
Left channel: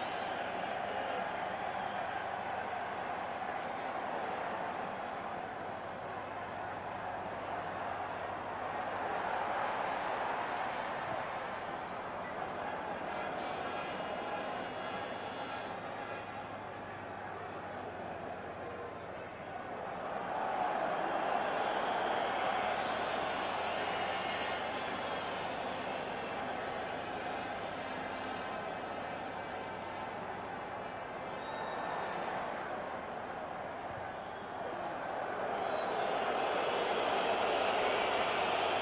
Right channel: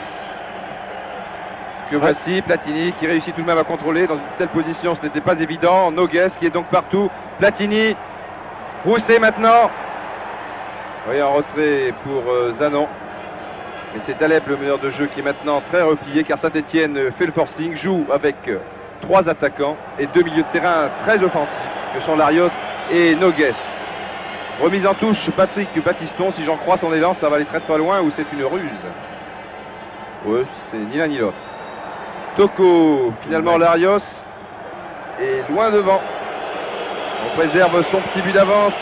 Que voici Platini qui réussit tout de même à contrôler dans une telle position, ce n'était pas évident. Noguès qui est donc partout. Platini, Rousset maintenant. Oui, en retrait pour Zanon. Mais c'est Daleb, le meneur de jeu, qui est maintenant très replié car Saint-Etienne fait le forcing, joue avec 3 attaquants et 2 milieux de terrain très offensifs que sont Larios et Noguès. Remise en touche, Patrick Battiston. Si j'en crois son élan, ça va aller très loin ou c'est une ruse. Ouais, c'est ni l'un ni l'autre. Toko, finalement Larios est loin devant. On préserve son petit but d'avance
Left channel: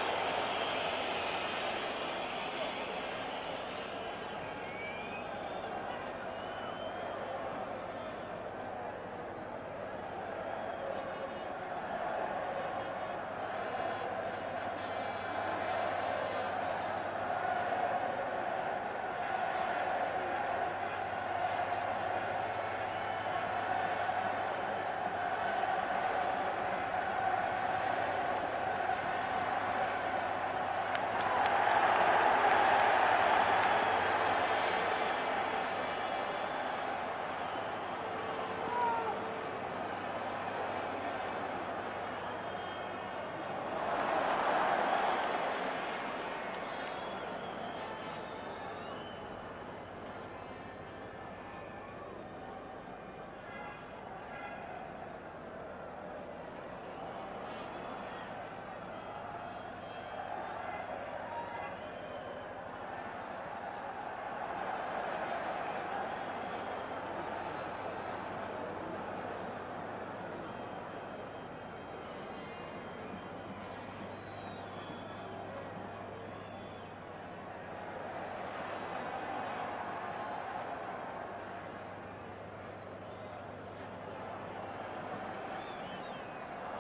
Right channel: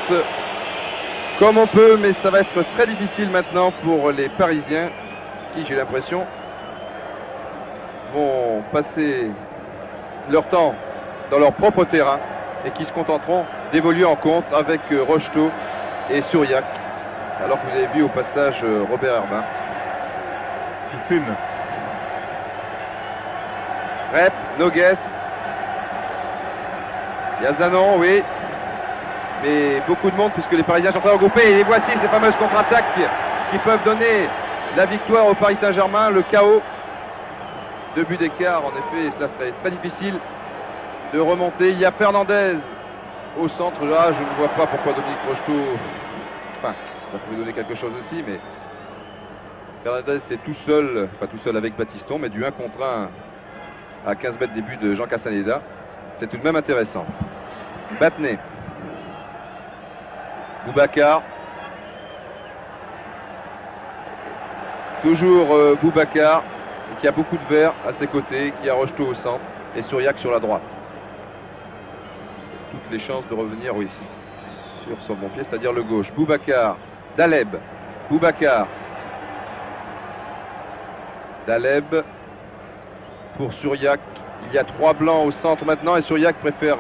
comme on peut, mais ça va être très difficile maintenant pour les Parisiens qui, j'ai l'impression, vont passer leur temps dans leur propre terrain et qui se contenteront d'évoluer en contre avec Rocheteau et Souriac, alors que vous avez vu au passage Robert Herbin qui fume. Rep, Nogues, il y a Zanon, oui, mais beaucoup de monde puisque les Parisiens sont très regroupés et les voici ces fameuses contre-attaques qui peuvent donner la victoire au Paris Saint-Germain, le chaos. 2 buts d'écart, en effet, cela serait très difficile de remonter. Il y a Fernandez au centre. Là, je ne vois pas pourquoi Dominique Rocheteau, enfin, ça pouvait donner quelque chose aussi, mais Fernandez était tout seul, pas tout seul avec Battiston, mais du 1 contre 1 à 15 mètres des buts de Jean Castaneda. C'est tout de même intéressant. Battenet, Boubacar, toujours Boubacar, qui a beaucoup de verre à ses côtés, qui a Rocheteau au centre et Souriac sur la droite. Toutes les chances de revenir, oui, sur son bon pied, c'est-à-dire le gauche. Boubacar, Daleb, Boubacar, Daleb pour Souriac. Il y a 3 blancs au centre maintenant et Souriac préfère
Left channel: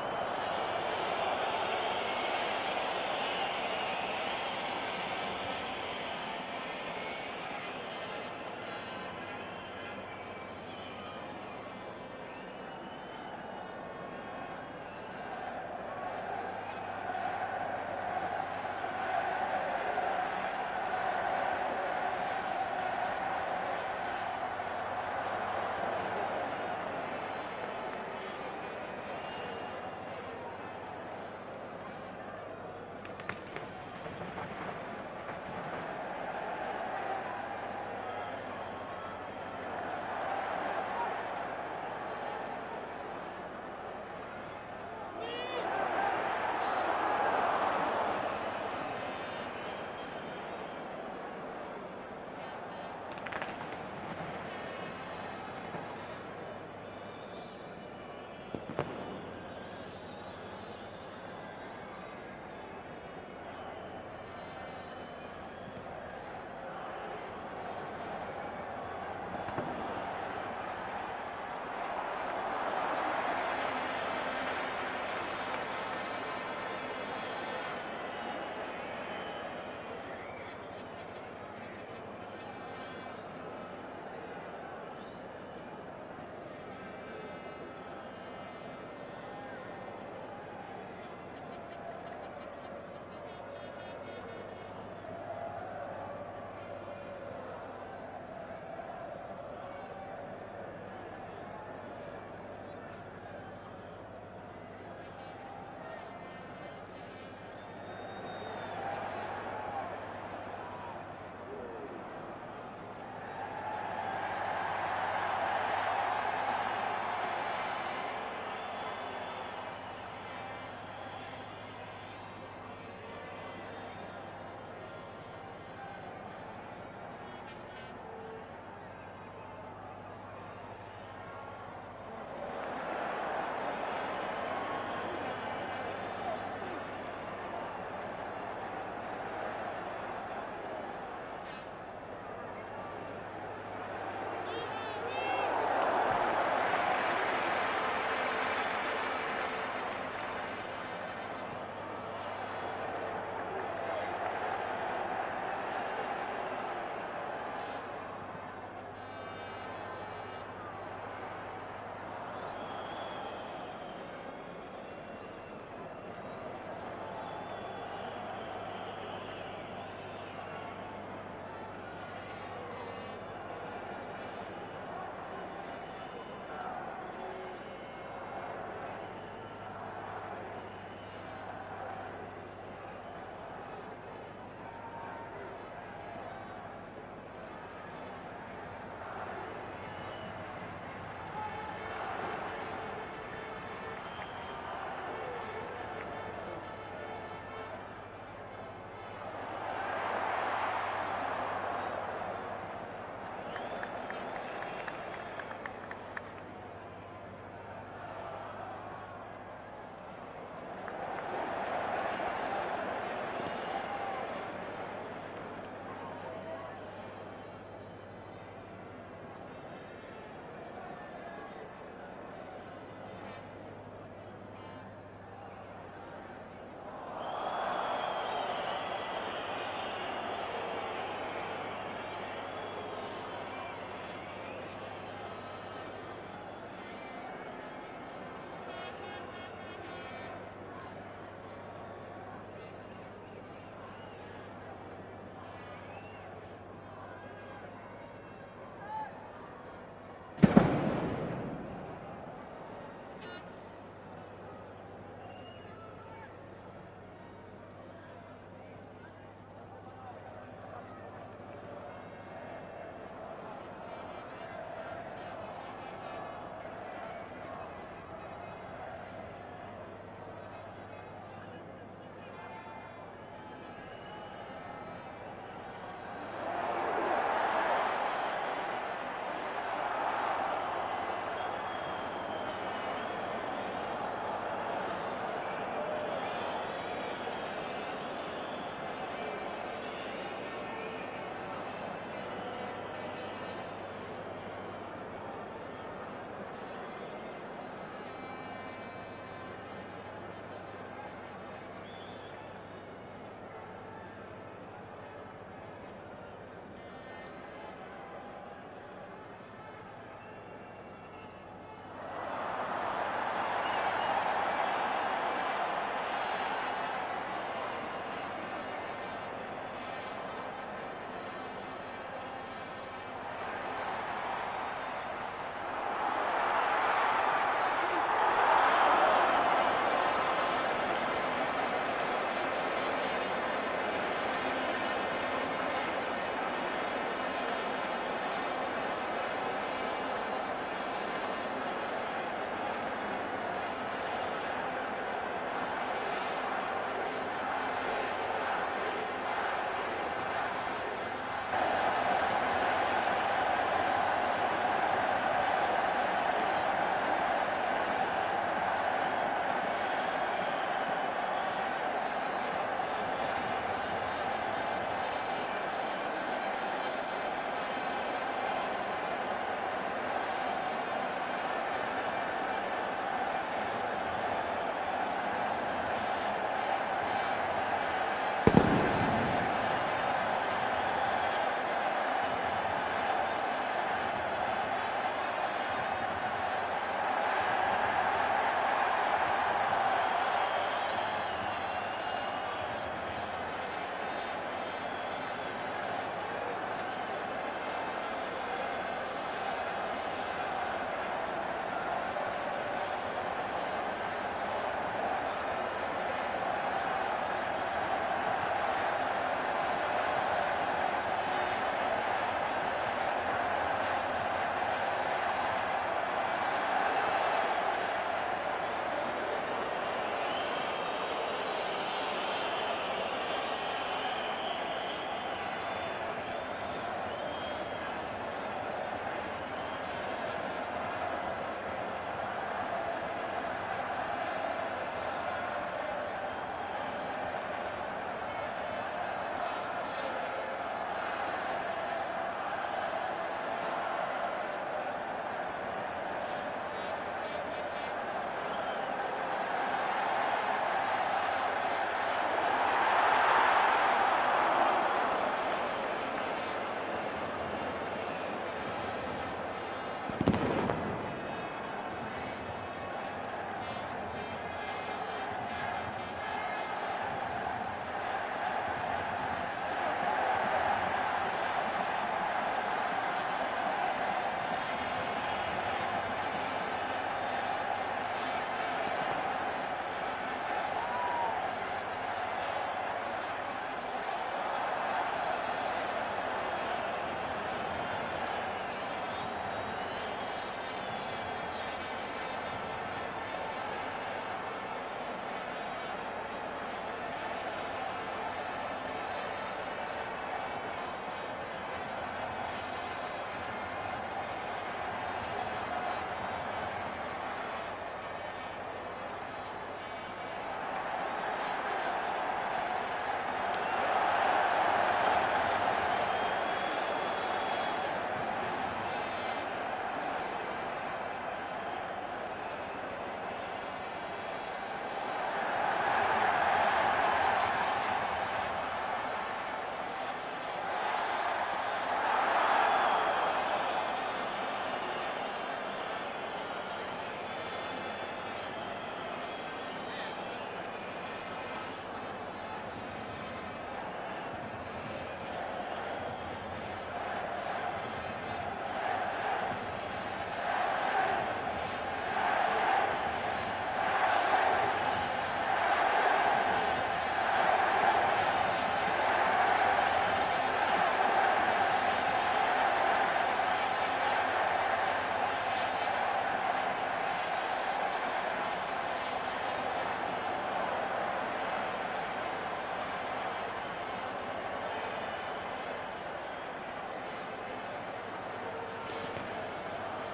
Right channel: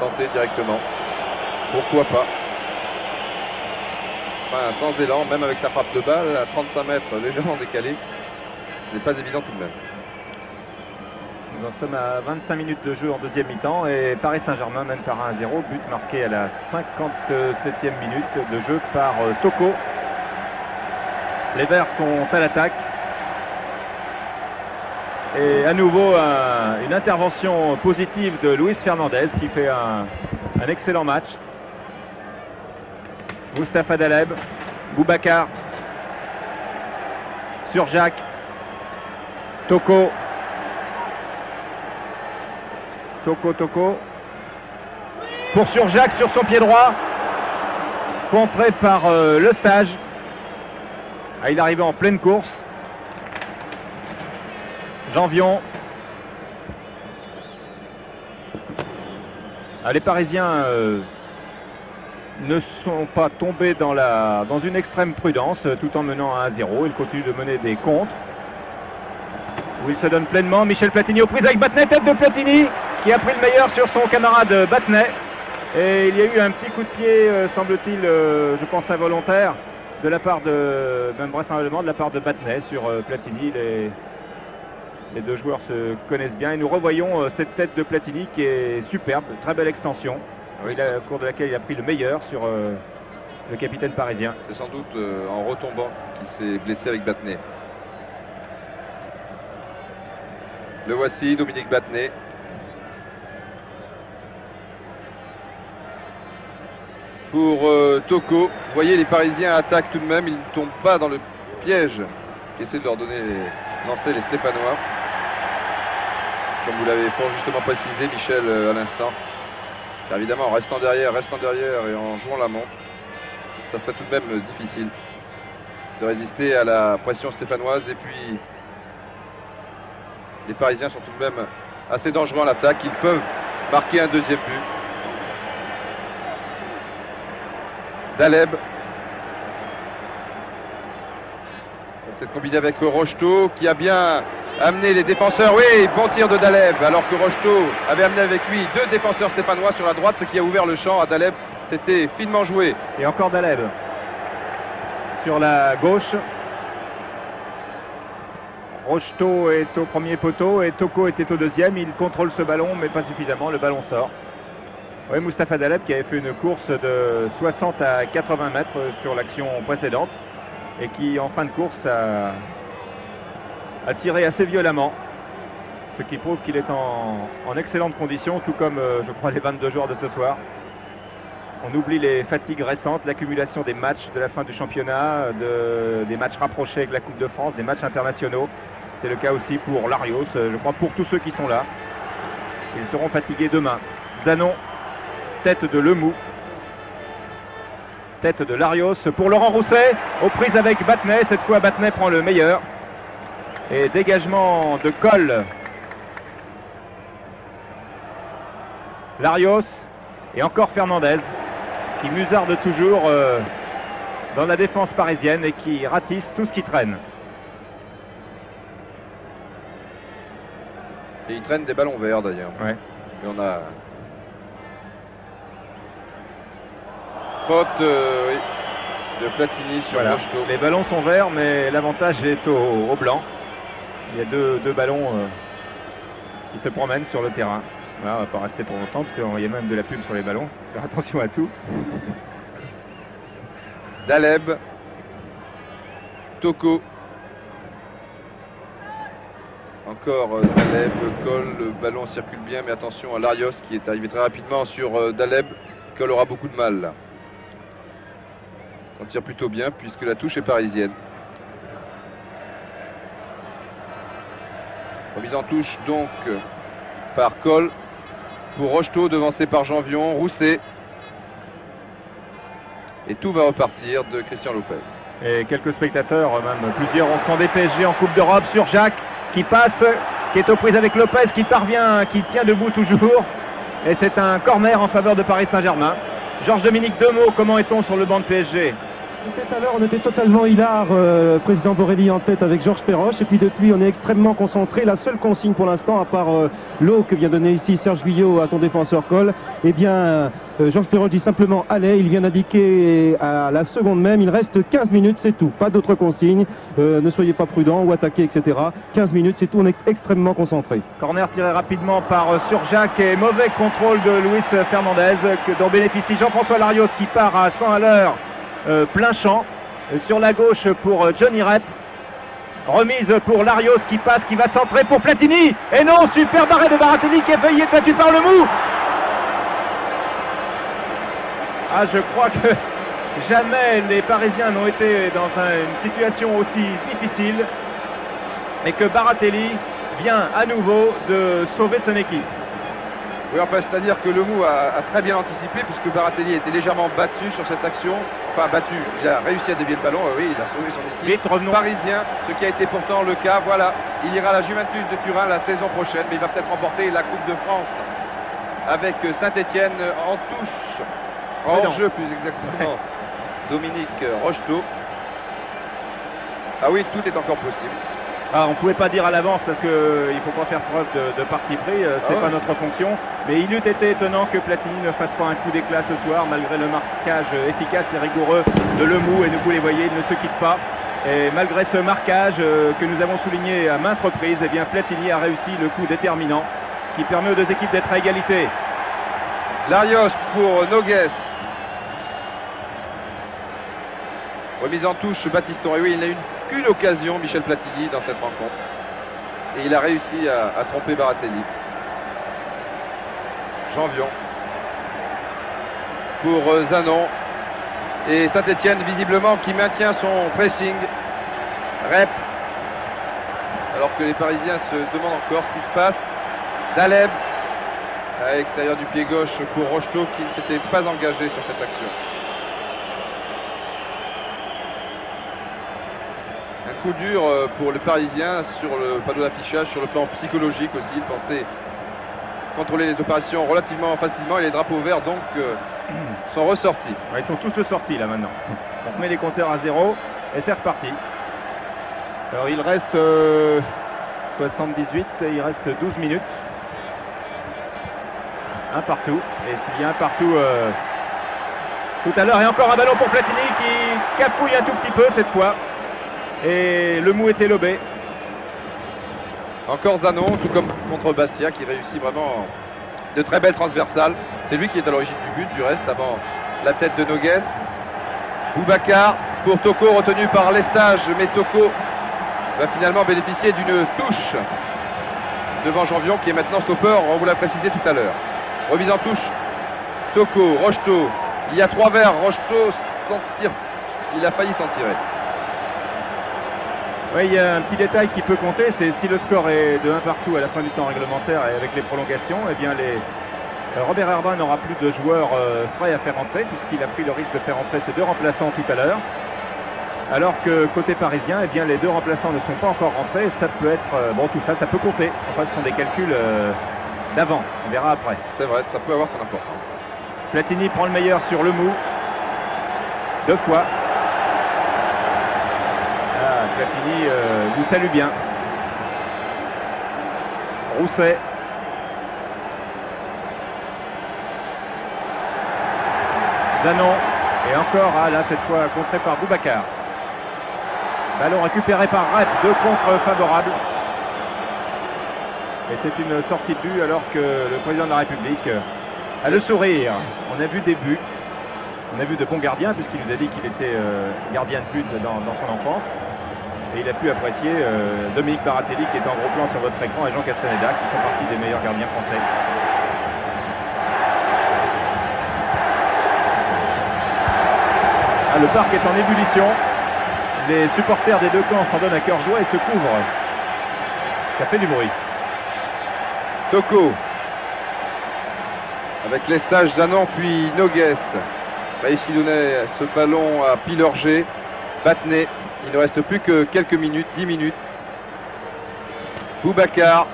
tenter directement. Pourquoi pas? Enfin, sans élan, même avec sa frappe de balle à 35 mètres légèrement décalée. Ce n'est pas évident tout de même. Nous en sommes à 25 minutes de jeu en deuxième mi-temps et Paris Saint-Germain mène par 1-0. But marqué à la 57e minute de jeu par Toko. Les Verts sont à l'attaque. Et à nouveau une intervention positive de Luis Fernandez qui fait un excellent match. Moustapha Daleb, Boubacar, Souriac, Toko. Toko. Pour Souriac sur son pied droit. Contré par Le Stage. Ah, il arrivait en pleine course. Janvion. Ah, les Parisiens ne sont pas tombés dans une extrême prudence tout en menant à 1-0. Ils continuent de mener des contres. Où il se donne pleinement. Michel Platini aux prises avec Battenet. Tête de Platini qui a pris le meilleur sur son camarade Battenet. Et il y a eu un petit coup de pied, semble-t-il, je pense involontaire, de la part de, même vraisemblablement de la part de Battenet sur Platini. Les deux joueurs se connaissent bien et nous revoyons cette tête de Platini qui est superbe, très belle extension, oui, au cours de laquelle il a pris le meilleur sur le capitaine parisien. C'est sans doute en retombant qu'il s'est blessé avec Battenet. Le voici, Dominique Battenet. Pour Toko, vous voyez les Parisiens attaquent tout de même, ils ne tombent pas dans le piège qui essaie de leur lancer les Stéphanois. Comme vous l'avez fort justement précisé, Michel, à l'instant. Évidemment, en restant derrière et en jouant la montre, ça serait tout de même difficile de résister à la pression stéphanoise. Et puis, les Parisiens sont tout de même assez dangereux en l'attaque. Ils peuvent marquer un deuxième but. Daleb. Peut-être combiné avec Rocheteau qui a bien amené les défenseurs. Oui, bon tir de Daleb, alors que Rocheteau avait amené avec lui 2 défenseurs stéphanois sur la droite, ce qui a ouvert le champ à Daleb. C'était finement joué. Et encore Daleb sur la gauche. Rocheteau est au premier poteau et Toko était au deuxième. Il contrôle ce ballon, mais pas suffisamment. Le ballon sort. Oui, Moustapha Daleb qui avait fait une course de 60 à 80 mètres sur l'action précédente et qui, en fin de course, a tiré assez violemment, ce qui prouve qu'il est en excellente condition, tout comme, je crois, les 22 joueurs de ce soir. On oublie les fatigues récentes, l'accumulation des matchs de la fin du championnat, des matchs rapprochés avec la Coupe de France, des matchs internationaux. C'est le cas aussi pour Larios, je crois, pour tous ceux qui sont là. Ils seront fatigués demain. Zanon, tête de Lemou. Tête de Larios pour Laurent Rousset, aux prises avec Battenay. Cette fois, Battenay prend le meilleur. Et dégagement de Coll. Larios et encore Fernandez qui musarde toujours dans la défense parisienne et qui ratisse tout ce qui traîne. Et il traîne des ballons verts d'ailleurs. Ouais. Et on a faute oui, de Platini sur Rocheteau. Les ballons sont verts, mais l'avantage est au blanc. Il y a deux ballons qui se promènent sur le terrain. Voilà, on va pas rester pour longtemps parce qu'il y a même de la pub sur les ballons. Faire attention à tout. Daleb, Toko. Encore Daleb, Coll, le ballon circule bien, mais attention à Larios qui est arrivé très rapidement sur Daleb. Coll aura beaucoup de mal là. S'en tire plutôt bien puisque la touche est parisienne. Remise en touche donc par Coll pour Rocheteau, devancé par Janvion, Rousset. Et tout va repartir de Christian Lopez. Et quelques spectateurs, même plusieurs, ont scandé PSG en Coupe d'Europe sur Jacques qui passe, qui est aux prises avec Lopez, qui parvient, qui tient debout toujours. Et c'est un corner en faveur de Paris Saint-Germain. Georges-Dominique, deux mots, comment est-on sur le banc de PSG? Tout à l'heure, on était totalement hilar, président Borelli en tête avec Georges Perroche. Et puis depuis, on est extrêmement concentré. La seule consigne pour l'instant, à part l'eau que vient donner ici Serge Guyot à son défenseur Coll, eh bien, Georges Perroche dit simplement allez. Il vient d'indiquer à la seconde même, il reste 15 minutes, c'est tout. Pas d'autres consignes. Ne soyez pas prudents ou attaquez, etc. 15 minutes, c'est tout. On est extrêmement concentré. Corner tiré rapidement par Surjacq et mauvais contrôle de Luis Fernandez dont bénéficie Jean-François Larios qui part à 100 à l'heure. Plein champ sur la gauche pour Johnny Rep. Remise pour Larios qui passe, qui va centrer pour Platini. Et non, super arrêt de Baratelli qui a failli être battu par le mou. Ah, je crois que jamais les Parisiens n'ont été dans une situation aussi difficile et que Baratelli vient à nouveau de sauver son équipe. Oui, enfin, c'est-à-dire que le mou a très bien anticipé puisque Baratelli était légèrement battu sur cette action. Enfin, battu, il a réussi à dévier le ballon, oui, il a sauvé son équipe. Vite, revenons. Parisien, ce qui a été pourtant le cas, voilà, il ira à la Juventus de Turin la saison prochaine, mais il va peut-être remporter la Coupe de France avec Saint-Etienne en touche, en jeu plus exactement, Dominique Rocheteau. Ah oui, tout est encore possible. Ah, on ne pouvait pas dire à l'avance parce qu'il ne faut pas faire preuve de parti pris, c'est pas notre fonction. Mais il eût été étonnant que Platini ne fasse pas un coup d'éclat ce soir, malgré le marquage efficace et rigoureux de Lemou. Et vous les voyez, il ne se quitte pas. Et malgré ce marquage que nous avons souligné à maintes reprises, eh bien Platini a réussi le coup déterminant qui permet aux deux équipes d'être à égalité. Larios pour Noguès. Remise en touche, Baptiston. Et oui, il n'a eu qu'une occasion, Michel Platini, dans cette rencontre. Et il a réussi à tromper Baratelli. Janvion. Pour Zanon. Et Saint-Etienne, visiblement, qui maintient son pressing. Rep. Alors que les Parisiens se demandent encore ce qui se passe. Daleb. À l'extérieur du pied gauche pour Rocheteau, qui ne s'était pas engagé sur cette action. Un coup dur pour le Parisien sur le panneau d'affichage, sur le plan psychologique aussi. Il pensait contrôler les opérations relativement facilement et les drapeaux verts donc sont ressortis. Ouais, ils sont tous sortis là maintenant. On remet les compteurs à 0 et c'est reparti. Alors il reste 78 et il reste 12 minutes. Un partout. Et s'il y a un partout tout à l'heure, et encore un ballon pour Platini qui capouille un tout petit peu cette fois. Et le mou était lobé. Encore Zanon, tout comme contre Bastia, qui réussit vraiment de très belles transversales. C'est lui qui est à l'origine du but, du reste, avant la tête de Noguès. Boubacar pour Toko, retenu par Lestage, mais Toko va finalement bénéficier d'une touche devant Janvion, qui est maintenant stopper, on vous l'a précisé tout à l'heure. Remise en touche, Toko, Rocheteau. Il y a 3 verts, Rocheteau s'en tire, il a failli s'en tirer. Oui, il y a un petit détail qui peut compter, c'est si le score est de 1 partout à la fin du temps réglementaire et avec les prolongations, eh bien Robert Herbin n'aura plus de joueurs frais à faire entrer puisqu'il a pris le risque de faire entrer ses deux remplaçants tout à l'heure. Alors que côté parisien, eh bien, les deux remplaçants ne sont pas encore rentrés. Ça peut être, bon, tout ça, ça peut compter. Enfin, ce sont des calculs d'avant. On verra après. C'est vrai, ça peut avoir son importance. Platini prend le meilleur sur le mou. 2 fois. Ah, Platini vous salue bien. Rousset. Zanon. Et encore, là, cette fois, contré par Boubacar. Ballon récupéré par Rep, 2 contre favorables. Et c'est une sortie de but alors que le président de la République a le sourire. On a vu des buts. On a vu de bons gardiens puisqu'il nous a dit qu'il était gardien de but dans son enfance. Et il a pu apprécier Dominique Baratelli qui est en gros plan sur votre écran et Jean Castaneda qui sont partis des meilleurs gardiens français. Ah, le parc est en ébullition. Les supporters des deux camps s'en donnent à cœur joie et se couvrent. Ça fait du bruit. Toko. Avec les stages Zanon puis Noguès. Ici donnait ce ballon à Pilorgé. Battenet. Il ne reste plus que quelques minutes, 10 minutes. Boubacar.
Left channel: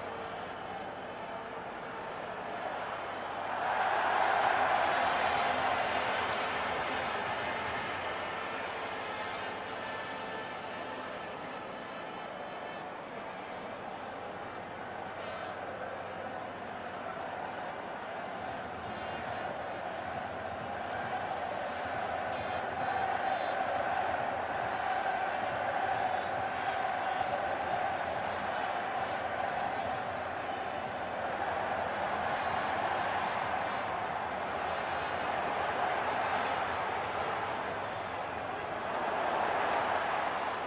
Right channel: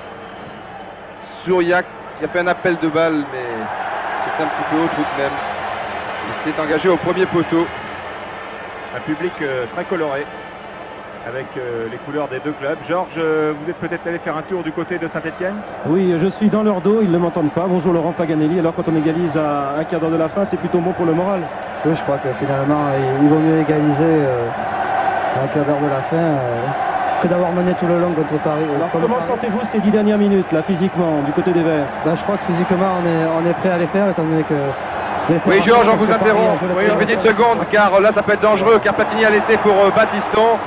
Souriac qui a fait un appel de balle, mais c'est un petit peu haut tout de même. Il s'est engagé au premier poteau. Un public très coloré avec les couleurs des deux clubs. Georges, vous êtes peut-être allé faire un tour du côté de Saint-Etienne? Oui, je suis dans leur dos, ils ne m'entendent pas. Bonjour Laurent Paganelli. Alors quand on égalise à un quart d'heure de la fin, c'est plutôt bon pour le moral. Oui, je crois que finalement, il vaut mieux égaliser à un quart d'heure de la fin que d'avoir mené tout le long contre Paris. Alors comment sentez-vous ces 10 dernières minutes, là, physiquement, du côté des Verts? Je crois que physiquement, on est prêt à les faire, étant donné que... Oui, Georges, on vous interrompt. Oui, une petite seconde, car là, ça peut être dangereux, car Platini a laissé pour Battiston.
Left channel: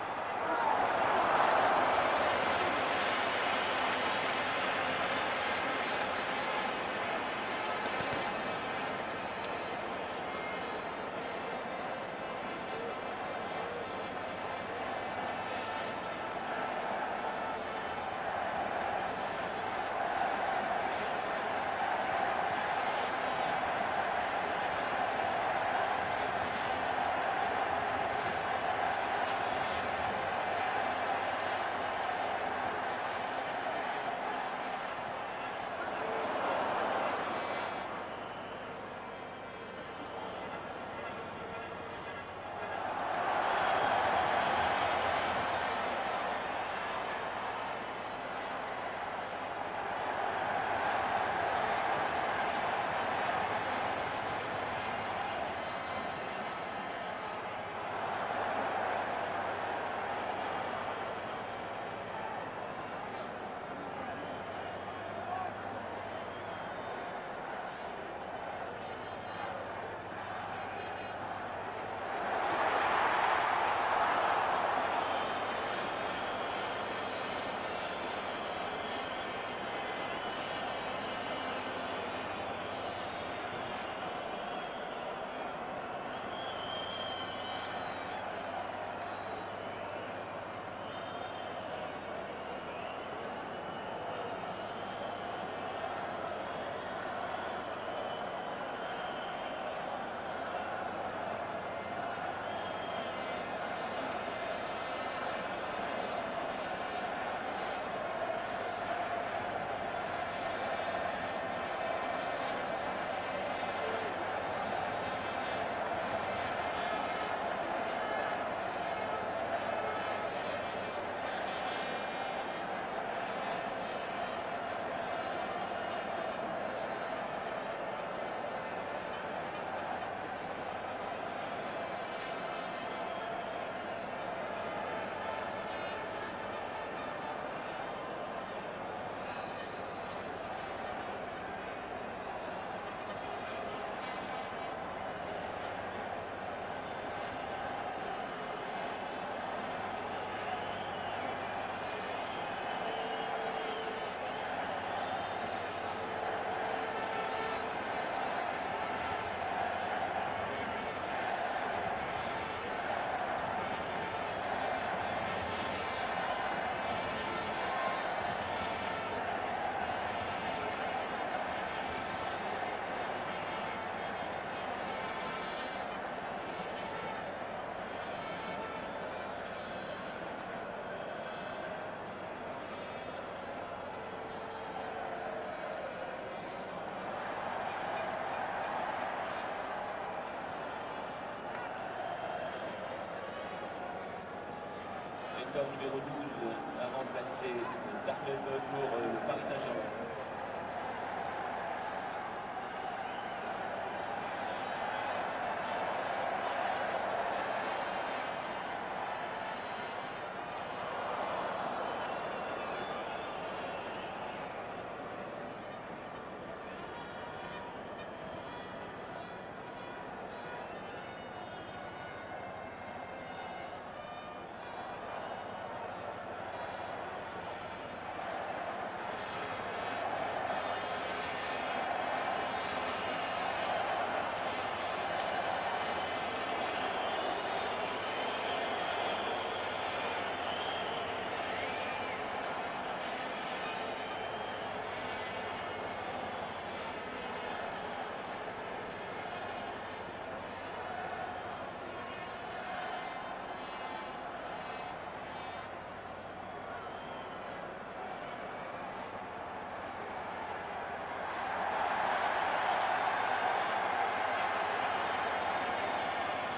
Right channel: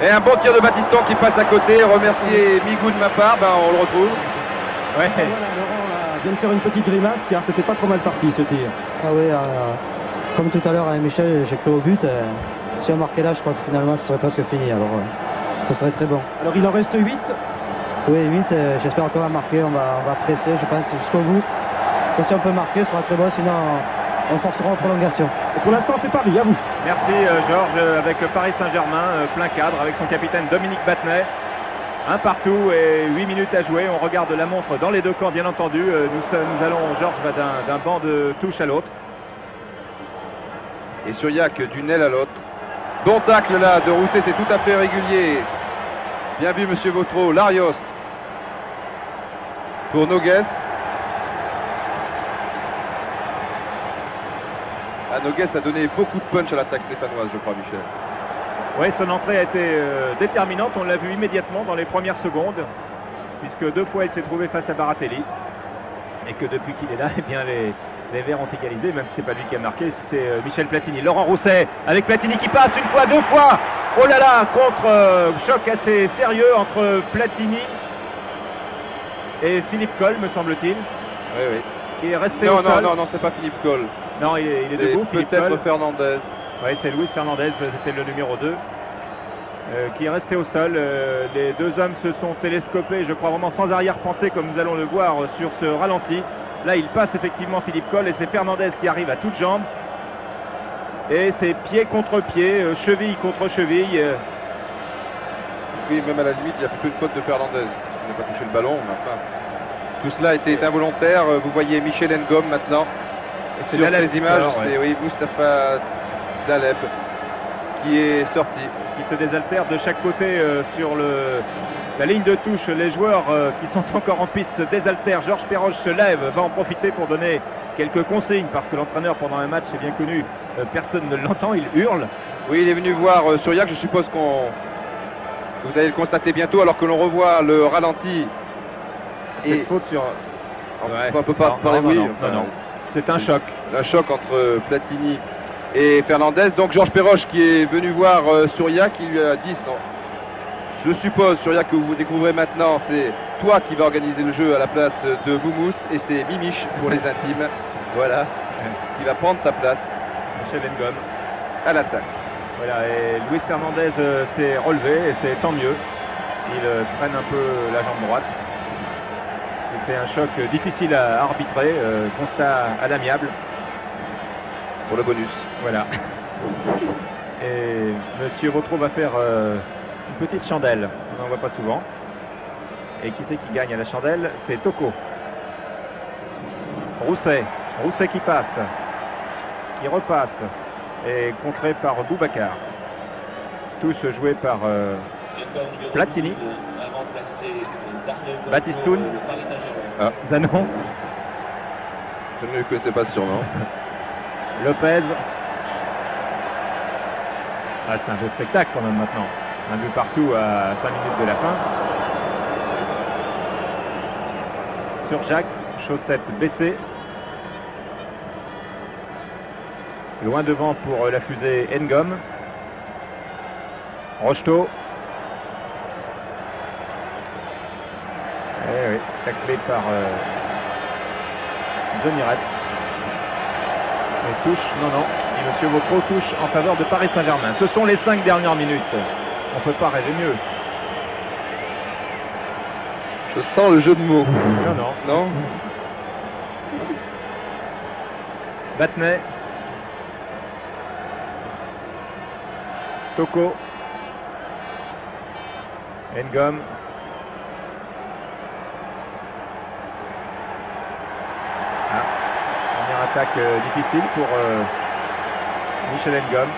Et un bon tir de Battiston qui passe à côté. Remercier Migou de ma part, on le retrouve. Ouais. Voilà, Laurent là, vient de faire une petite grimace, car c'était pas trop mal parti, ce tir. Ah oui, comme tout à l'heure avec Michel, j'ai cru au but. Si on marquait là, je crois que finalement, ce serait presque fini. Alors, ça serait très bon. Alors, il en reste 8. Oui, 8. J'espère qu'on va marquer. On va presser, je pense, jusqu'au bout. Et si on peut marquer, ce sera très bon, sinon on forcera en prolongation. Et pour l'instant, c'est Paris, à vous. Merci Georges, avec Paris Saint-Germain, plein cadre, avec son capitaine Dominique Battenet. Un partout et 8 minutes à jouer. On regarde la montre dans les deux camps, bien entendu. Nous allons, Georges va d'un banc de touche à l'autre. Et Souriac d'une aile à l'autre. Bon tacle là de Rousset, c'est tout à fait régulier. Bien vu monsieur Vautreau. Larios pour Noguès. Noguès a donné beaucoup de punch à l'attaque stéphanoise, je crois, Michel. Oui, son entrée a été déterminante. On l'a vu immédiatement dans les premières secondes, puisque 2 fois il s'est trouvé face à Baratelli. Et que depuis qu'il est là, eh bien, les Verts ont égalisé, même si c'est pas lui qui a marqué, c'est Michel Platini. Laurent Rousset avec Platini qui passe 1 fois, 2 fois. Oh là là, contre choc assez sérieux entre Platini et Philippe Coll, me semble-t-il. Oui, oui. Qui est resté au sol. Non, c'est pas Philippe Coll. Non, il est debout. Peut-être Fernandez. Oui, c'est Luis Fernandez, c'était le numéro 2. Qui est resté au sol. Les deux hommes se sont télescopés, je crois vraiment sans arrière-pensée, comme nous allons le voir sur ce ralenti. Là, il passe effectivement Philippe Coll et c'est Fernandez qui arrive à toutes jambes. Et c'est pied contre pied, cheville contre cheville. Oui, même à la limite, il y a plutôt une faute de Fernandez. Il n'a pas touché le ballon, mais enfin... Tout cela était involontaire. Vous voyez Michel Ngom maintenant. Sur ces images, c'est oui, Moustapha Daleb qui est sorti. Qui se désaltère de chaque côté sur la ligne de touche. Les joueurs qui sont encore en piste se désaltèrent. Georges Perroche se lève, va en profiter pour donner quelques consignes parce que l'entraîneur pendant un match, c'est bien connu, personne ne l'entend, il hurle. Oui, il est venu voir Souriac, je suppose vous allez le constater bientôt alors que l'on revoit le ralenti. Et faute sur... On peut pas parler, oui. Non. C'est un choc. Un choc entre Platini et Fernandez. Donc Georges Perroche qui est venu voir Souriac, qui lui a dit, je suppose Souriac que vous découvrez maintenant, c'est toi qui vas organiser le jeu à la place de Moumous et c'est Mimiche pour les intimes. Voilà, qui va prendre ta place. Michel Ngom à l'attaque. Voilà, et Luis Fernandez s'est relevé et c'est tant mieux. Il traîne un peu la jambe droite. C'était un choc difficile à arbitrer, constat à l'amiable. Pour le bonus. Voilà. Et Monsieur Vautreau va faire une petite chandelle. On n'en voit pas souvent. Et qui c'est qui gagne à la chandelle? C'est Toko. Rousset. Rousset qui passe. Qui repasse. Et contré par Boubacar. Tous joués par Platini. Batistoun. Zanon. Je ne connaissais pas ce surnom. Lopez. Ah, c'est un beau spectacle quand même maintenant. Un but partout à 5 minutes de la fin. Sur Jacques, chaussette baissée. Loin devant pour la fusée Ngom. Rocheteau. Eh oui, taclé par Johnny Rep. Et touche, non, et Monsieur Vautreau touche en faveur de Paris Saint-Germain. Ce sont les 5 dernières minutes. On ne peut pas rêver mieux. Je sens le jeu de mots. Non. Battenay. Toko. Ngom. Première attaque difficile pour Michel Ngom.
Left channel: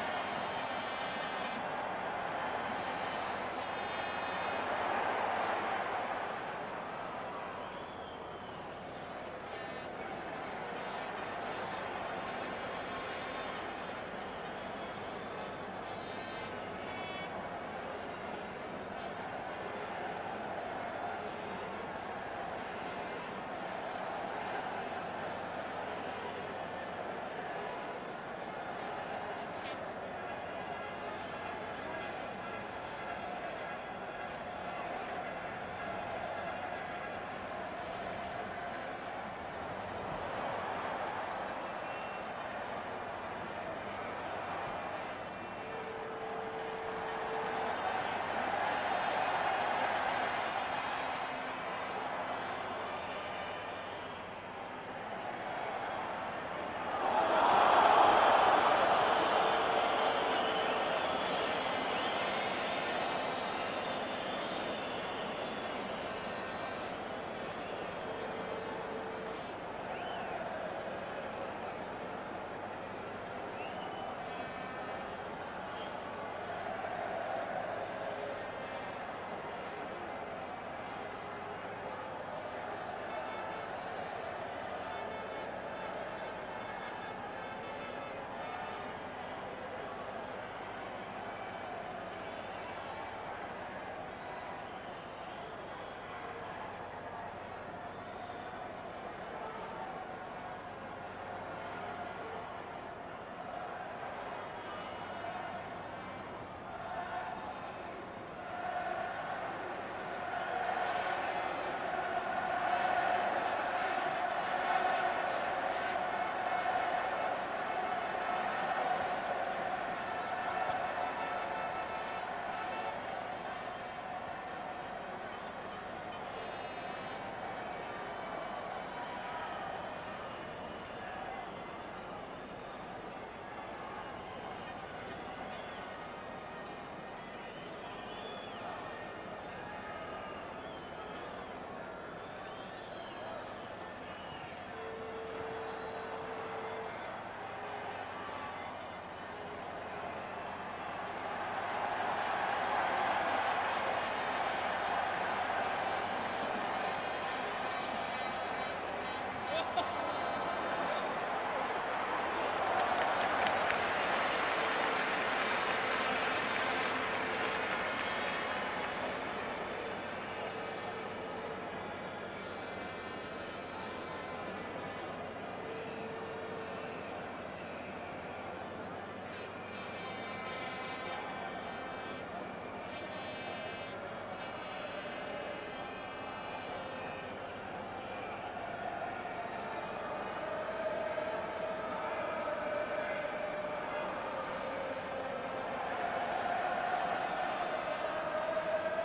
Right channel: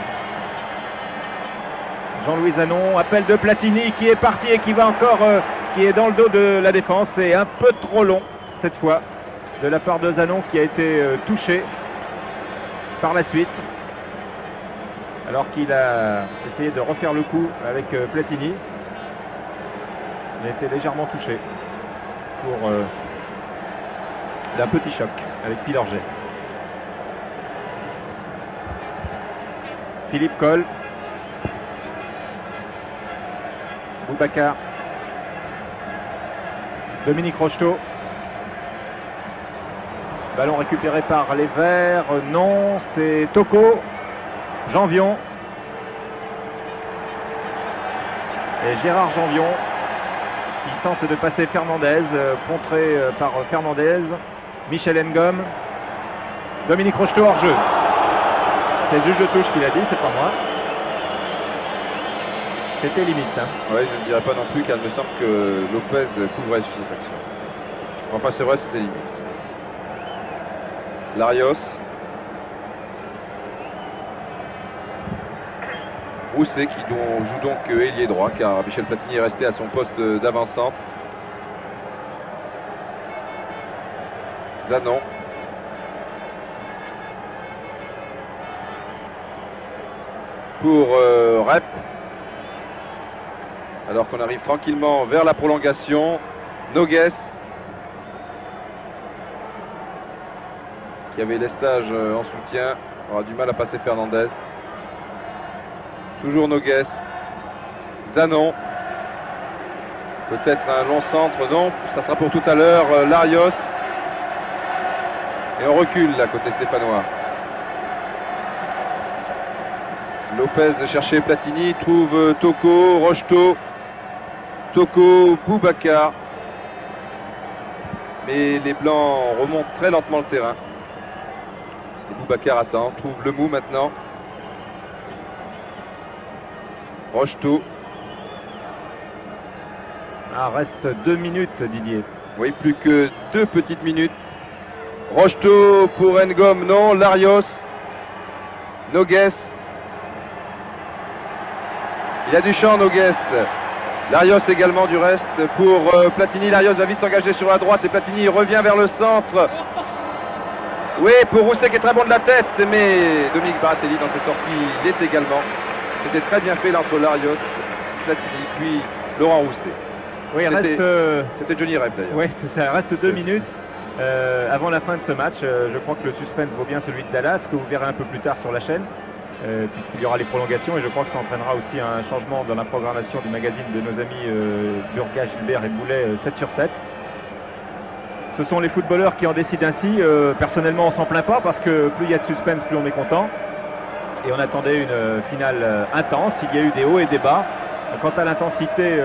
Jean-Louis Zanon, appel de Platini qui est parti et qui va encore, qui est dans le dos de la défense. C'est un peu trop long cette fois de la part de Zanon qui a été touché par la suite. Alors qu'il a essayé de refaire le coup avec Platini. Il a été légèrement touché pour d'un petit choc avec Pilorget. Philippe Coll. Boubacar. Dominique Rocheteau. Ballon récupéré par les Verts. Non, c'est Toko. Janvion. Et Gérard Janvion qui tente de passer Fernandez, contré par Fernandez. Michel Ngom. Dominique Rocheteau hors jeu. C'est le juge de touche qui l'a dit, c'est pas moi. C'était limite. Hein. Oui, je ne dirais pas non plus car il me semble que Lopez couvrait sur cette action. Enfin, c'est vrai, c'était limite. Larios. Rousset qui joue donc ailier droit car Michel Platini est resté à son poste d'avant-centre. Zanon. Pour Rep. Alors qu'on arrive tranquillement vers la prolongation. Noguès. Qui avait Lestage en soutien. Aura du mal à passer Fernandez. Toujours Noguès. Zanon. Peut-être un long centre. Non, ça sera pour tout à l'heure. Larios. Et on recule là côté stéphanois. Lopez cherchait Platini, trouve Toko, Rocheteau, Toko, Boubacar. Mais les Blancs remontent très lentement le terrain. Et Boubacar attend, trouve le mou maintenant. Rocheteau. Ah, reste 2 minutes, Didier. Oui, plus que 2 petites minutes. Rocheteau pour Ngom, non. Larios. Noguès. Il y a du champ, Noguès. Larios également du reste pour Platini. Larios va vite s'engager sur la droite et Platini revient vers le centre. Oui, pour Rousset qui est très bon de la tête, mais Dominique Baratelli dans ses sorties l'est également. C'était très bien fait là entre Larios, Platini, puis Laurent Rousset. Oui, c'était Johnny Rep d'ailleurs. Oui, ça reste 2 minutes avant la fin de ce match. Je crois que le suspense vaut bien celui de Dallas, que vous verrez un peu plus tard sur la chaîne. Puisqu'il y aura les prolongations et je crois que ça entraînera aussi un changement dans la programmation du magazine de nos amis Burga, Gilbert et Boulet 7 sur 7. Ce sont les footballeurs qui en décident ainsi. Personnellement on s'en plaint pas parce que plus il y a de suspense, plus on est content. Et on attendait une finale intense, il y a eu des hauts et des bas. Quant à l'intensité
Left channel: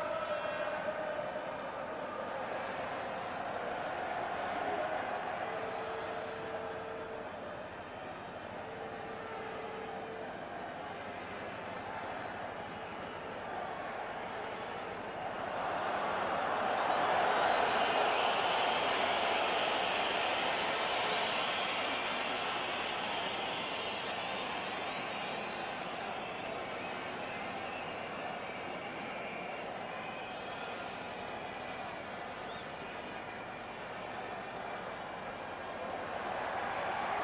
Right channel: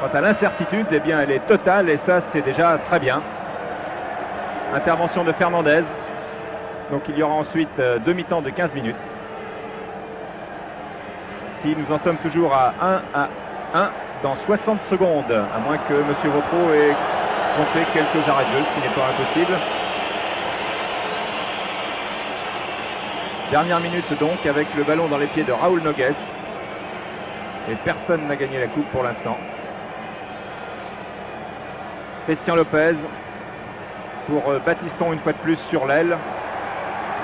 Quant à l'incertitude, eh bien, elle est totale et ça, c'est déjà très bien. Intervention de Fernandez. Donc il y aura ensuite demi-temps de 15 minutes. Si nous en sommes toujours à 1-1 dans 60 secondes, à moins que M. Vautreau ait compté quelques arrêts de jeu, ce qui n'est pas impossible. Dernière minute donc, avec le ballon dans les pieds de Raúl Nogués. Et personne n'a gagné la coupe pour l'instant. Christian Lopez pour Battiston une fois de plus sur l'aile.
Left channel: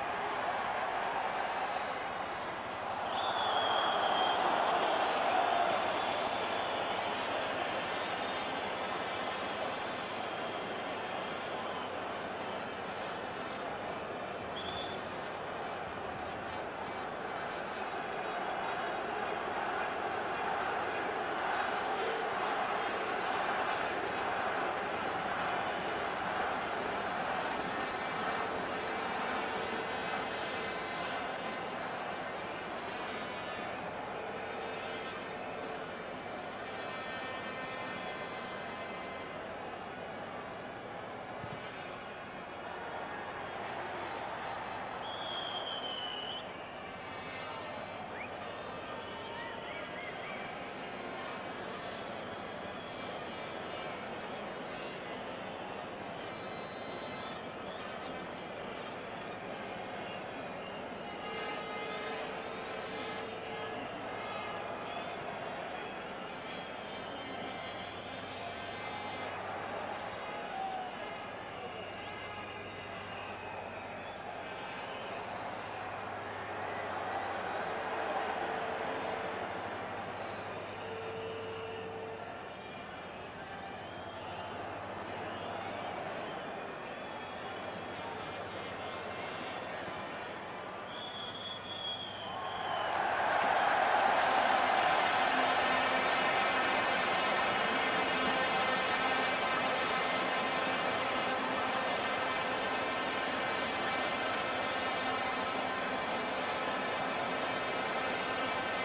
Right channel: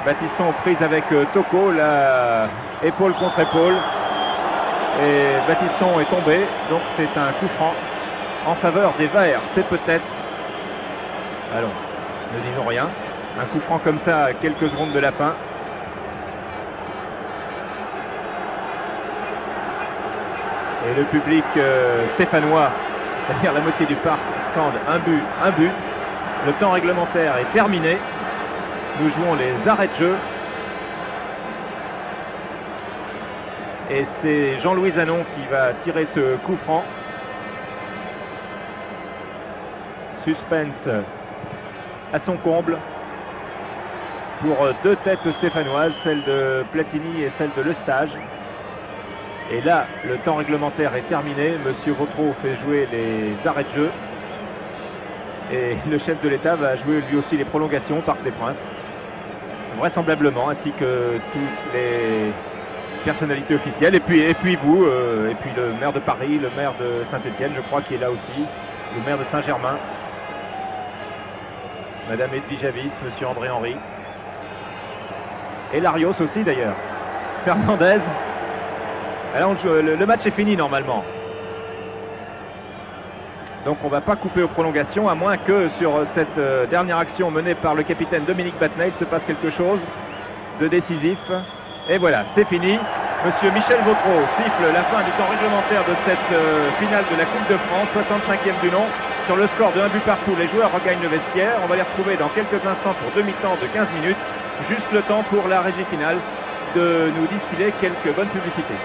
Battiston aux prises avec Toko, là, épaule contre épaule. Et Battiston est tombé, donc c'est un coup franc en faveur des Verts. C'est peut-être, allons, ne disons rien, un coup franc comme ça à quelques secondes de la fin. Et le public stéphanois, c'est-à-dire la moitié du parc, scande un but, un but. Le temps réglementaire est terminé. Nous jouons les arrêts de jeu. Et c'est Jean-Louis Zanon qui va tirer ce coup franc. Suspense à son comble pour deux têtes stéphanoises, celle de Platini et celle de Lestage. Et là, le temps réglementaire est terminé. Monsieur Vautreau fait jouer les arrêts de jeu. Et le chef de l'État va jouer lui aussi les prolongations au Parc des Princes. Vraisemblablement, ainsi que toutes les personnalités officielles. Et puis vous, et puis le maire de Paris, le maire de Saint-Étienne, je crois, qui est là aussi. Le maire de Saint-Germain. Madame Edwige Avis, Monsieur André Henry. Et Larios aussi d'ailleurs. Fernandez. Alors le match est fini normalement. Donc on ne va pas couper aux prolongations, à moins que sur cette dernière action menée par le capitaine Dominique Battenet, il se passe quelque chose de décisif. Et voilà, c'est fini. Monsieur Michel Vautreau siffle la fin du temps réglementaire de cette finale de la Coupe de France, 65e du nom. Sur le score de 1 but partout, les joueurs regagnent le vestiaire. On va les retrouver dans quelques instants pour demi-temps de 15 minutes. Juste le temps pour la régie finale de nous distiller quelques bonnes publicités.